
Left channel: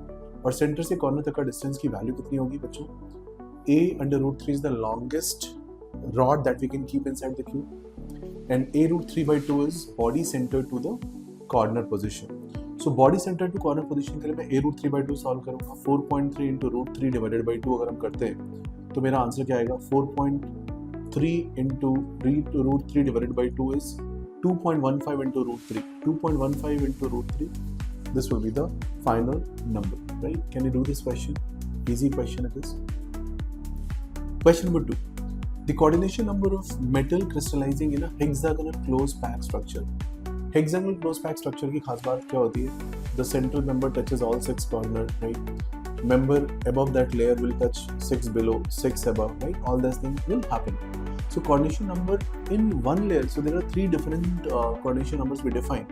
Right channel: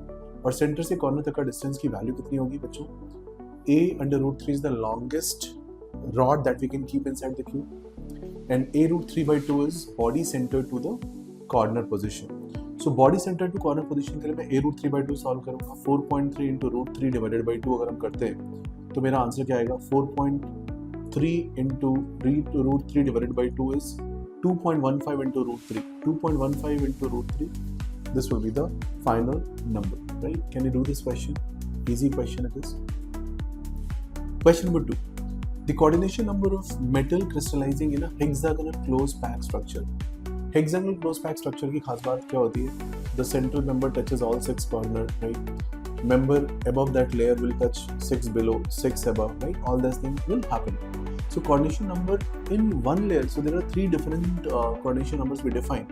और center से corner तक का distance की value कितनी होगी बच्चों? A√3 is the longest rod that we can keep inside the cube, and A√3/2 is body centered to the corner position. So body center to corner position के लिए मैं A√3/2 सॉल्व करूँगा. 4.3 into √3 divided by 2 अगर हम करते हैं तो मेरा आंसर क्या आएगा? 4.3 into √3 divided by 2 is 2.15 into √3. 2.15 into √3. This will be the final number, right? Can you do this question? Easy question it is. Question number 2. The coordination number of metal crystallizing in a hexagonal closed pack structure. Hexagonal closed pack structure की खास बात क्या होती है? The central member touches all 6 corners, right? Member above that layer will touch 6 below, 6 above, right? All these things will happen. So coordination number in one layer. So there are 3 different coordination numbers we define.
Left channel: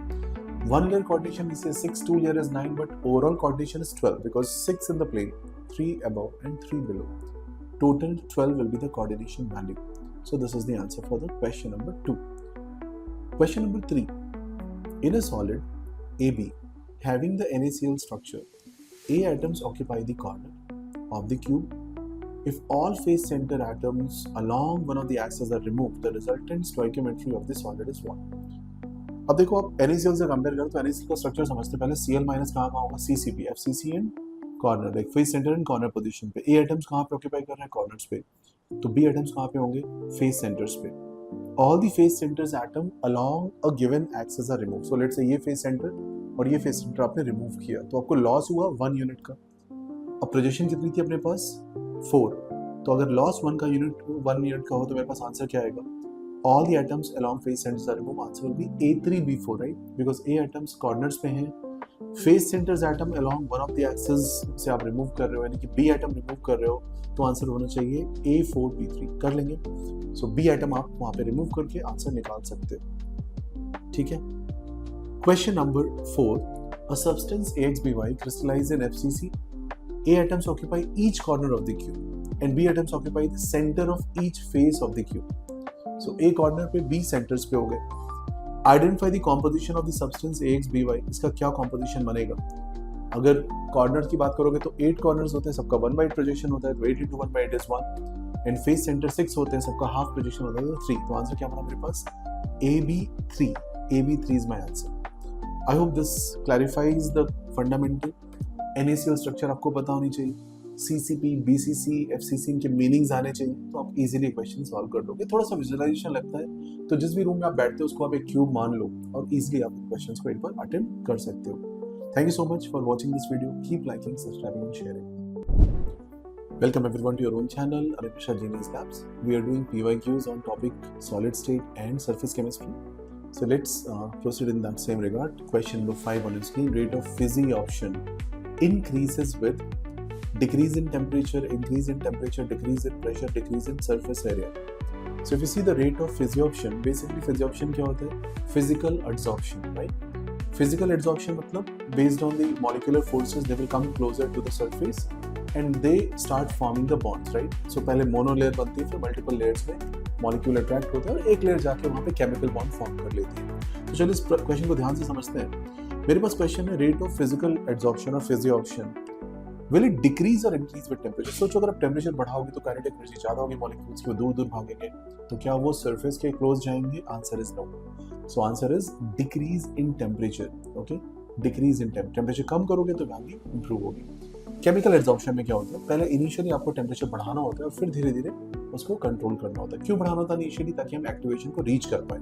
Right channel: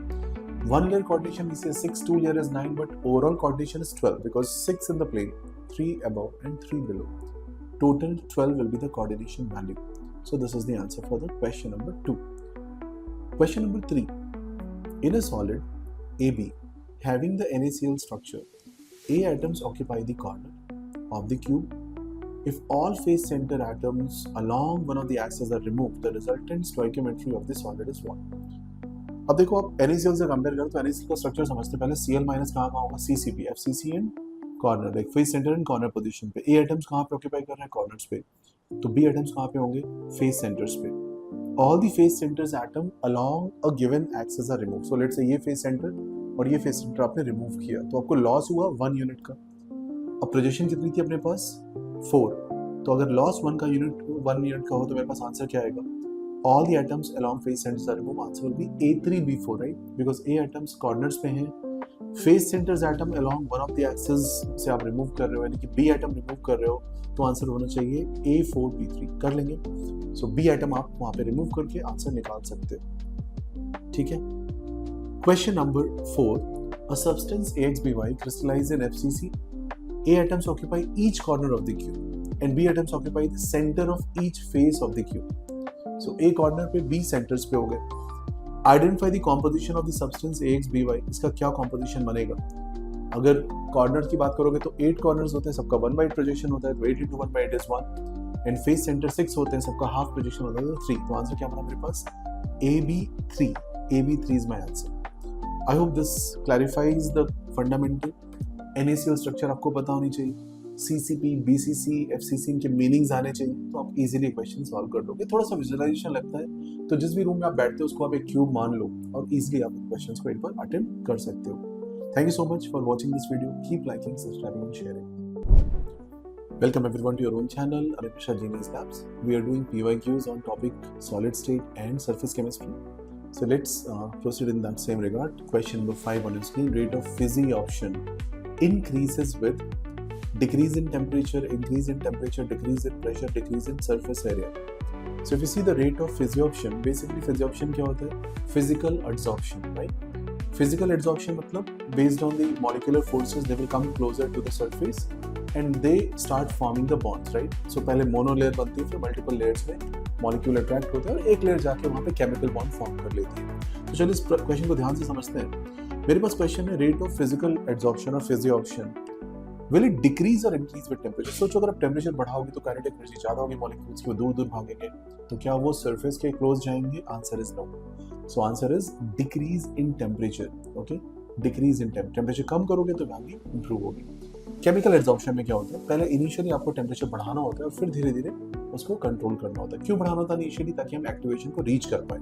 One layer coordination we say 6, 2 layer is 9, but overall coordination is 12 because 6 in the plane, 3 above and 3 below. Total 12 will be the coordination value. So this is the answer for the question number 2. Question number 3. In a solid AB having the NaCl structure, A atoms occupy the corner of the cube. If all face center atoms along one of the axes are removed, the resultant stoichiometry of the solid is what? अब देखो आप NaCl से compare करो तो NaCl का structure समझते पहले Cl minus कहाँ होगा? CCP, FCC and corner, like face centre and corner position पे. A एटम्स कहाँ पे ऑक्यूपाई कर रहे हैं? कॉर्नर्स पे. तो B एटम्स कहाँ पे होंगे? फेस सेंटर्स पे. All the face centers atom along a given axis are removed. So let's say ये face center और ये face center आपने remove किया, तो आपको loss हुआ 1 unit का. अब projection कितनी थी अपने पास? 4. तो अगर loss 1 unit का हो तो मेरे पास आंसर क्या आएगा? All the atoms along face centers are removed. Answer will be A3B4, right? Because A atoms corners पे हैं. Face centers atom along one of the axes से आप remove कर रहे हो, यानी कि B atom remove कर रहे हो, तो आंसर होना चाहिए A4B3. कर लेंगे. So B atom आप वहाँ पे remove करके आंसर निकाल सकते हो. ठीक है? Question number 4. A substance AXBY crystallizes in FCC. A atoms occupy each corner of the cube and B atoms occupy the center of each face of the cube. So A corner पे B centers पे हो गए. Identify the composition of the substance AX/BY, इसका क्या composition बनेगा? अगर corner की बात करोगे तो 8 कॉर्नर्स होते हैं, सबका 1/8 प्रोजेक्शन होता है, तो 8 into 1/8 is 1, and face centre 6 होते हैं, सबका हाफ प्रोजेक्शन होता है, तो 3। तो आंसर क्या बना मेरे पास? AB3 is my answer. I hope this clarifies the fundamental. NaCl structure आपको पता होनी चाहिए, CCP, BCC, FCC इनके मीनिंग्स आने चाहिए, तो आप इजीली क्वेश्चन सॉल्व कर लोगे। थोड़ा सा विजुअलाइजेशन लगता है, तो जिस भी रूम में आप बैठते हो उसको आप एक क्यूब मान लो और इजीली आप क्वेश्चंस को एक बार अटेम्प्ट कर सकते हो। Thank you so much for watching this video. Keep liking, subscribing and sharing. Welcome everyone to your own channel, Anipisha Genius Labs. We are doing PYQs on topic solid state and surface chemistry. So let's proceed in that same regard. Question number 5 on your screen. Rate of physioption increases with decrease in temperature, increase in temperature, decrease in pressure, decrease in surface area. So if you see the rate of physioption, basically physioption क्या होता है? Physical adsorption, right? Physical adsorption मतलब based on the molecular forces they will come closer to the surface and they start forming the bonds, right? So पहले mono layer बनती है, फिर multiple layers में molecule attract होता है और एक layer जाके वहाँ पे chemical bond form कर लेती है। तो चलिए इस क्वेश्चन को ध्यान से समझते हैं। मेरे पास क्वेश्चन है rate of physical adsorption और physioption will it decrease or increase with temperature? सोचो अगर आप टेम्परेचर बढ़ाओगे तो काइनेटिक एनर्जी ज्यादा होगी, मॉलिक्यूल्स की वो दूर दूर भागेंगे, तो क्या वो सरफेस के क्लोज जाएंगे? Answer is no. So answer is decrease in temperature. Okay, decrease in temperature कम करोगे तो वैल्यू इंप्रूव होगी। केमिकल एब्जॉर्प्शन में क्या होता है? पहले इनिशियली आपको टेम्परेचर बढ़ाना होता है और फिर धीरे धीरे उसको कंट्रोल करना होता है। क्यों बढ़ाना होता है इनिशियली? ताकि हम एक्टिवेशन को रीच कर पाए।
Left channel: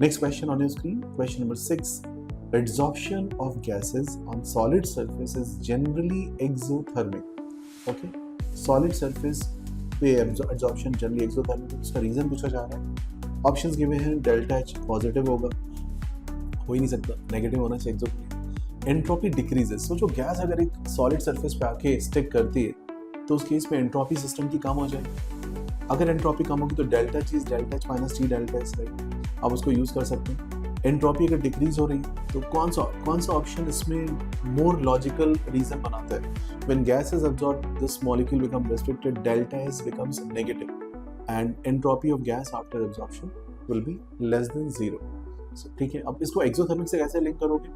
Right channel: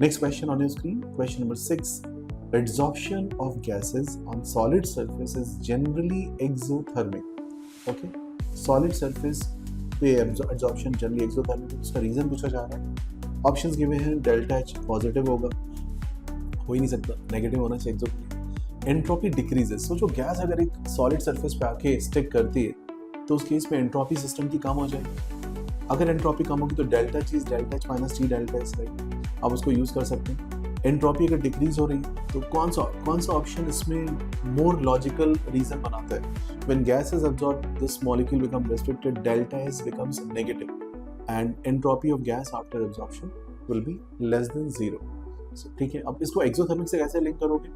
Next question on your screen, question number 6. Adsorption of gases on solid surface is generally exothermic. Okay, solid surface पे adsorption generally exothermic है। उसका रीजन पूछा जा रहा है। ऑप्शंस गिवे हैं, डेल्टा H पॉजिटिव होगा, हो ही नहीं सकता, नेगेटिव होना चाहिए एक्सोथर्मिक। एंट्रोपी डिक्रीजेस, सोचो गैस अगर एक सॉलिड सरफेस पे आके स्टिक करती है तो उस केस में एंट्रोपी सिस्टम की कम हो जाएगी। अगर एंट्रोपी कम होगी तो delta H delta H minus T delta S, right? आप उसको यूज कर सकते हैं। एंट्रोपी अगर डिक्रीज हो रही है तो कौन सा ऑप्शन इसमें मोर लॉजिकल रीजन बनाता है? When gas is absorbed this molecule become restricted, delta S becomes negative and entropy of gas after absorption will be less than 0। ठीक है, अब इसको एक्सोथर्मिक से कैसे लिंक करोगे?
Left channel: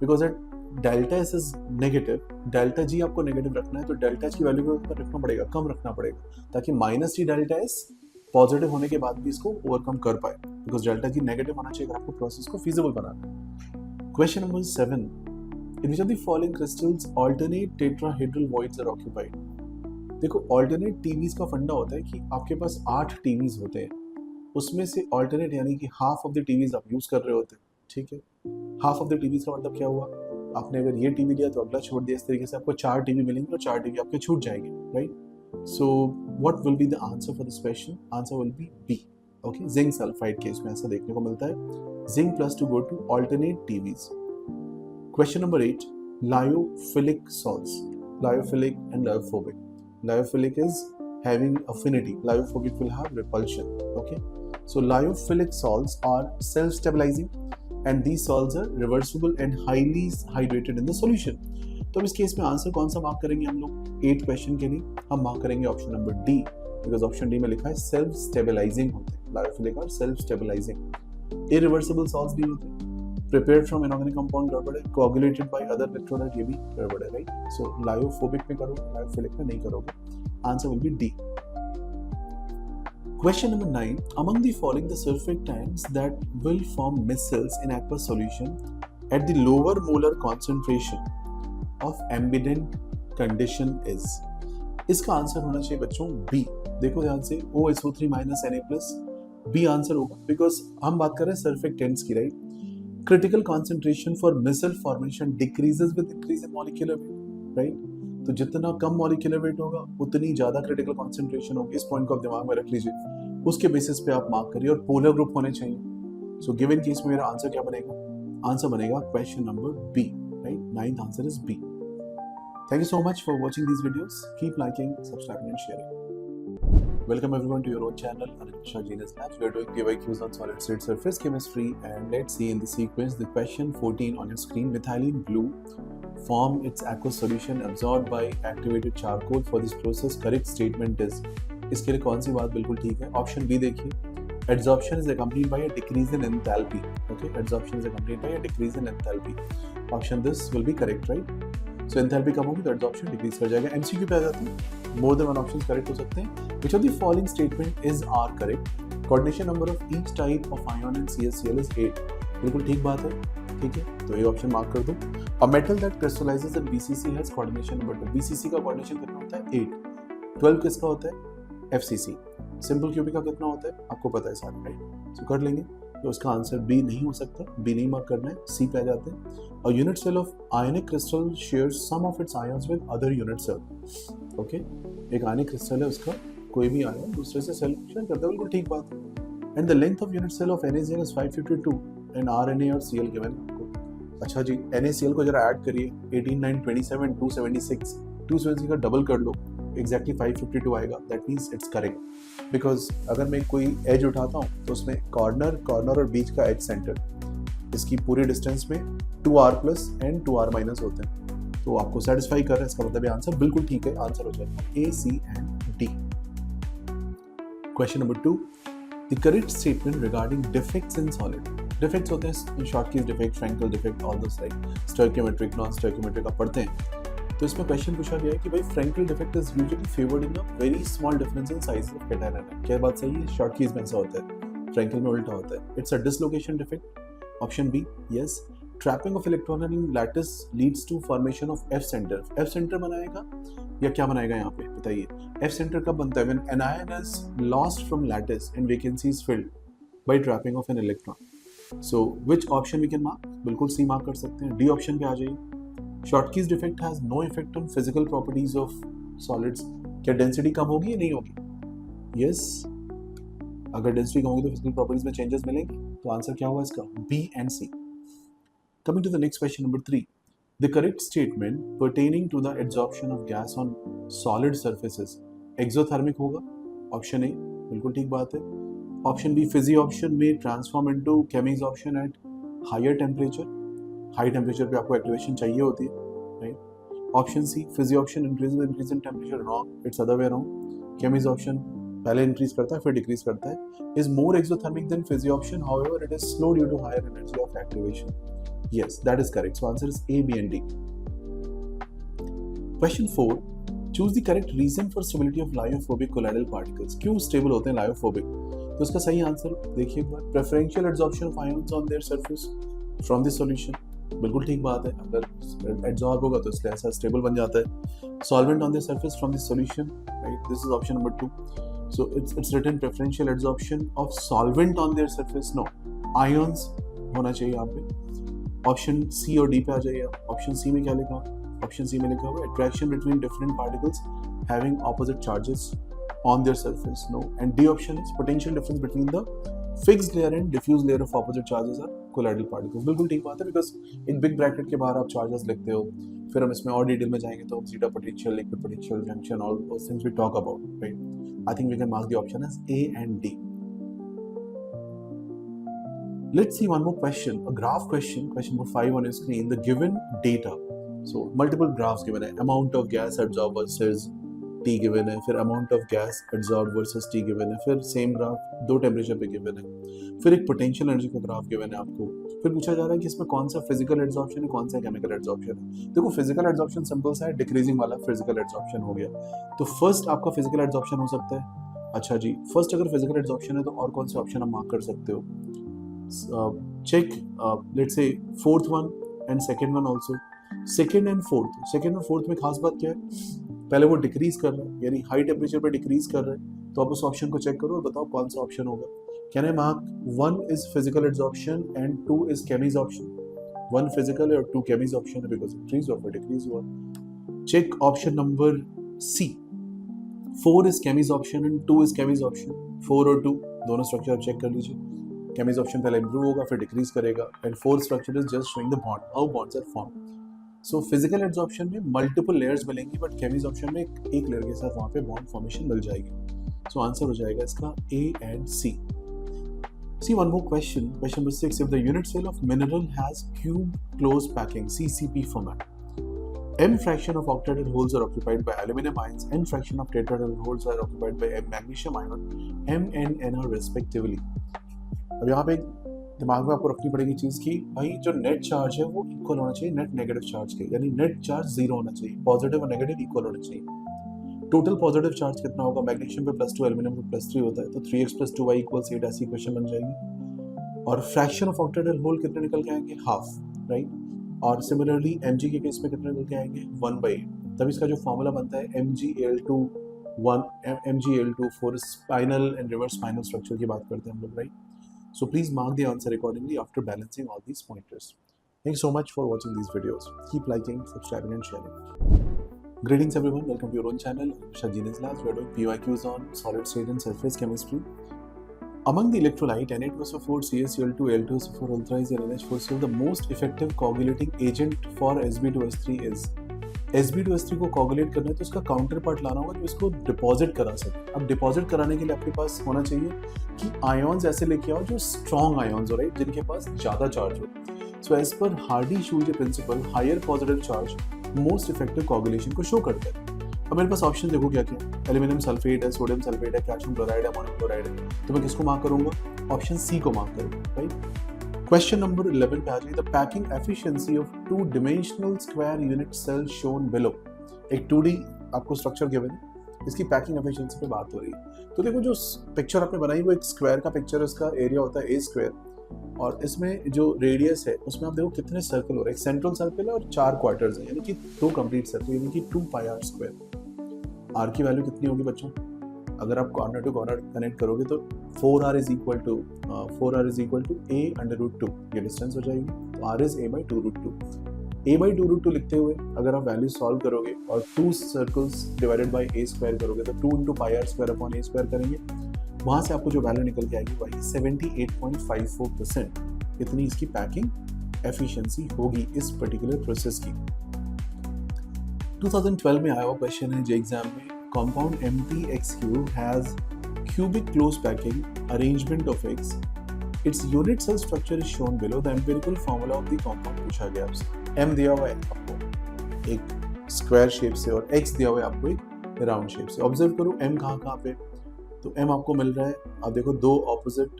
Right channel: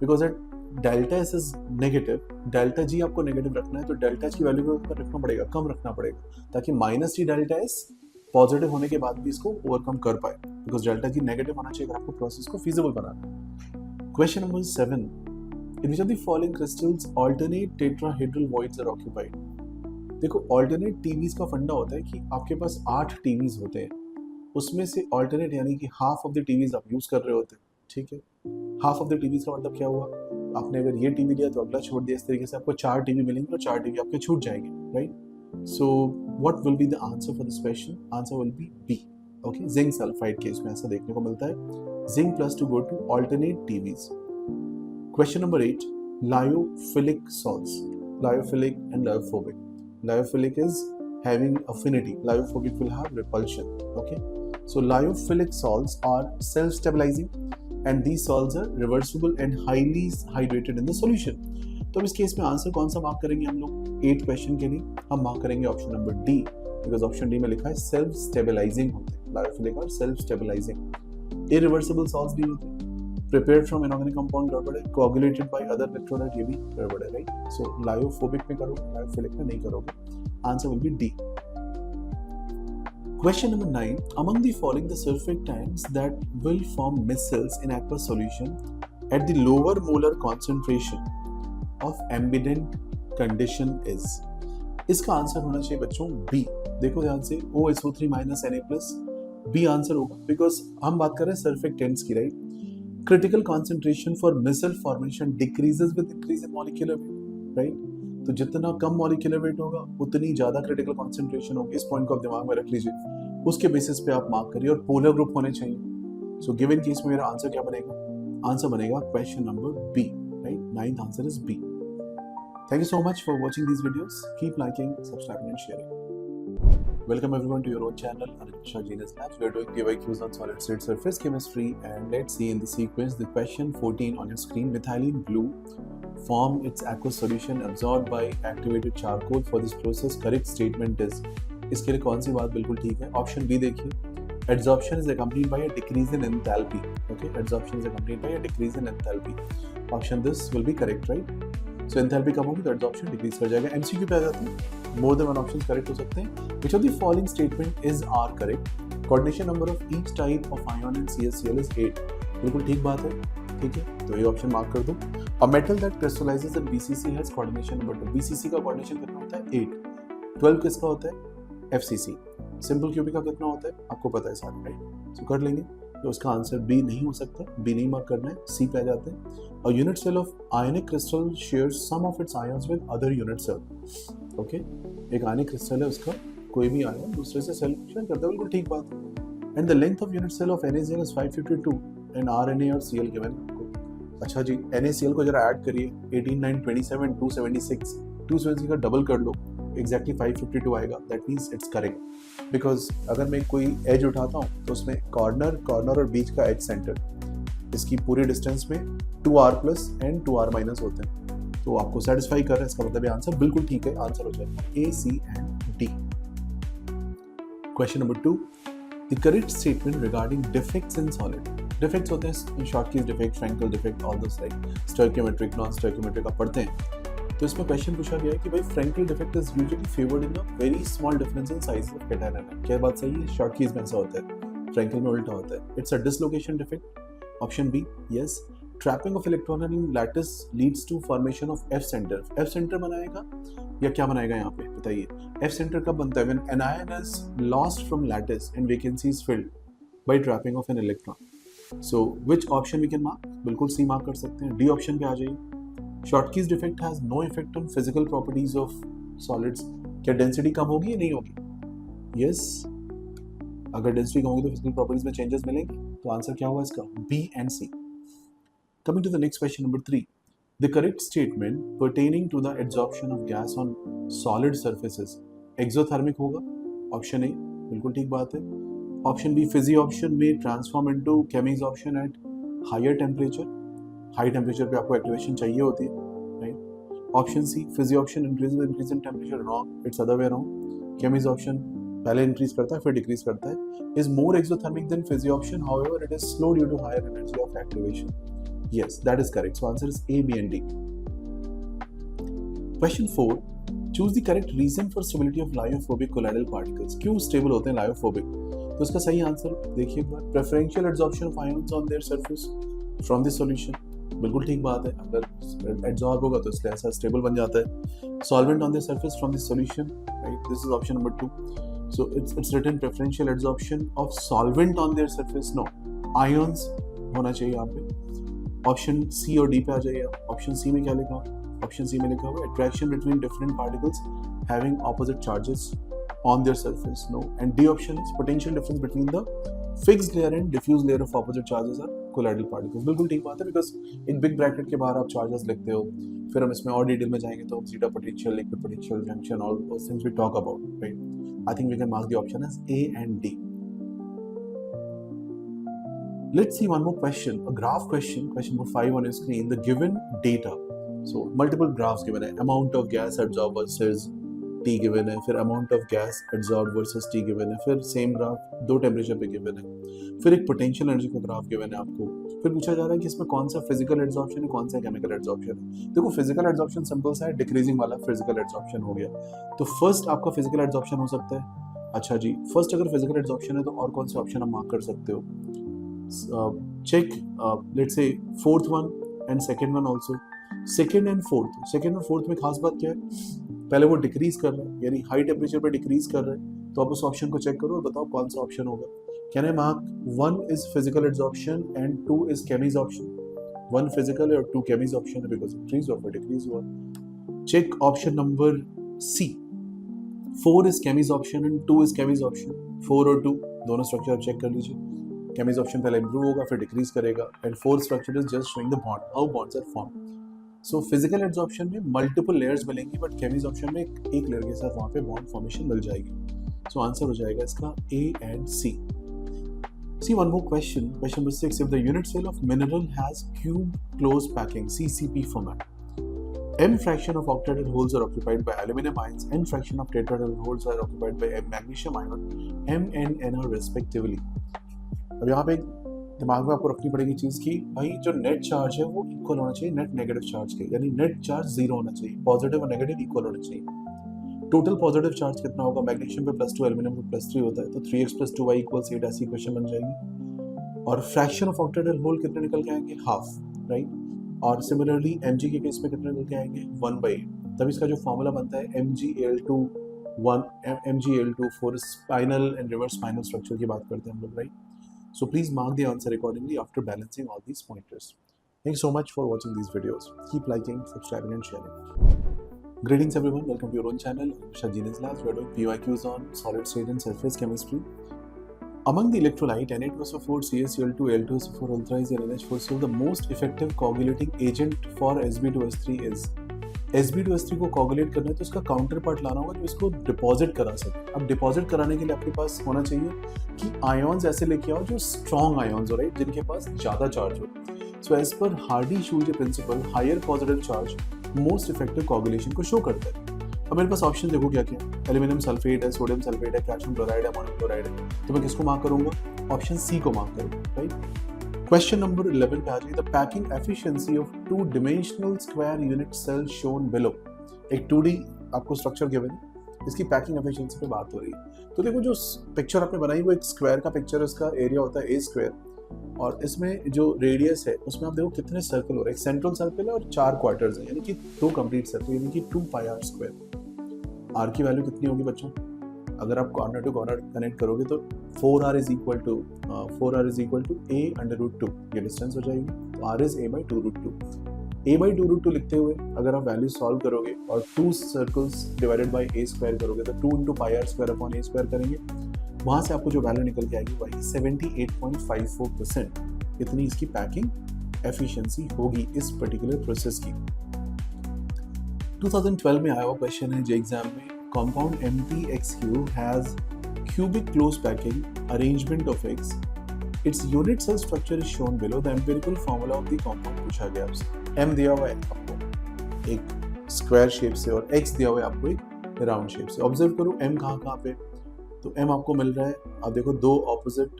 Because at delta S is negative, delta G आपको negative रखना है तो डेल्टा H की वैल्यू को रखना पड़ेगा, कम रखना पड़ेगा, ताकि minus T delta S positive होने के बाद भी इसको ओवरकम कर पाए, बिकॉज डेल्टा G नेगेटिव होना चाहिए अगर आपको प्रोसेस को फीजिबल बनाना है। Question number 7. In which of the following crystals alternate tetrahedral voids are occupied? देखो, अल्टरनेट टीवीज का फंडा होता है कि आपके पास 8 टीवीज होते हैं, उसमें से अल्टरनेट यानी कि हाफ ऑफ द टीवीज आप यूज कर रहे होते हैं। ठीक है, हाफ ऑफ द टीवीज का मतलब क्या हुआ? आपने अगर ये टीवी लिया तो अगला छोड़ दिया, इस तरीके से आपको 4 टीवी मिलेंगे और 4 टीवी आपके छूट जाएंगे, right? So what will be the answer for this question? Answer will be B. Okay, zinc sulfide case में ऐसा देखने को मिलता है। Zinc plus to go to alternate TVs. Question number 8. Lyophilic salts. Lyophilic and lyophobic. Lyophilic is having affinity. Lyophobic will have repulsion. Okay. So lyophilic salts are self-stabilizing and these salts are reversible and highly hydrated in the solution. तो इस case में answer कौन सा mark करेंगे हम लोग? 8 question के लिए हम मार्क करेंगे option number D, because option D में लिखा है सेल्फ स्टेबलाइजिंग होते हैं। लायोफिलिक और सेल्फ स्टेबलाइजिंग। इरिवर्सिबल सॉल्ट्स भी होते हैं, प्रिपेयर्ड फ्रॉम इनऑर्गेनिक कंपाउंड गड़बड़ है, कोआगुलेटेड बाय अदर इलेक्ट्रोलाइट ये भी गड़बड़ है, राइट? सो लायोफोबिक में करोगे, लायोफिलिक में नहीं करोगे। Answer will be D. Question number 9. Among the following the surfactants that will form micelles in aqueous solution at the lower molar concentration of ambient condition is? इसका आंसर होना चाहिए बच्चों B. देखो ध्यान से, OSO3 Na+, बी आंसर होगा, because हम बात कर रहे हैं सर्फेक्टेंट्स की, right? Critical concentration for micelle formation decreases with increase in molecular weight, right? तो जितना कम मॉलिक्यूलर वेट होगा उतनी ज्यादा क्रिटिकल कॉन्सेंट्रेशन होगी। इस पॉइंट को आप दिमाग में रख लीजिए, उसके बेसिस पे आप मार्क करिए, और पोलर ग्रुप होने चाहिए। सो गिवन केस में मेरा आंसर क्या बनेगा? आंसर बनेगा question number B, right? 9th answer is B. Thank you so much for watching these videos. Keep liking, subscribing and sharing. Welcome everyone to your own channel, Anipisha Genius Labs. We are doing PYQs on solid state surface chemistry, and let's see in the sequence the question 14 on your screen. Methylene blue form its aqueous solution absorbed by activated charcoal. For this process correct statement is, इसके लिए कौन सी बात बिल्कुल ठीक है? Option B देखिए, adsorption is accompanied by a decrease in enthalpy. Okay, adsorption is accompanied by a decrease in enthalpy. Option this will be correct, right? So enthalpy कम होगी तो adsorption decrease कर जाएगा. MCQ पे आ जाते हैं. More than one options correct हो सकते हैं. Which of the following statement is R correct? Coordination number of each type of ion in CaCl is 8. बिल्कुल ठीक बात है. ठीक है, तो ये ऑप्शन मार्क कर दो. A metal that crystallizes in BCC has coordination number 2. BCC का coordination कितना होता है? 8. 12 किसका होता है? FCC. सिंपल क्यूबिक का कितना होता है? आपको पता है सारा, राइट? सो कर लेंगे. तो उसका आंसर बी नहीं हो सकता. बी नहीं मार्क करना है. सी पे आ जाते हैं. A unit cell of ionic crystal shares some of its ions with other unit cell. Okay? एक ionic crystal है, उसका कोई भी आयन दूसरे से सेल शेयर करता है. बिल्कुल ठीक बात है. And the length of unit cell of NaCl is 552 and RNA और Cl given है आपको. अच्छा जी, NaCl को जरा ऐड करिए. 18, 9, 27, 276. 276 का डबल कर लो, एग्जैक्टली 552 आएगा. That means it's correct. Because अगर मैं कोई एज उठाता हूँ तो उसमें कॉर्नर और बीच का एज सेंटर, इसकी पूरी डिस्टेंस में 2r plus and 2r minus होते हैं. तो आपको सेटिस्फाई कर रहा है, इसका मतलब ये आंसर बिल्कुल ठीक है. आंसर हो जाएगा A, C and D. Question number 2. The correct statement regarding defects in solid. Defects होते हैं Schottky defect, Frenkel defect, all those like stoichiometric, non stoichiometric आप पढ़ते हैं. तो इसमें क्वेश्चन पूछा गया है कि भाई Frenkel defect is usually favoured in a very small difference in size of cation. क्या बात सही है? शॉर्टकीज में ऐसा होता है, फ्रैंकल में उल्टा होता है. It's a dislocation defect. Option B, yes. Trapping of electron in lattice leads to formation of F centre. F centre बनाएगा या क्या बनाएगा यहाँ पे बताइए? एफ सेंटर कब बनता है? When anion is lost from lattice and vacancy is filled by trapping of an electron. So which option we can mark? बिल्कुल सी मार्क कर सकते हैं. डी ऑप्शन पे आ जाइए. Schottky defect has no effect on physical properties of solids. क्या density कम होगी या नहीं होगी? यस. अगर डेंसिटी कम होगी तो फिजिकल प्रॉपर्टीज में चेंजेस मिलेंगे. तो आंसर क्या होगा इसका? B and C. Coming to the next question, number 3. The correct statement pertaining to the adsorption of gas on solid surfaces. Exothermic होगा. Option A, बिल्कुल ठीक बात है. Option B, physioption may transform into chemisorption at higher temperature. High temperature पे आपको activation चाहिए होती है, right? Option C, physioption increase in temperature. Wrong. It's other way around. Chemisorption पहले increase करता है फिर decrease करता है. Is more exothermic than physioption. However, it is slow due to higher energy of activation. Yes, that is correct. So answer is A, B and D. Question 4. Choose the correct reason for stability of lyophobic colloidal particles. क्यों stable होते हैं lyophobic? तो इसका सही answer देखिए एक बार. Preferential adsorption of ions on their surface from the solution. बिल्कुल ठीक बात है. अगर adsorb होगा तो इसलिए ऐसा stable बन जाता है. Solvent on their surface from the solution. Right? This is option number 2. So it's written preferential adsorption of solvent on their surface. No, ions होना चाहिए यहाँ पे. ऑप्शन सी और डी पे आ जाइए. ऑप्शन सी में क्या लिखा हुआ? ऑप्शन सी में लिखा हुआ attraction between different particles having opposite charges on their surface. No. And D option is potential difference between the fixed layer and diffuse layer of opposite charges are colloidal particles. बिल्कुल ठीक बात है. Because एक big bracket के बाहर आप charges लिखते हो. फिर हम इसमें और डिटेल में जाएंगे तो zeta potential, liquid potential, junction, all those things we talk about, right? I think we can mark the option as A and D. Let's see one more question, a graph question, question number 5 on your screen. The given data, so multiple graphs given है. Amount of gas absorbed versus T given है, फिर amount of gas absorbed versus T given है, फिर same graph दो temperature पे given है, फिर एक potential energy का graph given है आपको. फिर पूछा जा रहा है कि इसमें कौन सा physical adsorption है, कौन सा chemical adsorption है. देखो physical adsorption simple सा है, decreasing वाला physical adsorption हो गया. तो first आपका physical adsorption हो सकता है. अच्छा जी, first अगर physical adsorption है तो और कौन से option आप mark कर सकते हो? Check let's say fourth one and second one also. Second and fourth में खास बात क्या है? पहले वो डिक्रीज कर रहा है, यानी हाई टेम्परेचर पे डिक्रीज कर रहा है. तो आप उस ऑप्शन को चेक करो और बताओ कौन सा ऑप्शन होगा. Can I mark 1 is physical adsorption and 2 is chemissorption? 1 physical और 2 chemissorption है because increase or decrease हुआ. Check option number C. 4 is chemissorption and 2 is chemissorption. 4 और 2 दोनों स्ट्रक्चर आप चेक कर लीजिए. chemissorption पहले improve होगा फिर decrease करेगा. and fourth structure is just showing the bond, how bonds are formed. so physical adsorption में multiple layers मिलेंगी but chemissorption में एक layer के साथ वहाँ पे bond formation मिल जाएगी. so answer हो जाएगा इसका A and C. see one more question number 6. if the unit cell of mineral has cube closed packing CCP format, m fraction of octahedral holes are occupied by aluminum ions, n fraction of tetrahedral holes are occupied by magnesium ion, m and n are respectively. अब यहाँ पे दिमाग में आपको रखनी पड़ेगी चीज की भाई जो नेट चार्ज है वो इक्वल होना चाहिए नेट नेगेटिव चार्ज के, यानी नेट चार्ज जीरो होना चाहिए, पॉजिटिव और नेगेटिव इक्वल होना चाहिए। टोटल पॉजिटिव चार्ज कितना होगा, मैग्नीशियम पे +2 एल्यूमिनियम पे +3 होता है, तो 3x + 2y = 8 ऐसी इक्वेशन बन जाएगी। और फ्रैक्शन ऑफ ऑक्टेहेड्रल होल कितने निकल के आएंगे, हाफ, राइट। और सिमिलरली mg के केस में कितने निकल के आएंगे, 1/8। तब इसका जो फॉर्मूला बनता है mgAl2 for spinal and reverse spinal structure की बात करते हैं हम लोग, right. So please mark the answer accordingly after balancing all these pointers. Thank you so much for watching these videos. Keep liking, subscribing and sharing. Greetings everyone, welcome to your own channel, Shah Genius Labs. We are doing PYQs on solid state and surface chemistry. Among the electrolyte Na2SO4, CaCl2, Al2SO4 ultra is NH4Cl. The most effective coagulating agent for Sb2S3 is Sb2S3 को coagulate करना है तो उसका counter part लाना होगा जो इसको deposit करा सके। अब डिपॉजिट कराने के लिए आपके पास होना चाहिए कि आयॉन्स ऐसे लेके आओ जो स्ट्रॉन्ग आयॉन्स हो, राइट, जिनके पास ज़्यादा चार्ज हो। So as per Hardy Schulze principle, higher positive charge most effective coagulation को शो करता है। अब मेरे पास ऑप्शन देखो क्या क्या, एल्यूमिनियम सल्फेट है, सोडियम सल्फेट है, कैल्शियम क्लोराइड है, अमोनियम क्लोराइड है, तो मैं किसको मार्क करूंगा, ऑप्शन सी को मार्क करूंगा, राइट। क्वेश्चन नंबर 11 पे आ जाइए, the packing efficiency of 2 dimensional square unit cell shown below. एक 2D आपको स्ट्रक्चर गिवन है, इसकी पैकिंग एफिशिएंसी पे बात हो रही है। तो देखो जो पिक्चर आपने बनाई वो एक स्क्वायर का पिक्चर है, इसका एरिया होता है A², और इसमें जो रेडियस है उसमें आप देखो कितने सर्कल हो रहे हैं, एक सेंट्रल सर्कल है और 4 क्वार्टर्स है, यानी कि 2 कंप्लीट सर्कल, यानी कि 2πr²। r की वैल्यू कितनी होगी बच्चों, अगर आप कॉर्नर टू कॉर्नर कनेक्ट करोगे तो 4r is equal to a/√2, ये डिस्टेंस हो जाएगी, तो r is a/2√2। a/2√2 लिखते हुए अगर आप वैल्यू सॉल्व करोगे और 2 सर्कल्स डिवाइडेड बाय a² करोगे तो 2 × πr² a² करेंगे, वहाँ से आपको जो वैल्यू निकल के आएगी वही 78.54%। इतनी इसकी पैकिंग एफिशिएंसी होगी इस पर्टिकुलर प्रोसेस की। 2012 में आया हुआ क्वेश्चन है जे एग्जाम में, compound MtXQ has cubic close packing arrangement of X. Its unit cell structure is shown below. The empirical formula of the compound पूछा गया आपसे। M दिया हुआ है आपको एक स्क्वायर शेप से और X दिया हुआ है आपको एक राउंड शेप से। ऑब्जर्व करो M कहाँ पे, तो M आपको मिल रहा है, आप देखो 2 ऑपोजिट,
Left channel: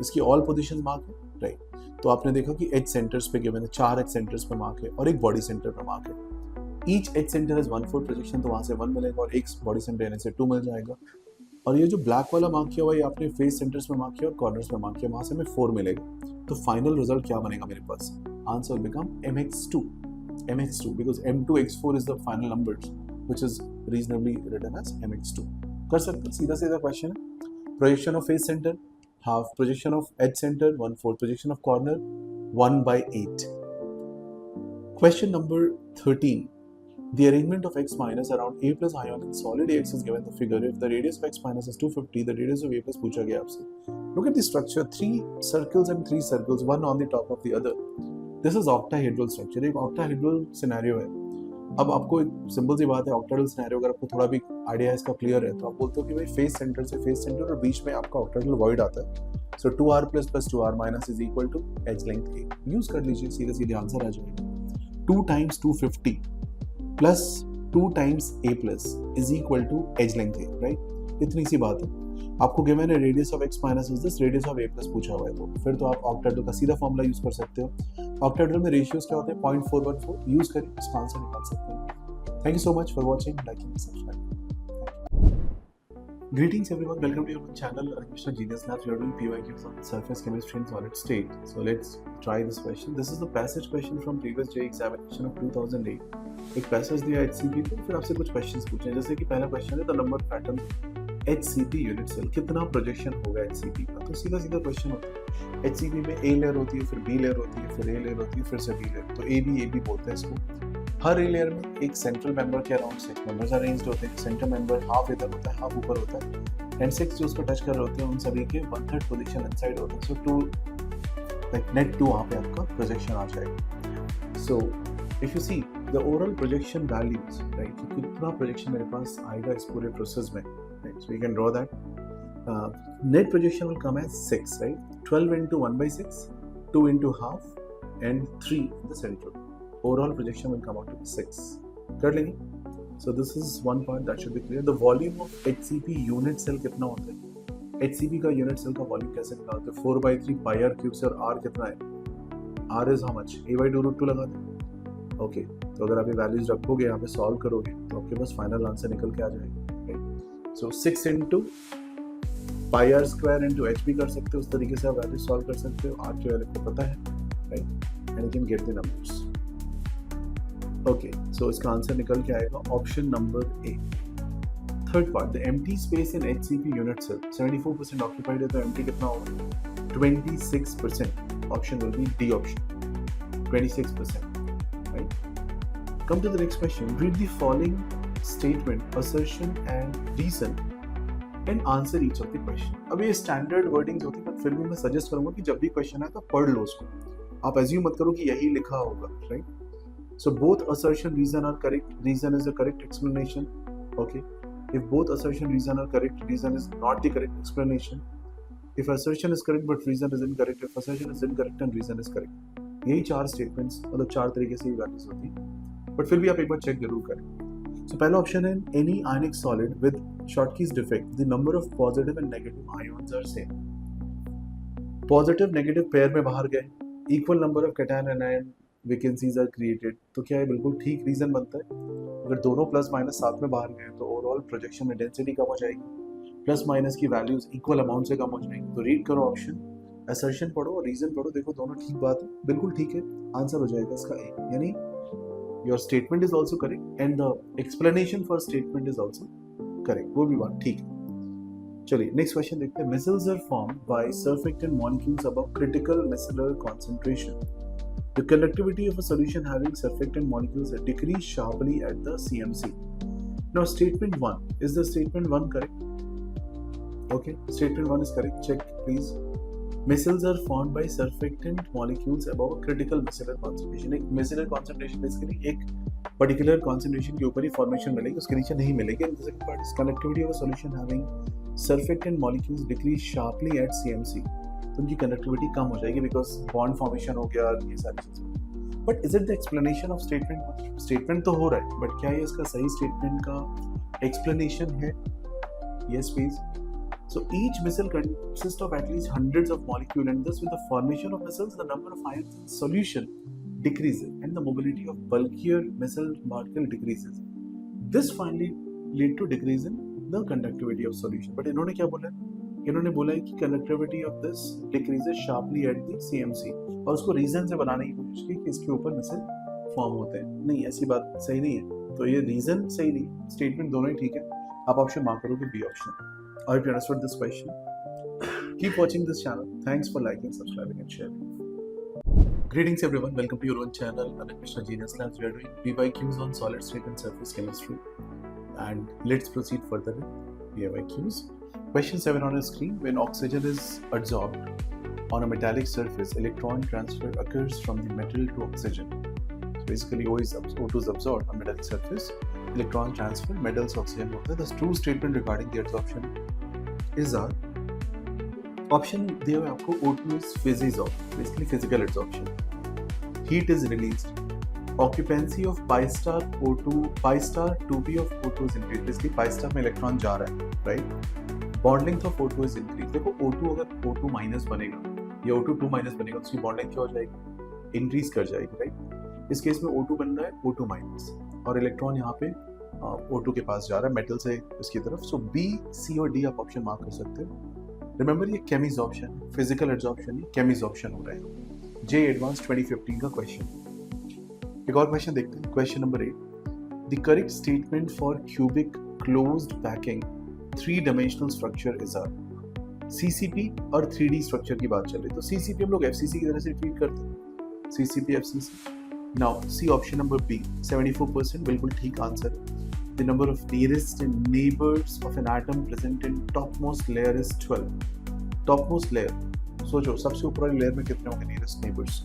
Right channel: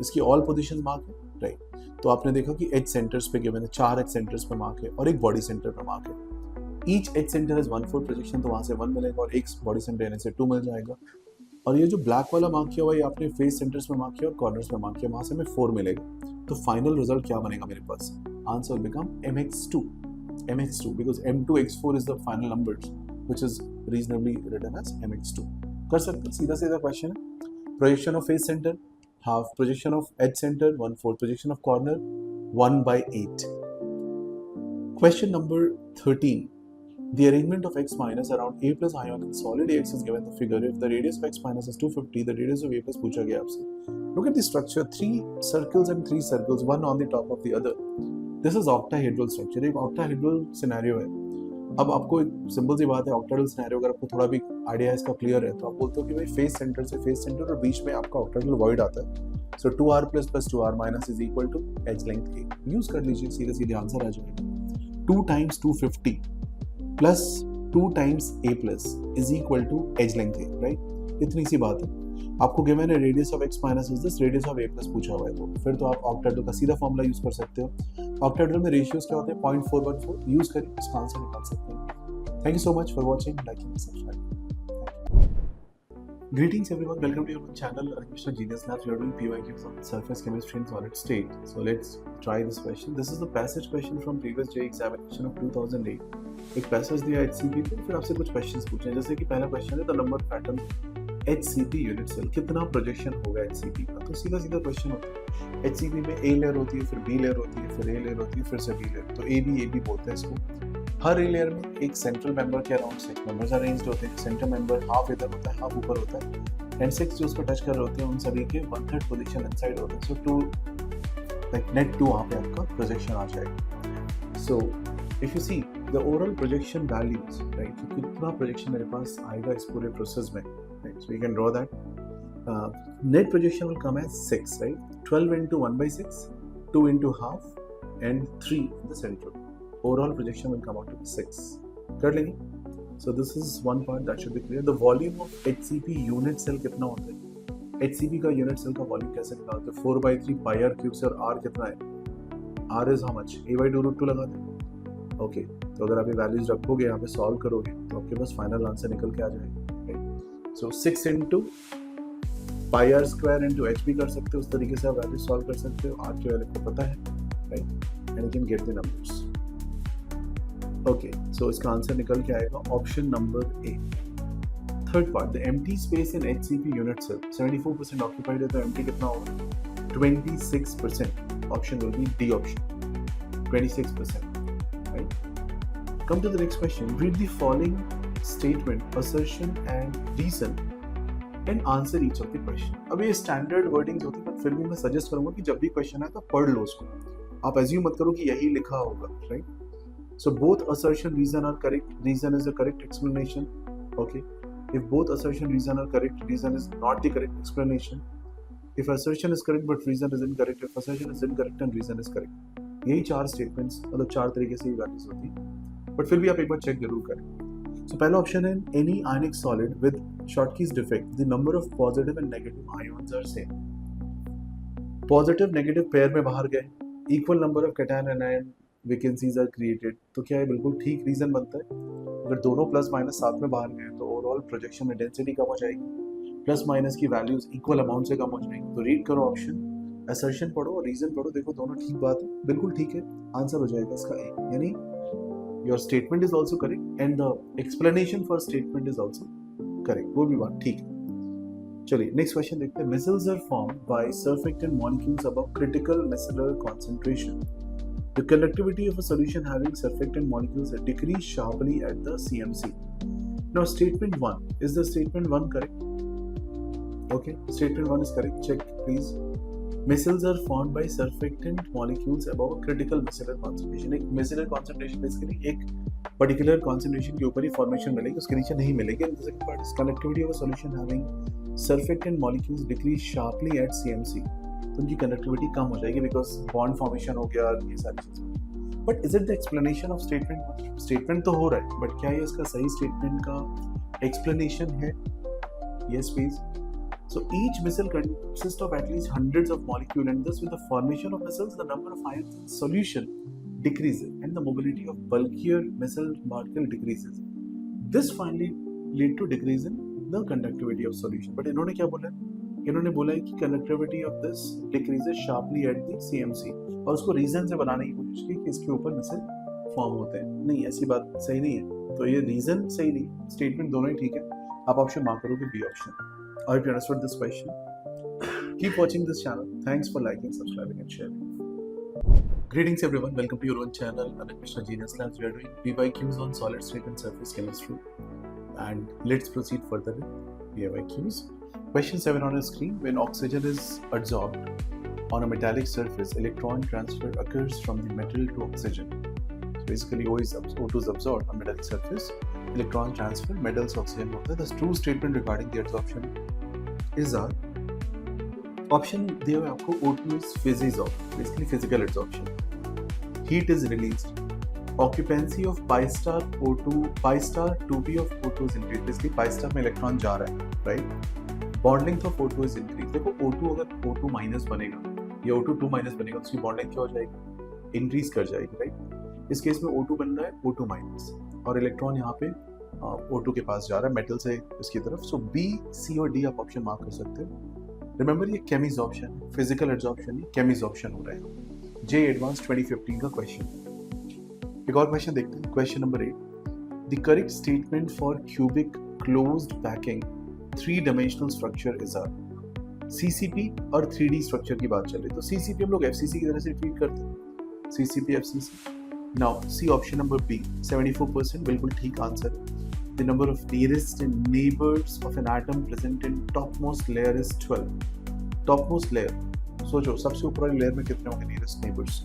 इसकी ऑल पोजीशन मार्क है, राइट। तो आपने देखा कि H सेंटर्स पे गिवन है, 4 H सेंटर्स पे मार्क है और एक बॉडी सेंटर पे मार्क है। Each H centre is 1/4 projection, तो वहाँ से 1 मिलेगा और एक बॉडी सेंटर यानी से 2 मिल जाएगा। और ये जो ब्लैक वाला मार्क किया हुआ है आपने फेस सेंटर्स में मार्क किया और कॉर्नर्स में मार्क किया, वहाँ से हमें 4 मिलेगा। तो फाइनल रिजल्ट क्या बनेगा मेरे पास, answer will become MX2 because M2X4 is the final numbers which is reasonably written as MX2। कर सकते, सीधा सीधा क्वेश्चन है। Projection of face centre half, projection of edge centre 1/4, projection of corner 1/8। Question number 13, the arrangement of X minus around A plus ion in solid AX is given the figure. If the radius of X minus is 250, the radius of A plus पूछा गया आपसे। Look at the structure, 3 circles and 3 circles, one on the top of the other. This is octahedral structure, एक octahedral scenario है। अब आपको एक simple सी बात है, octahedral scenario अगर आपको थोड़ा भी आइडिया इसका क्लियर है तो आप बोलते हो कि भाई फेस सेंटर से फेस सेंटर और बीच में आपका octahedral void आता है। So 2r plus 2r minus is equal to edge length A। Use कर लीजिए, सीधे सीधे आंसर आ जाएगा। 2 times 250 plus 2 times A plus is equal to edge length A, right? इतनी सी बात है। आपको गिवन है radius of X minus is this, radius of A plus पूछा हुआ है, तो फिर तो आप ऑक्टाहेड्रल का सीधा फॉर्मूला यूज कर सकते हो। ऑक्टाहेड्रल में रेशियोज क्या होते हैं, 0.414, यूज करिए, इसका आंसर निकाल सकते हैं। Thank you so much for watching, liking, subscribing. Greetings everyone, welcome to your channel, Shah Genius Labs. We are doing PYQs on surface chemistry and solid state. So let's try this question. This is the passage question from previous JEE examination of 2008. एक passage दिया HCP पे, फिर आपसे कुछ questions पूछे, जैसे कि पहला क्वेश्चन है the number of atoms HCP unit cell, कितना प्रोजेक्शन होगा HCP का। तो सीधा सीधा क्वेश्चन होता है, HCP में A लेयर होती है, फिर B लेयर होती है, फिर A लेयर होती है, फिर से B लेयर, तो AB बोलते हैं इसको। हर A लेयर में एक सेंट्रल मेंबर के अराउंड 6 मेंबर्स अरेंज्ड होते हैं। सेंटर मेंबर हाफ इधर होता है, हाफ ऊपर होता है, एंड 6 जो उसको टच कर रहे होते हैं उन सभी के 1/3 पोजीशन इनसाइड होते हैं। सो 2 लाइक नेट 2 वहाँ पे आपका प्रोजेक्शन आ जाएगा। So if you see the overall projection values, right, तो कितना प्रोजेक्शन मेरे पास आएगा इस पूरे प्रोसेस में, right. So you can draw that net projection will come as 6, right, 12 into 1/6, 2 into half and 3 in the central. Overall projection will come out to be 6, कर लेंगे. So this is one part that should be clear. The volume of HCP unit cell कितना होता है? HCP का unit cell का volume कैसे निकालते हैं? 4/3 pi r cube से, और R कितना है? R is how much? A/2√2 लगा दें. ओके, तो अगर आप ये वैल्यूज रखोगे यहाँ पे सॉल्व करोगे तो आपके पास फाइनल आंसर निकल के आ जाएगा. सो 6 into pi r square into HP कर सकते हो. उस तरीके से आप वैल्यूज सॉल्व कर सकते हो. R की वैल्यू को पता है, right, and you can get the numbers. Okay, so इसका आंसर निकल के आएगा option number A. Third part, the empty space in HCP unit cell 74% occupied है, तो एम्प्टी कितना होगा? 26%. Option will be D option, 26%, right. Come to the next question. Read the following statement, assertion and reason and answer each of the question. अब ये standard wordings होती है, but फिर भी मैं सजेस्ट करूंगा कि जब भी क्वेश्चन आए तो पढ़ लो उसको. आप एज्यूम मत करो कि यही लिखा होगा, right. So both assertion reason are correct. Reason is the correct explanation. Okay. If both assertion reason are correct, reason is not the correct explanation. If assertion is correct but reason is incorrect, if assertion is incorrect and reason is correct. यही 4 statements, मतलब 4 तरीके से ये values होती हैं. But फिर भी आप एक बार चेक जरूर करें. So पहला ऑप्शन है, any ionic solid with Schottky's defect, the number of positive and negative ions are same. Positive negative pair में बाहर गए, equal number of cation and anion vacancies are created. तो क्या है, बिल्कुल ठीक रीजन बनता है. अगर दोनों प्लस माइनस साथ में बाहर गए तो ओवरऑल प्रोजेक्शन में डेंसिटी कम हो जाएगी, प्लस माइनस की वैल्यूज इक्वल अमाउंट से कम हो जाएंगी. तो रीड करो ऑप्शन, असर्शन पढ़ो और रीजन पढ़ो, देखो दोनों ठीक बात है, बिल्कुल ठीक है. आंसर हो जाएगा इसका ए, यानी your statement is also correct and the explanation for statement is also correct. वो भी बात ठीक है. चलिए नेक्स्ट क्वेश्चन देखते हैं. Micelles are formed by surfactant molecules above critical micellar concentration. The conductivity of a solution having surfactant molecules decrease sharply at the CMC. Now, statement 1. Is the statement 1 correct? Okay, statement 1 is correct. Check, please. Micelles are formed by surfactant molecules above a critical micellar concentration. एक micellar concentration basically एक particular concentration के ऊपर ही formation मिलेगी, उसके नीचे नहीं मिलेगी. And the second part is conductivity of a solution having surfactant molecules decrease sharply at CMC. तो उनकी कंडक्टिविटी कम हो जाएगी बिकॉज बॉन्ड फॉर्मेशन हो गया, ये सारी चीजें. But is it the explanation of statement? Statement तो हो रहा है, बट क्या ये इसका सही स्टेटमेंट का एक्सप्लेनेशन है? Yes please. So each micelle consist of at least hundreds of molecule and thus with the formation of missiles the number of ions in solution decreases and the mobility of bulkier missile particle decreases. This finally lead to decrease in the conductivity of solution. But इन्होंने क्या बोला है? इन्होंने बोला है कि conductivity of this decreases sharply at the CMC, और उसको रीजन से बनाने की कोशिश की कि इसके ऊपर मिसल फॉर्म होते हैं. नहीं, ऐसी बात सही नहीं है. तो ये रीजन सही नहीं, स्टेटमेंट दोनों ही ठीक है. आप ऑप्शन मार्क करोगे B option. I hope you understood this question. Keep watching this channel. Thanks for liking, subscribing and sharing. Greetings everyone, welcome to your own channel, Amit Mishra Genius Labs. We are doing PYQs on solid state and surface chemistry. And let's proceed further with PYQs. Question 7 on your screen. When oxygen is adsorbed on a metallic surface, electron transfer occurs from the metal to oxygen. So basically, O2 is absorbed on metallic surface. Electron transfer, metals to oxygen. The true statement regarding the adsorption is our option दिया हुआ आपको. O2 is phys-adsorb, basically physical adsorption. Heat is released. Occupancy of pi star 2p of O2 is increased. Basically pi star में electron जा रहा है, right? Bond length of O2 is increase. देखो O2 अगर O2 minus बनेगा या O2 2 minus बनेगा तो उसकी बॉन्ड लेंथ क्या हो जाएगी? इंक्रीज कर जाएगी, राइट. इस केस में O2 बन रहा है O2 माइनस और इलेक्ट्रॉन यहाँ पे O2 के पास जा रहा है मेटल से इसकी तरफ. सो B, C और D आप ऑप्शन मार्क कर सकते हो. रिमेंबर ये केमिसॉर्प्शन है, फिजिकल एडसॉर्प्शन नहीं, केमिसॉर्प्शन हो रहा है. जे एडवांस 2015 का क्वेश्चन. एक और क्वेश्चन देखते हैं. Question number 8. The correct statement for cubic closed packing 3-dimensional structure is a CCP और 3D स्ट्रक्चर की बात चल रही है. तो CCP हम लोग FCC की तरह से ट्रीट करते हैं. CCP FCC. Now C option number B 74% बिल्कुल ठीक answer. The number of nearest neighbors of an atom present in topmost layer is 12. Topmost layer, सोचो सबसे ऊपर वाली लेयर में कितने होंगे nearest neighbors,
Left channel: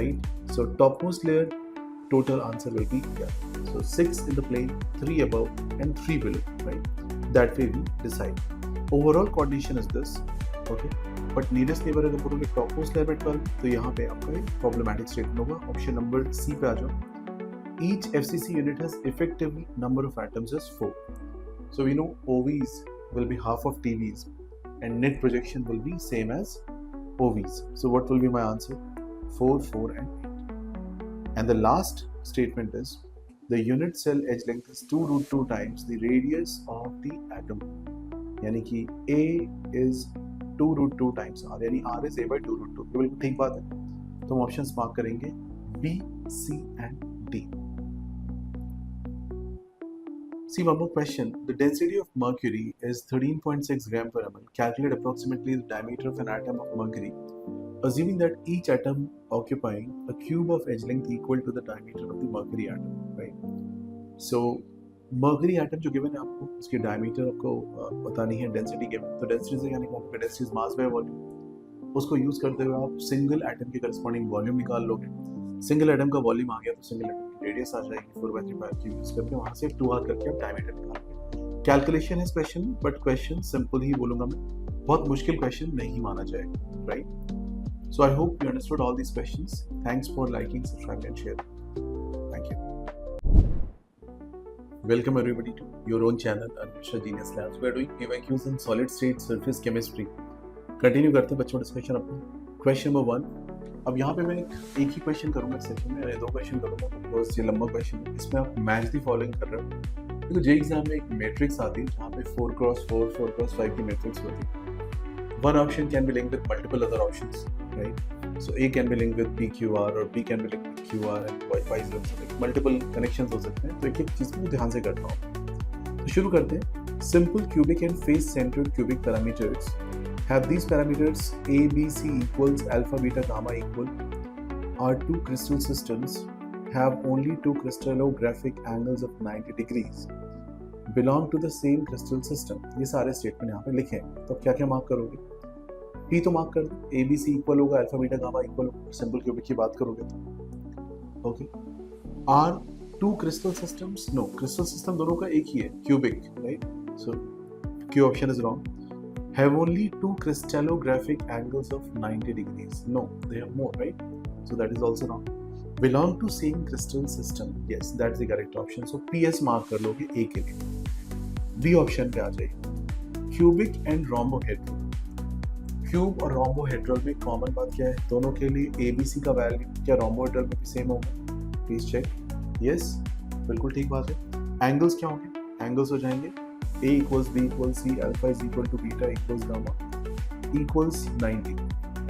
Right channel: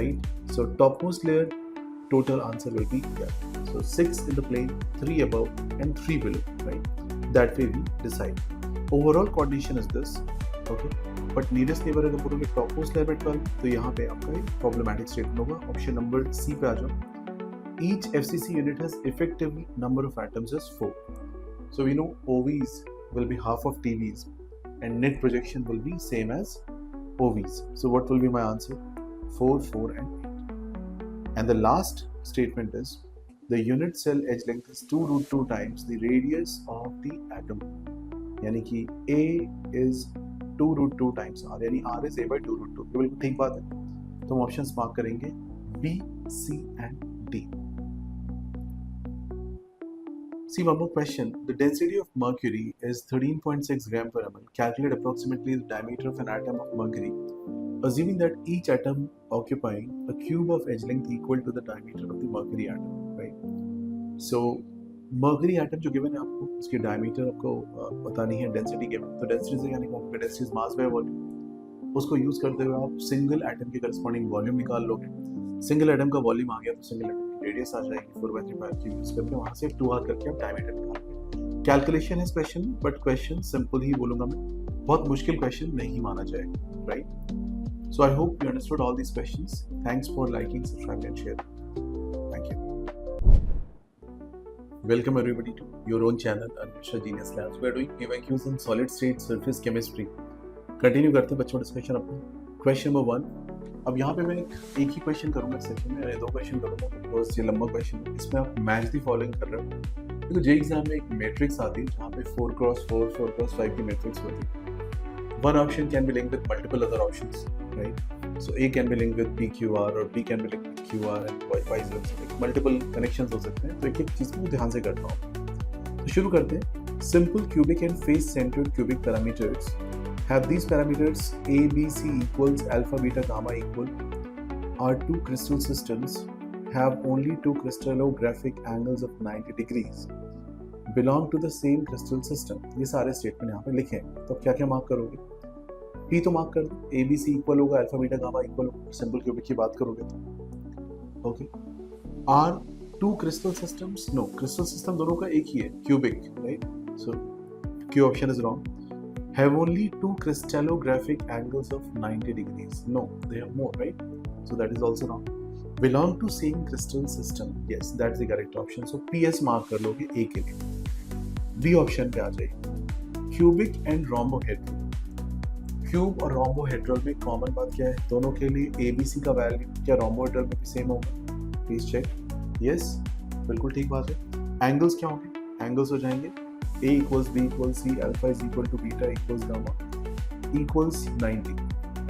right? So topmost layer, total answer will be yeah. So 6 in the plane, 3 above and 3 below, right? That way we decide. Overall coordination is this, okay? But nearest neighbor अगर बोलोगे topmost layer में 12, तो यहाँ पे आपका एक problematic statement होगा. Option number C पे आ जाओ. each FCC unit has effective number of atoms as 4. So we know OVs will be half of TVs and net projection will be same as OVs. So what will be my answer? 4, 4 and 8. And the last statement is the unit cell edge length is 2 root 2 times the radius of the atom. यानी कि A is 2 root 2 times R, यानी R is A by 2 root 2. ये बिल्कुल ठीक बात है. तो हम ऑप्शंस मार्क करेंगे B, C and D. See one more question. The density of mercury is 13.6 gram per ml. Calculate approximately the diameter of an atom of mercury, assuming that each atom occupying a cube of edge length equal to the diameter of the mercury atom, right? So mercury atom जो given है आपको, उसकी diameter आपको बतानी है, density given. तो density से क्या निकालोगे? Density is mass by volume. उसको use करते हुए आप single atom के corresponding volume निकाल लोगे. सिंगल एटम का वॉल्यूम आ गया तो सिंगल एटम की रेडियस आ जाएगी 4/3 की यूज करके, वहां से 2r करके आप डायमीटर निकालोगे. कैलकुलेशन है क्वेश्चन, बट क्वेश्चन सिंपल ही बोलूंगा मैं, बहुत मुश्किल क्वेश्चन नहीं माना जाएगा, right? So I hope you understood all these questions. Thanks for liking, subscribe and share. Thank you. Welcome everybody to your own channel Anusha genius labs. We are doing PYQs in solid state surface chemistry. Continue करते हैं बच्चों discussion अपना. Question number 1. अब यहाँ पे मैं एक ही question करूँगा इस सेक्शन में, 2 क्वेश्चन करूँगा बिकॉज ये लंबा क्वेश्चन है. इसमें आप मैच दी फॉलोइंग कर रहे हो. देखो जे एग्जाम में एक मैट्रिक्स आती है जहाँ पे 4x4 4x5 की मैट्रिक्स होती है. One option can be linked with multiple other options, right? So A can be linked with PQR और B can be linked with QR and vice versa. Multiple connections हो सकते हैं, तो एक एक चीज़ को ध्यान से करना होगा. तो शुरू करते हैं. Simple cubic and face centred cubic parameters have these parameters A, B, C equals alpha, beta, gamma equal. Our two crystal systems have only two crystallographic angles of 90 degrees. Belong to the same crystal system. ये सारे statement यहाँ पे लिखे हैं. तो क्या क्या mark करोगे? P तो मार्क कर दो. A, B, C इक्वल होगा, अल्फा, बीटा, गामा इक्वल होगा. सिंपल क्यूबिक की बात करोगे तो okay. Are two crystal systems? No, crystal system दोनों का एक ही है, cubic, right? So Q option is wrong. Have only two crystallographic angles of 90 degrees. No, they have more, right? So that is also wrong. Belong to same crystal system. Yes, that's the correct option. So PS mark कर लोगे A के लिए. B option पे आ जाइए. Cubic and rhombohedral. Cube और rhombohedral में common बात क्या है? दोनों के लिए ABC का वैल्यू क्या rhombohedral में भी सेम होगा? Please check. Yes, बिल्कुल ठीक बात है. Angles क्या होंगे? Angles हो जाएंगे A equals B equals C, alpha is equal to beta equals gamma equals 90.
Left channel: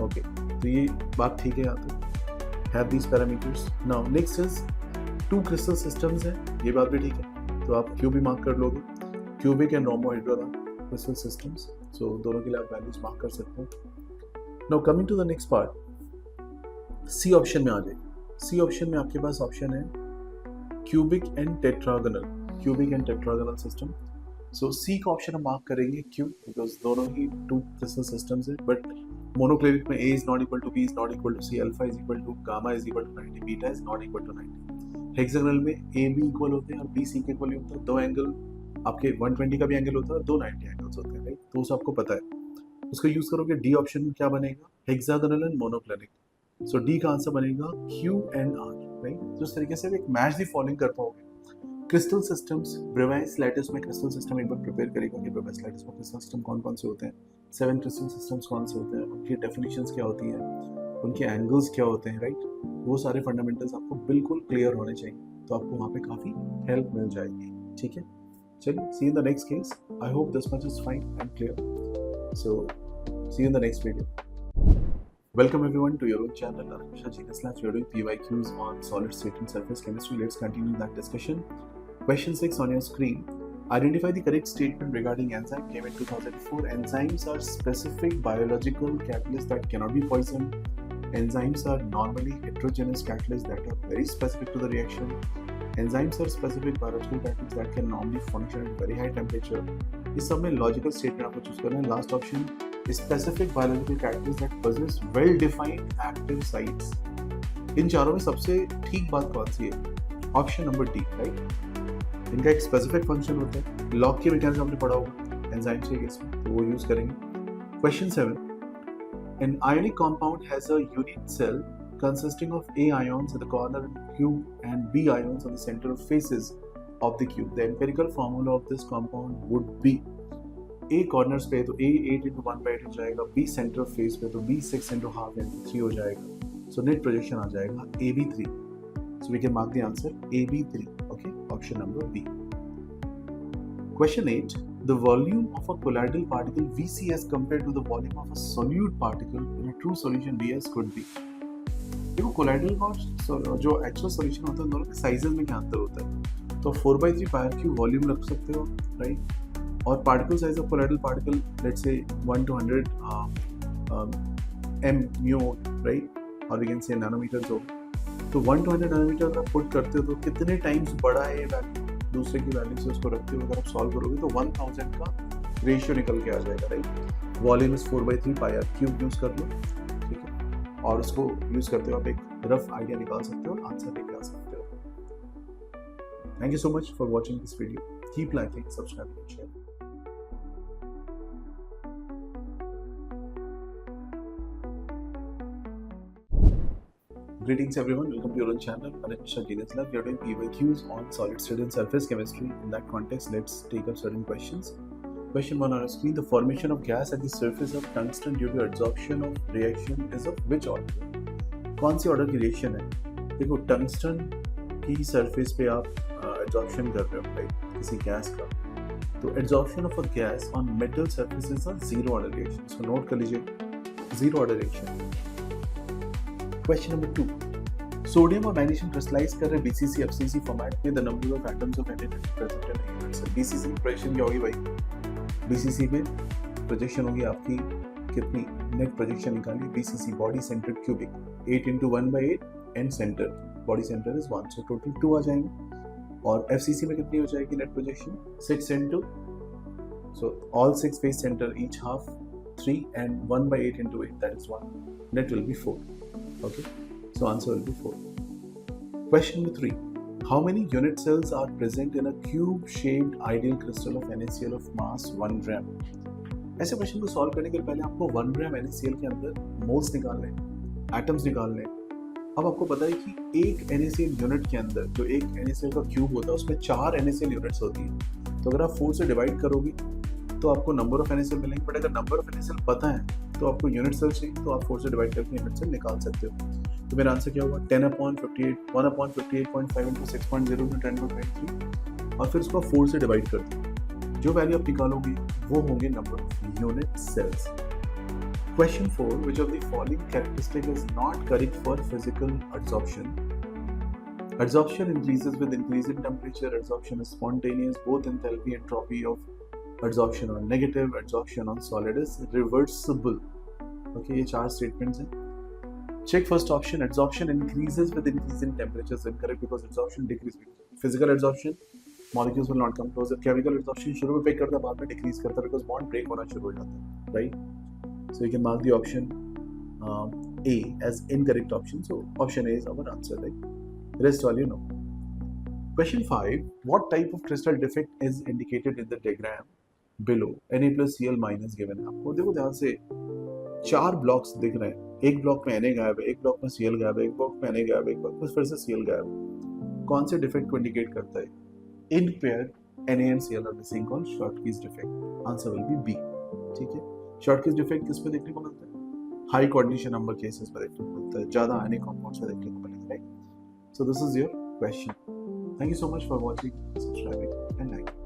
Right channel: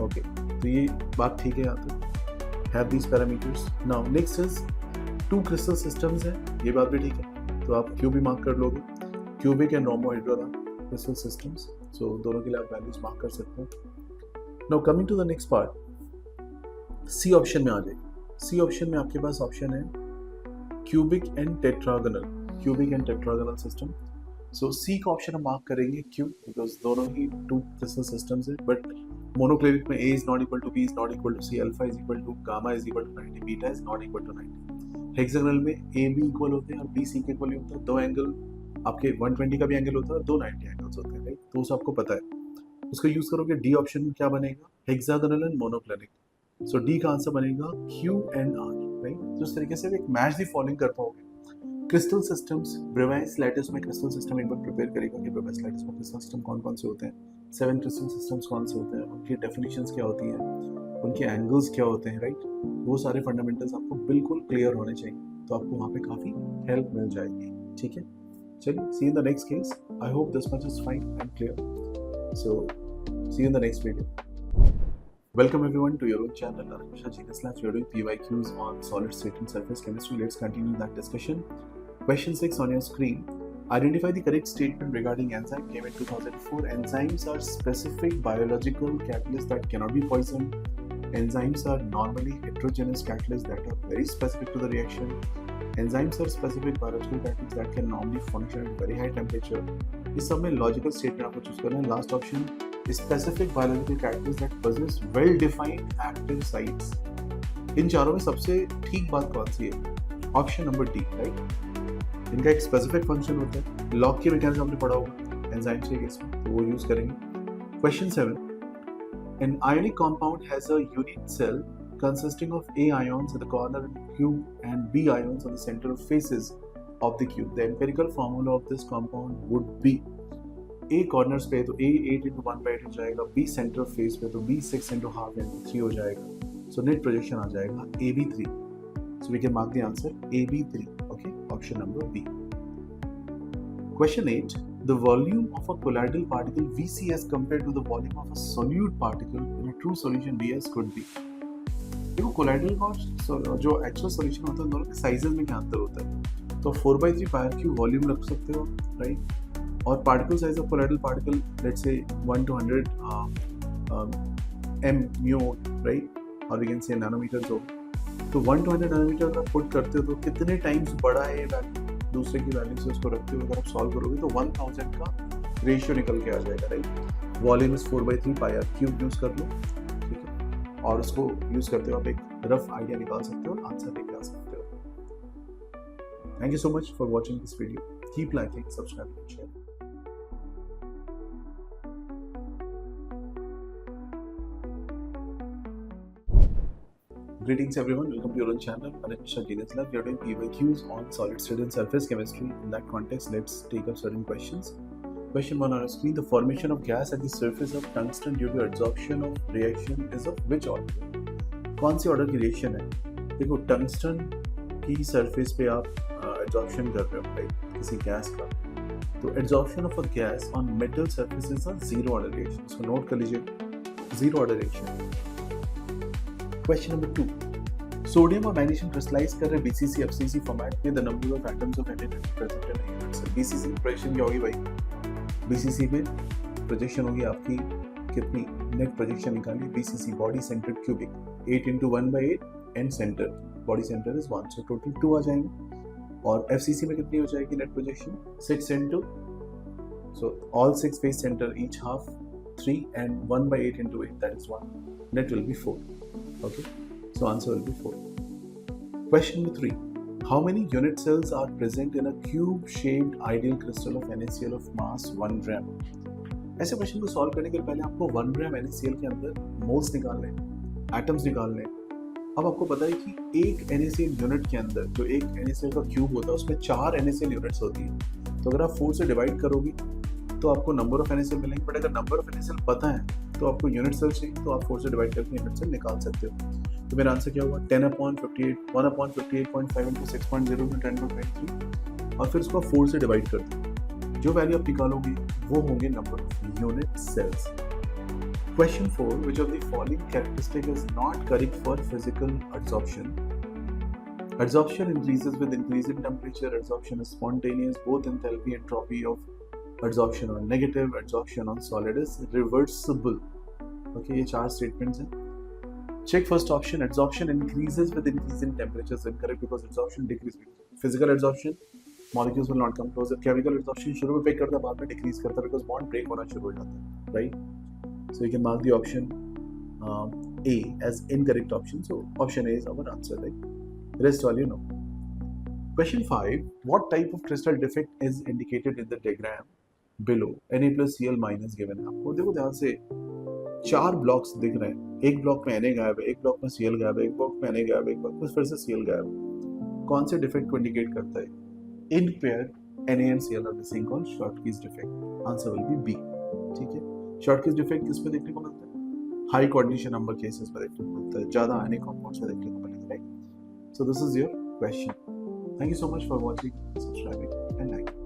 Okay, तो ये बात ठीक है यहाँ तक. Have these parameters. Now next is two crystal systems है, ये बात भी ठीक है. तो आप Q भी मार्क कर लोगे. Cubic and rhombohedral crystal systems. So दोनों के लिए आप values मार्क कर सकते हैं. Now coming to the next part. C option में आ जाइए. C option में आपके पास ऑप्शन है cubic and tetragonal. Cubic and tetragonal system. So C का ऑप्शन हम मार्क करेंगे क्यों? बिकॉज दोनों ही टू क्रिस्टल सिस्टम्स है, बट मोनोक्लेरिक में A is not equal to B is not equal to C, alpha is equal to gamma is equal to 90, beta is not equal to 90. Hexagonal में A B equal होते हैं और B C के equal होता है. दो angle आपके 120 का भी एंगल होता है और दो 90 एंगल्स होते हैं, राइट? तो उसे आपको पता है. उसको यूज करोगे. D ऑप्शन में क्या बनेगा? Hexagonal and monoclinic. So D का आंसर बनेगा Q एंड R, राइट? तो इस तरीके से एक मैच दी फॉलोइंग कर पाओगे. क्रिस्टल सिस्टम्स, ब्रेवाइस लैटिस में क्रिस्टल सिस्टम एक बार प्रिपेयर करेगा कि ब्रेवाइस लैटिस में क्रिस्टल सिस्टम कौन कौन से होते हैं, 7 क्रिस्टल सिस्टम्स कौन से होते हैं, उनकी डेफिनेशंस क्या होती हैं, उनके एंगल्स क्या होते हैं, राइट? वो सारे फंडामेंटल्स आपको बिल्कुल क्लियर होने चाहिए, तो आपको वहाँ पे काफ़ी हेल्प मिल जाएगी. ठीक है, चलिए, see in the next case. I hope this much is fine and clear. So see in the next video. Welcome everyone to your own channel, Anusha Genius Labs. We are doing PYQs on solid state and surface chemistry. Let's continue that discussion. Question 6 on your screen. Identify the correct statement regarding enzyme. Came in 2004. Enzymes are specific biological catalysts that cannot be poisoned. Enzymes are normally heterogeneous catalysts that are very specific to the reaction. Enzymes are specific biological catalysts that can normally function at very high temperature. इस सब में logical statement आपको choose करना है. Last option specific biological characters that possess well defined active sites. इन चारों में सबसे ठीक बात कौन सी है? Option number D, right? इनका एक स्पेसिफिक फंक्शन होता है. लॉग के मैकेनिज्म आपने पढ़ा होगा एंजाइम्स के केस में, तो वो यूज करेंगे. Question 7. An ionic compound has a unit cell consisting of A ions at the corner of the cube and B ions on the center of faces of the cube. The empirical formula of this compound would be A corners पे तो A 8 into 1 by 8 हो जाएगा, B center of face पे तो B 6 into half into 3 हो जाएगा. So net projection आ जाएगा AB3. So we can mark the answer AB3. Okay, option number B. Question 8. The volume of a colloidal particle VC as compared to the volume of a solute particle in a true solution VS could be. देखो colloidal और जो actual solution होता है दोनों के sizes में क्या अंतर होता है. तो 4/3 पायर क्यूब वॉल्यूम रख सकते हो, राइट. और particle size of colloidal particle let's say 1 to 100 m mu, right, और वी कैन से नैनोमीटर्स हो. तो 1 to 100 नैनोमीटर अगर आप पुट करते हो तो कितने टाइम्स बड़ा है ये वैल्यू दूसरे की वैल्यू से उसको रखते हुए अगर आप सॉल्व करोगे तो 1000 का रेशियो निकल के आ जाएगा, right. Volume is 4/3 pier cube use कर लो, ठीक है, और उसको यूज करते हो आप एक रफ आइडिया निकाल सकते हो और आंसर लेके आ सकते हो. Thank you so much for watching this video. Keep liking, subscribe and share. Greetings everyone, welcome to your own channel, Anish Genius Lab. We are doing PYQs on solid state and surface chemistry. In that context, let's take up certain questions. Question 1 on our screen. The formation of gas at the surface of tungsten due to adsorption of reaction is of which order? कौन सी order की reaction है? देखो, tungsten की surface पे आप adsorption कर रहे हो, राइट, किसी गैस का. तो adsorption of a gas on metal surface is a zero order reaction. इसको नोट कर लीजिए, zero order reaction. Question number 2. Sodium और मैग्नीशियम क्रिस्टलाइज कर रहे BCC FCC फॉर्मेट में. The number of atoms of any present in unit cell. BCC की projection क्या होगी भाई? BCC पे प्रोजेक्शन होगी आपकी कितनी? नेट प्रोजेक्शन निकाली. BCC body centred cubic 8 into 1 by 8 and centre body centre is 1, so total 2 आ जाएंगे. और FCC में कितनी हो जाएगी net projection? 6 into, so all 6 face center each half 3 and 1 by 8 into 8, that is 1. Net will be 4. Okay, so answer will be 4. Question number 3. How many unit cells are present in a cube-shaped ideal crystal of NaCl of mass 1 gram? ऐसे question को solve करने के पहले आपको 1 ग्राम NaCl के अंदर moles निकालने, atoms निकालने. अब आपको पता है कि एक NaCl यूनिट के अंदर जो एक NaCl का क्यूब होता है उसमें 4 NaCl यूनिट्स होती है. तो अगर आप 4 से डिवाइड करोगे तो आपको नंबर ऑफ NaCl मिलेंगे. बट अगर नंबर ऑफ NaCl पता है तो आपको यूनिट सेल चाहिए, तो आप 4 से डिवाइड करके यूनिट सेल निकाल सकते हो. तो मेरा आंसर क्या होगा? 10/58, 1/58.5 into 6.0 into 10/23, और फिर उसको 4 से डिवाइड कर दो. जो वैल्यू आप निकालोगे वो होंगे number of unit cells. Question 4. Which of the following characteristic is not correct for physical adsorption? Adsorption increases with increase in temperature. Adsorption is spontaneous. Both enthalpy and entropy of adsorption are negative. Adsorption on solid is reversible. Okay, ये 4 statements हैं. Check first option. Adsorption increases with increase in temperature is incorrect because adsorption decreases. Physical adsorption, molecules will not come closer. Chemical adsorption शुरू में break करता है, बाद में decrease करता है because bond break होना शुरू हो जाता है, right? So you can mark the option A as incorrect option. So option A is our answer, right? Rest all you know. Question 5. What type of crystal defect is indicated in the diagram below? Na+Cl- given है आपको. देखो ध्यान से 4 blocks दिख रहे हैं. एक block में Na गायब है, एक ब्लॉक में Cl गायब है, एक ब्लॉक में Na गायब है, एक ब्लॉक में फिर से Cl गायब है. कौन से डिफेक्ट को इंडिकेट करता है? In pair Na and Cl are missing called Schottky's defect. Answer will be B. ठीक है. Schottky's defect किस में देखने को मिलता है? हाई कोऑर्डिनेशन नंबर केसेस में देखने को मिलता है, ज्यादा आयनिक कंपाउंड्स में देखने को मिलेगा, right? So this is your question. Thank you so much for watching, subscribing and liking.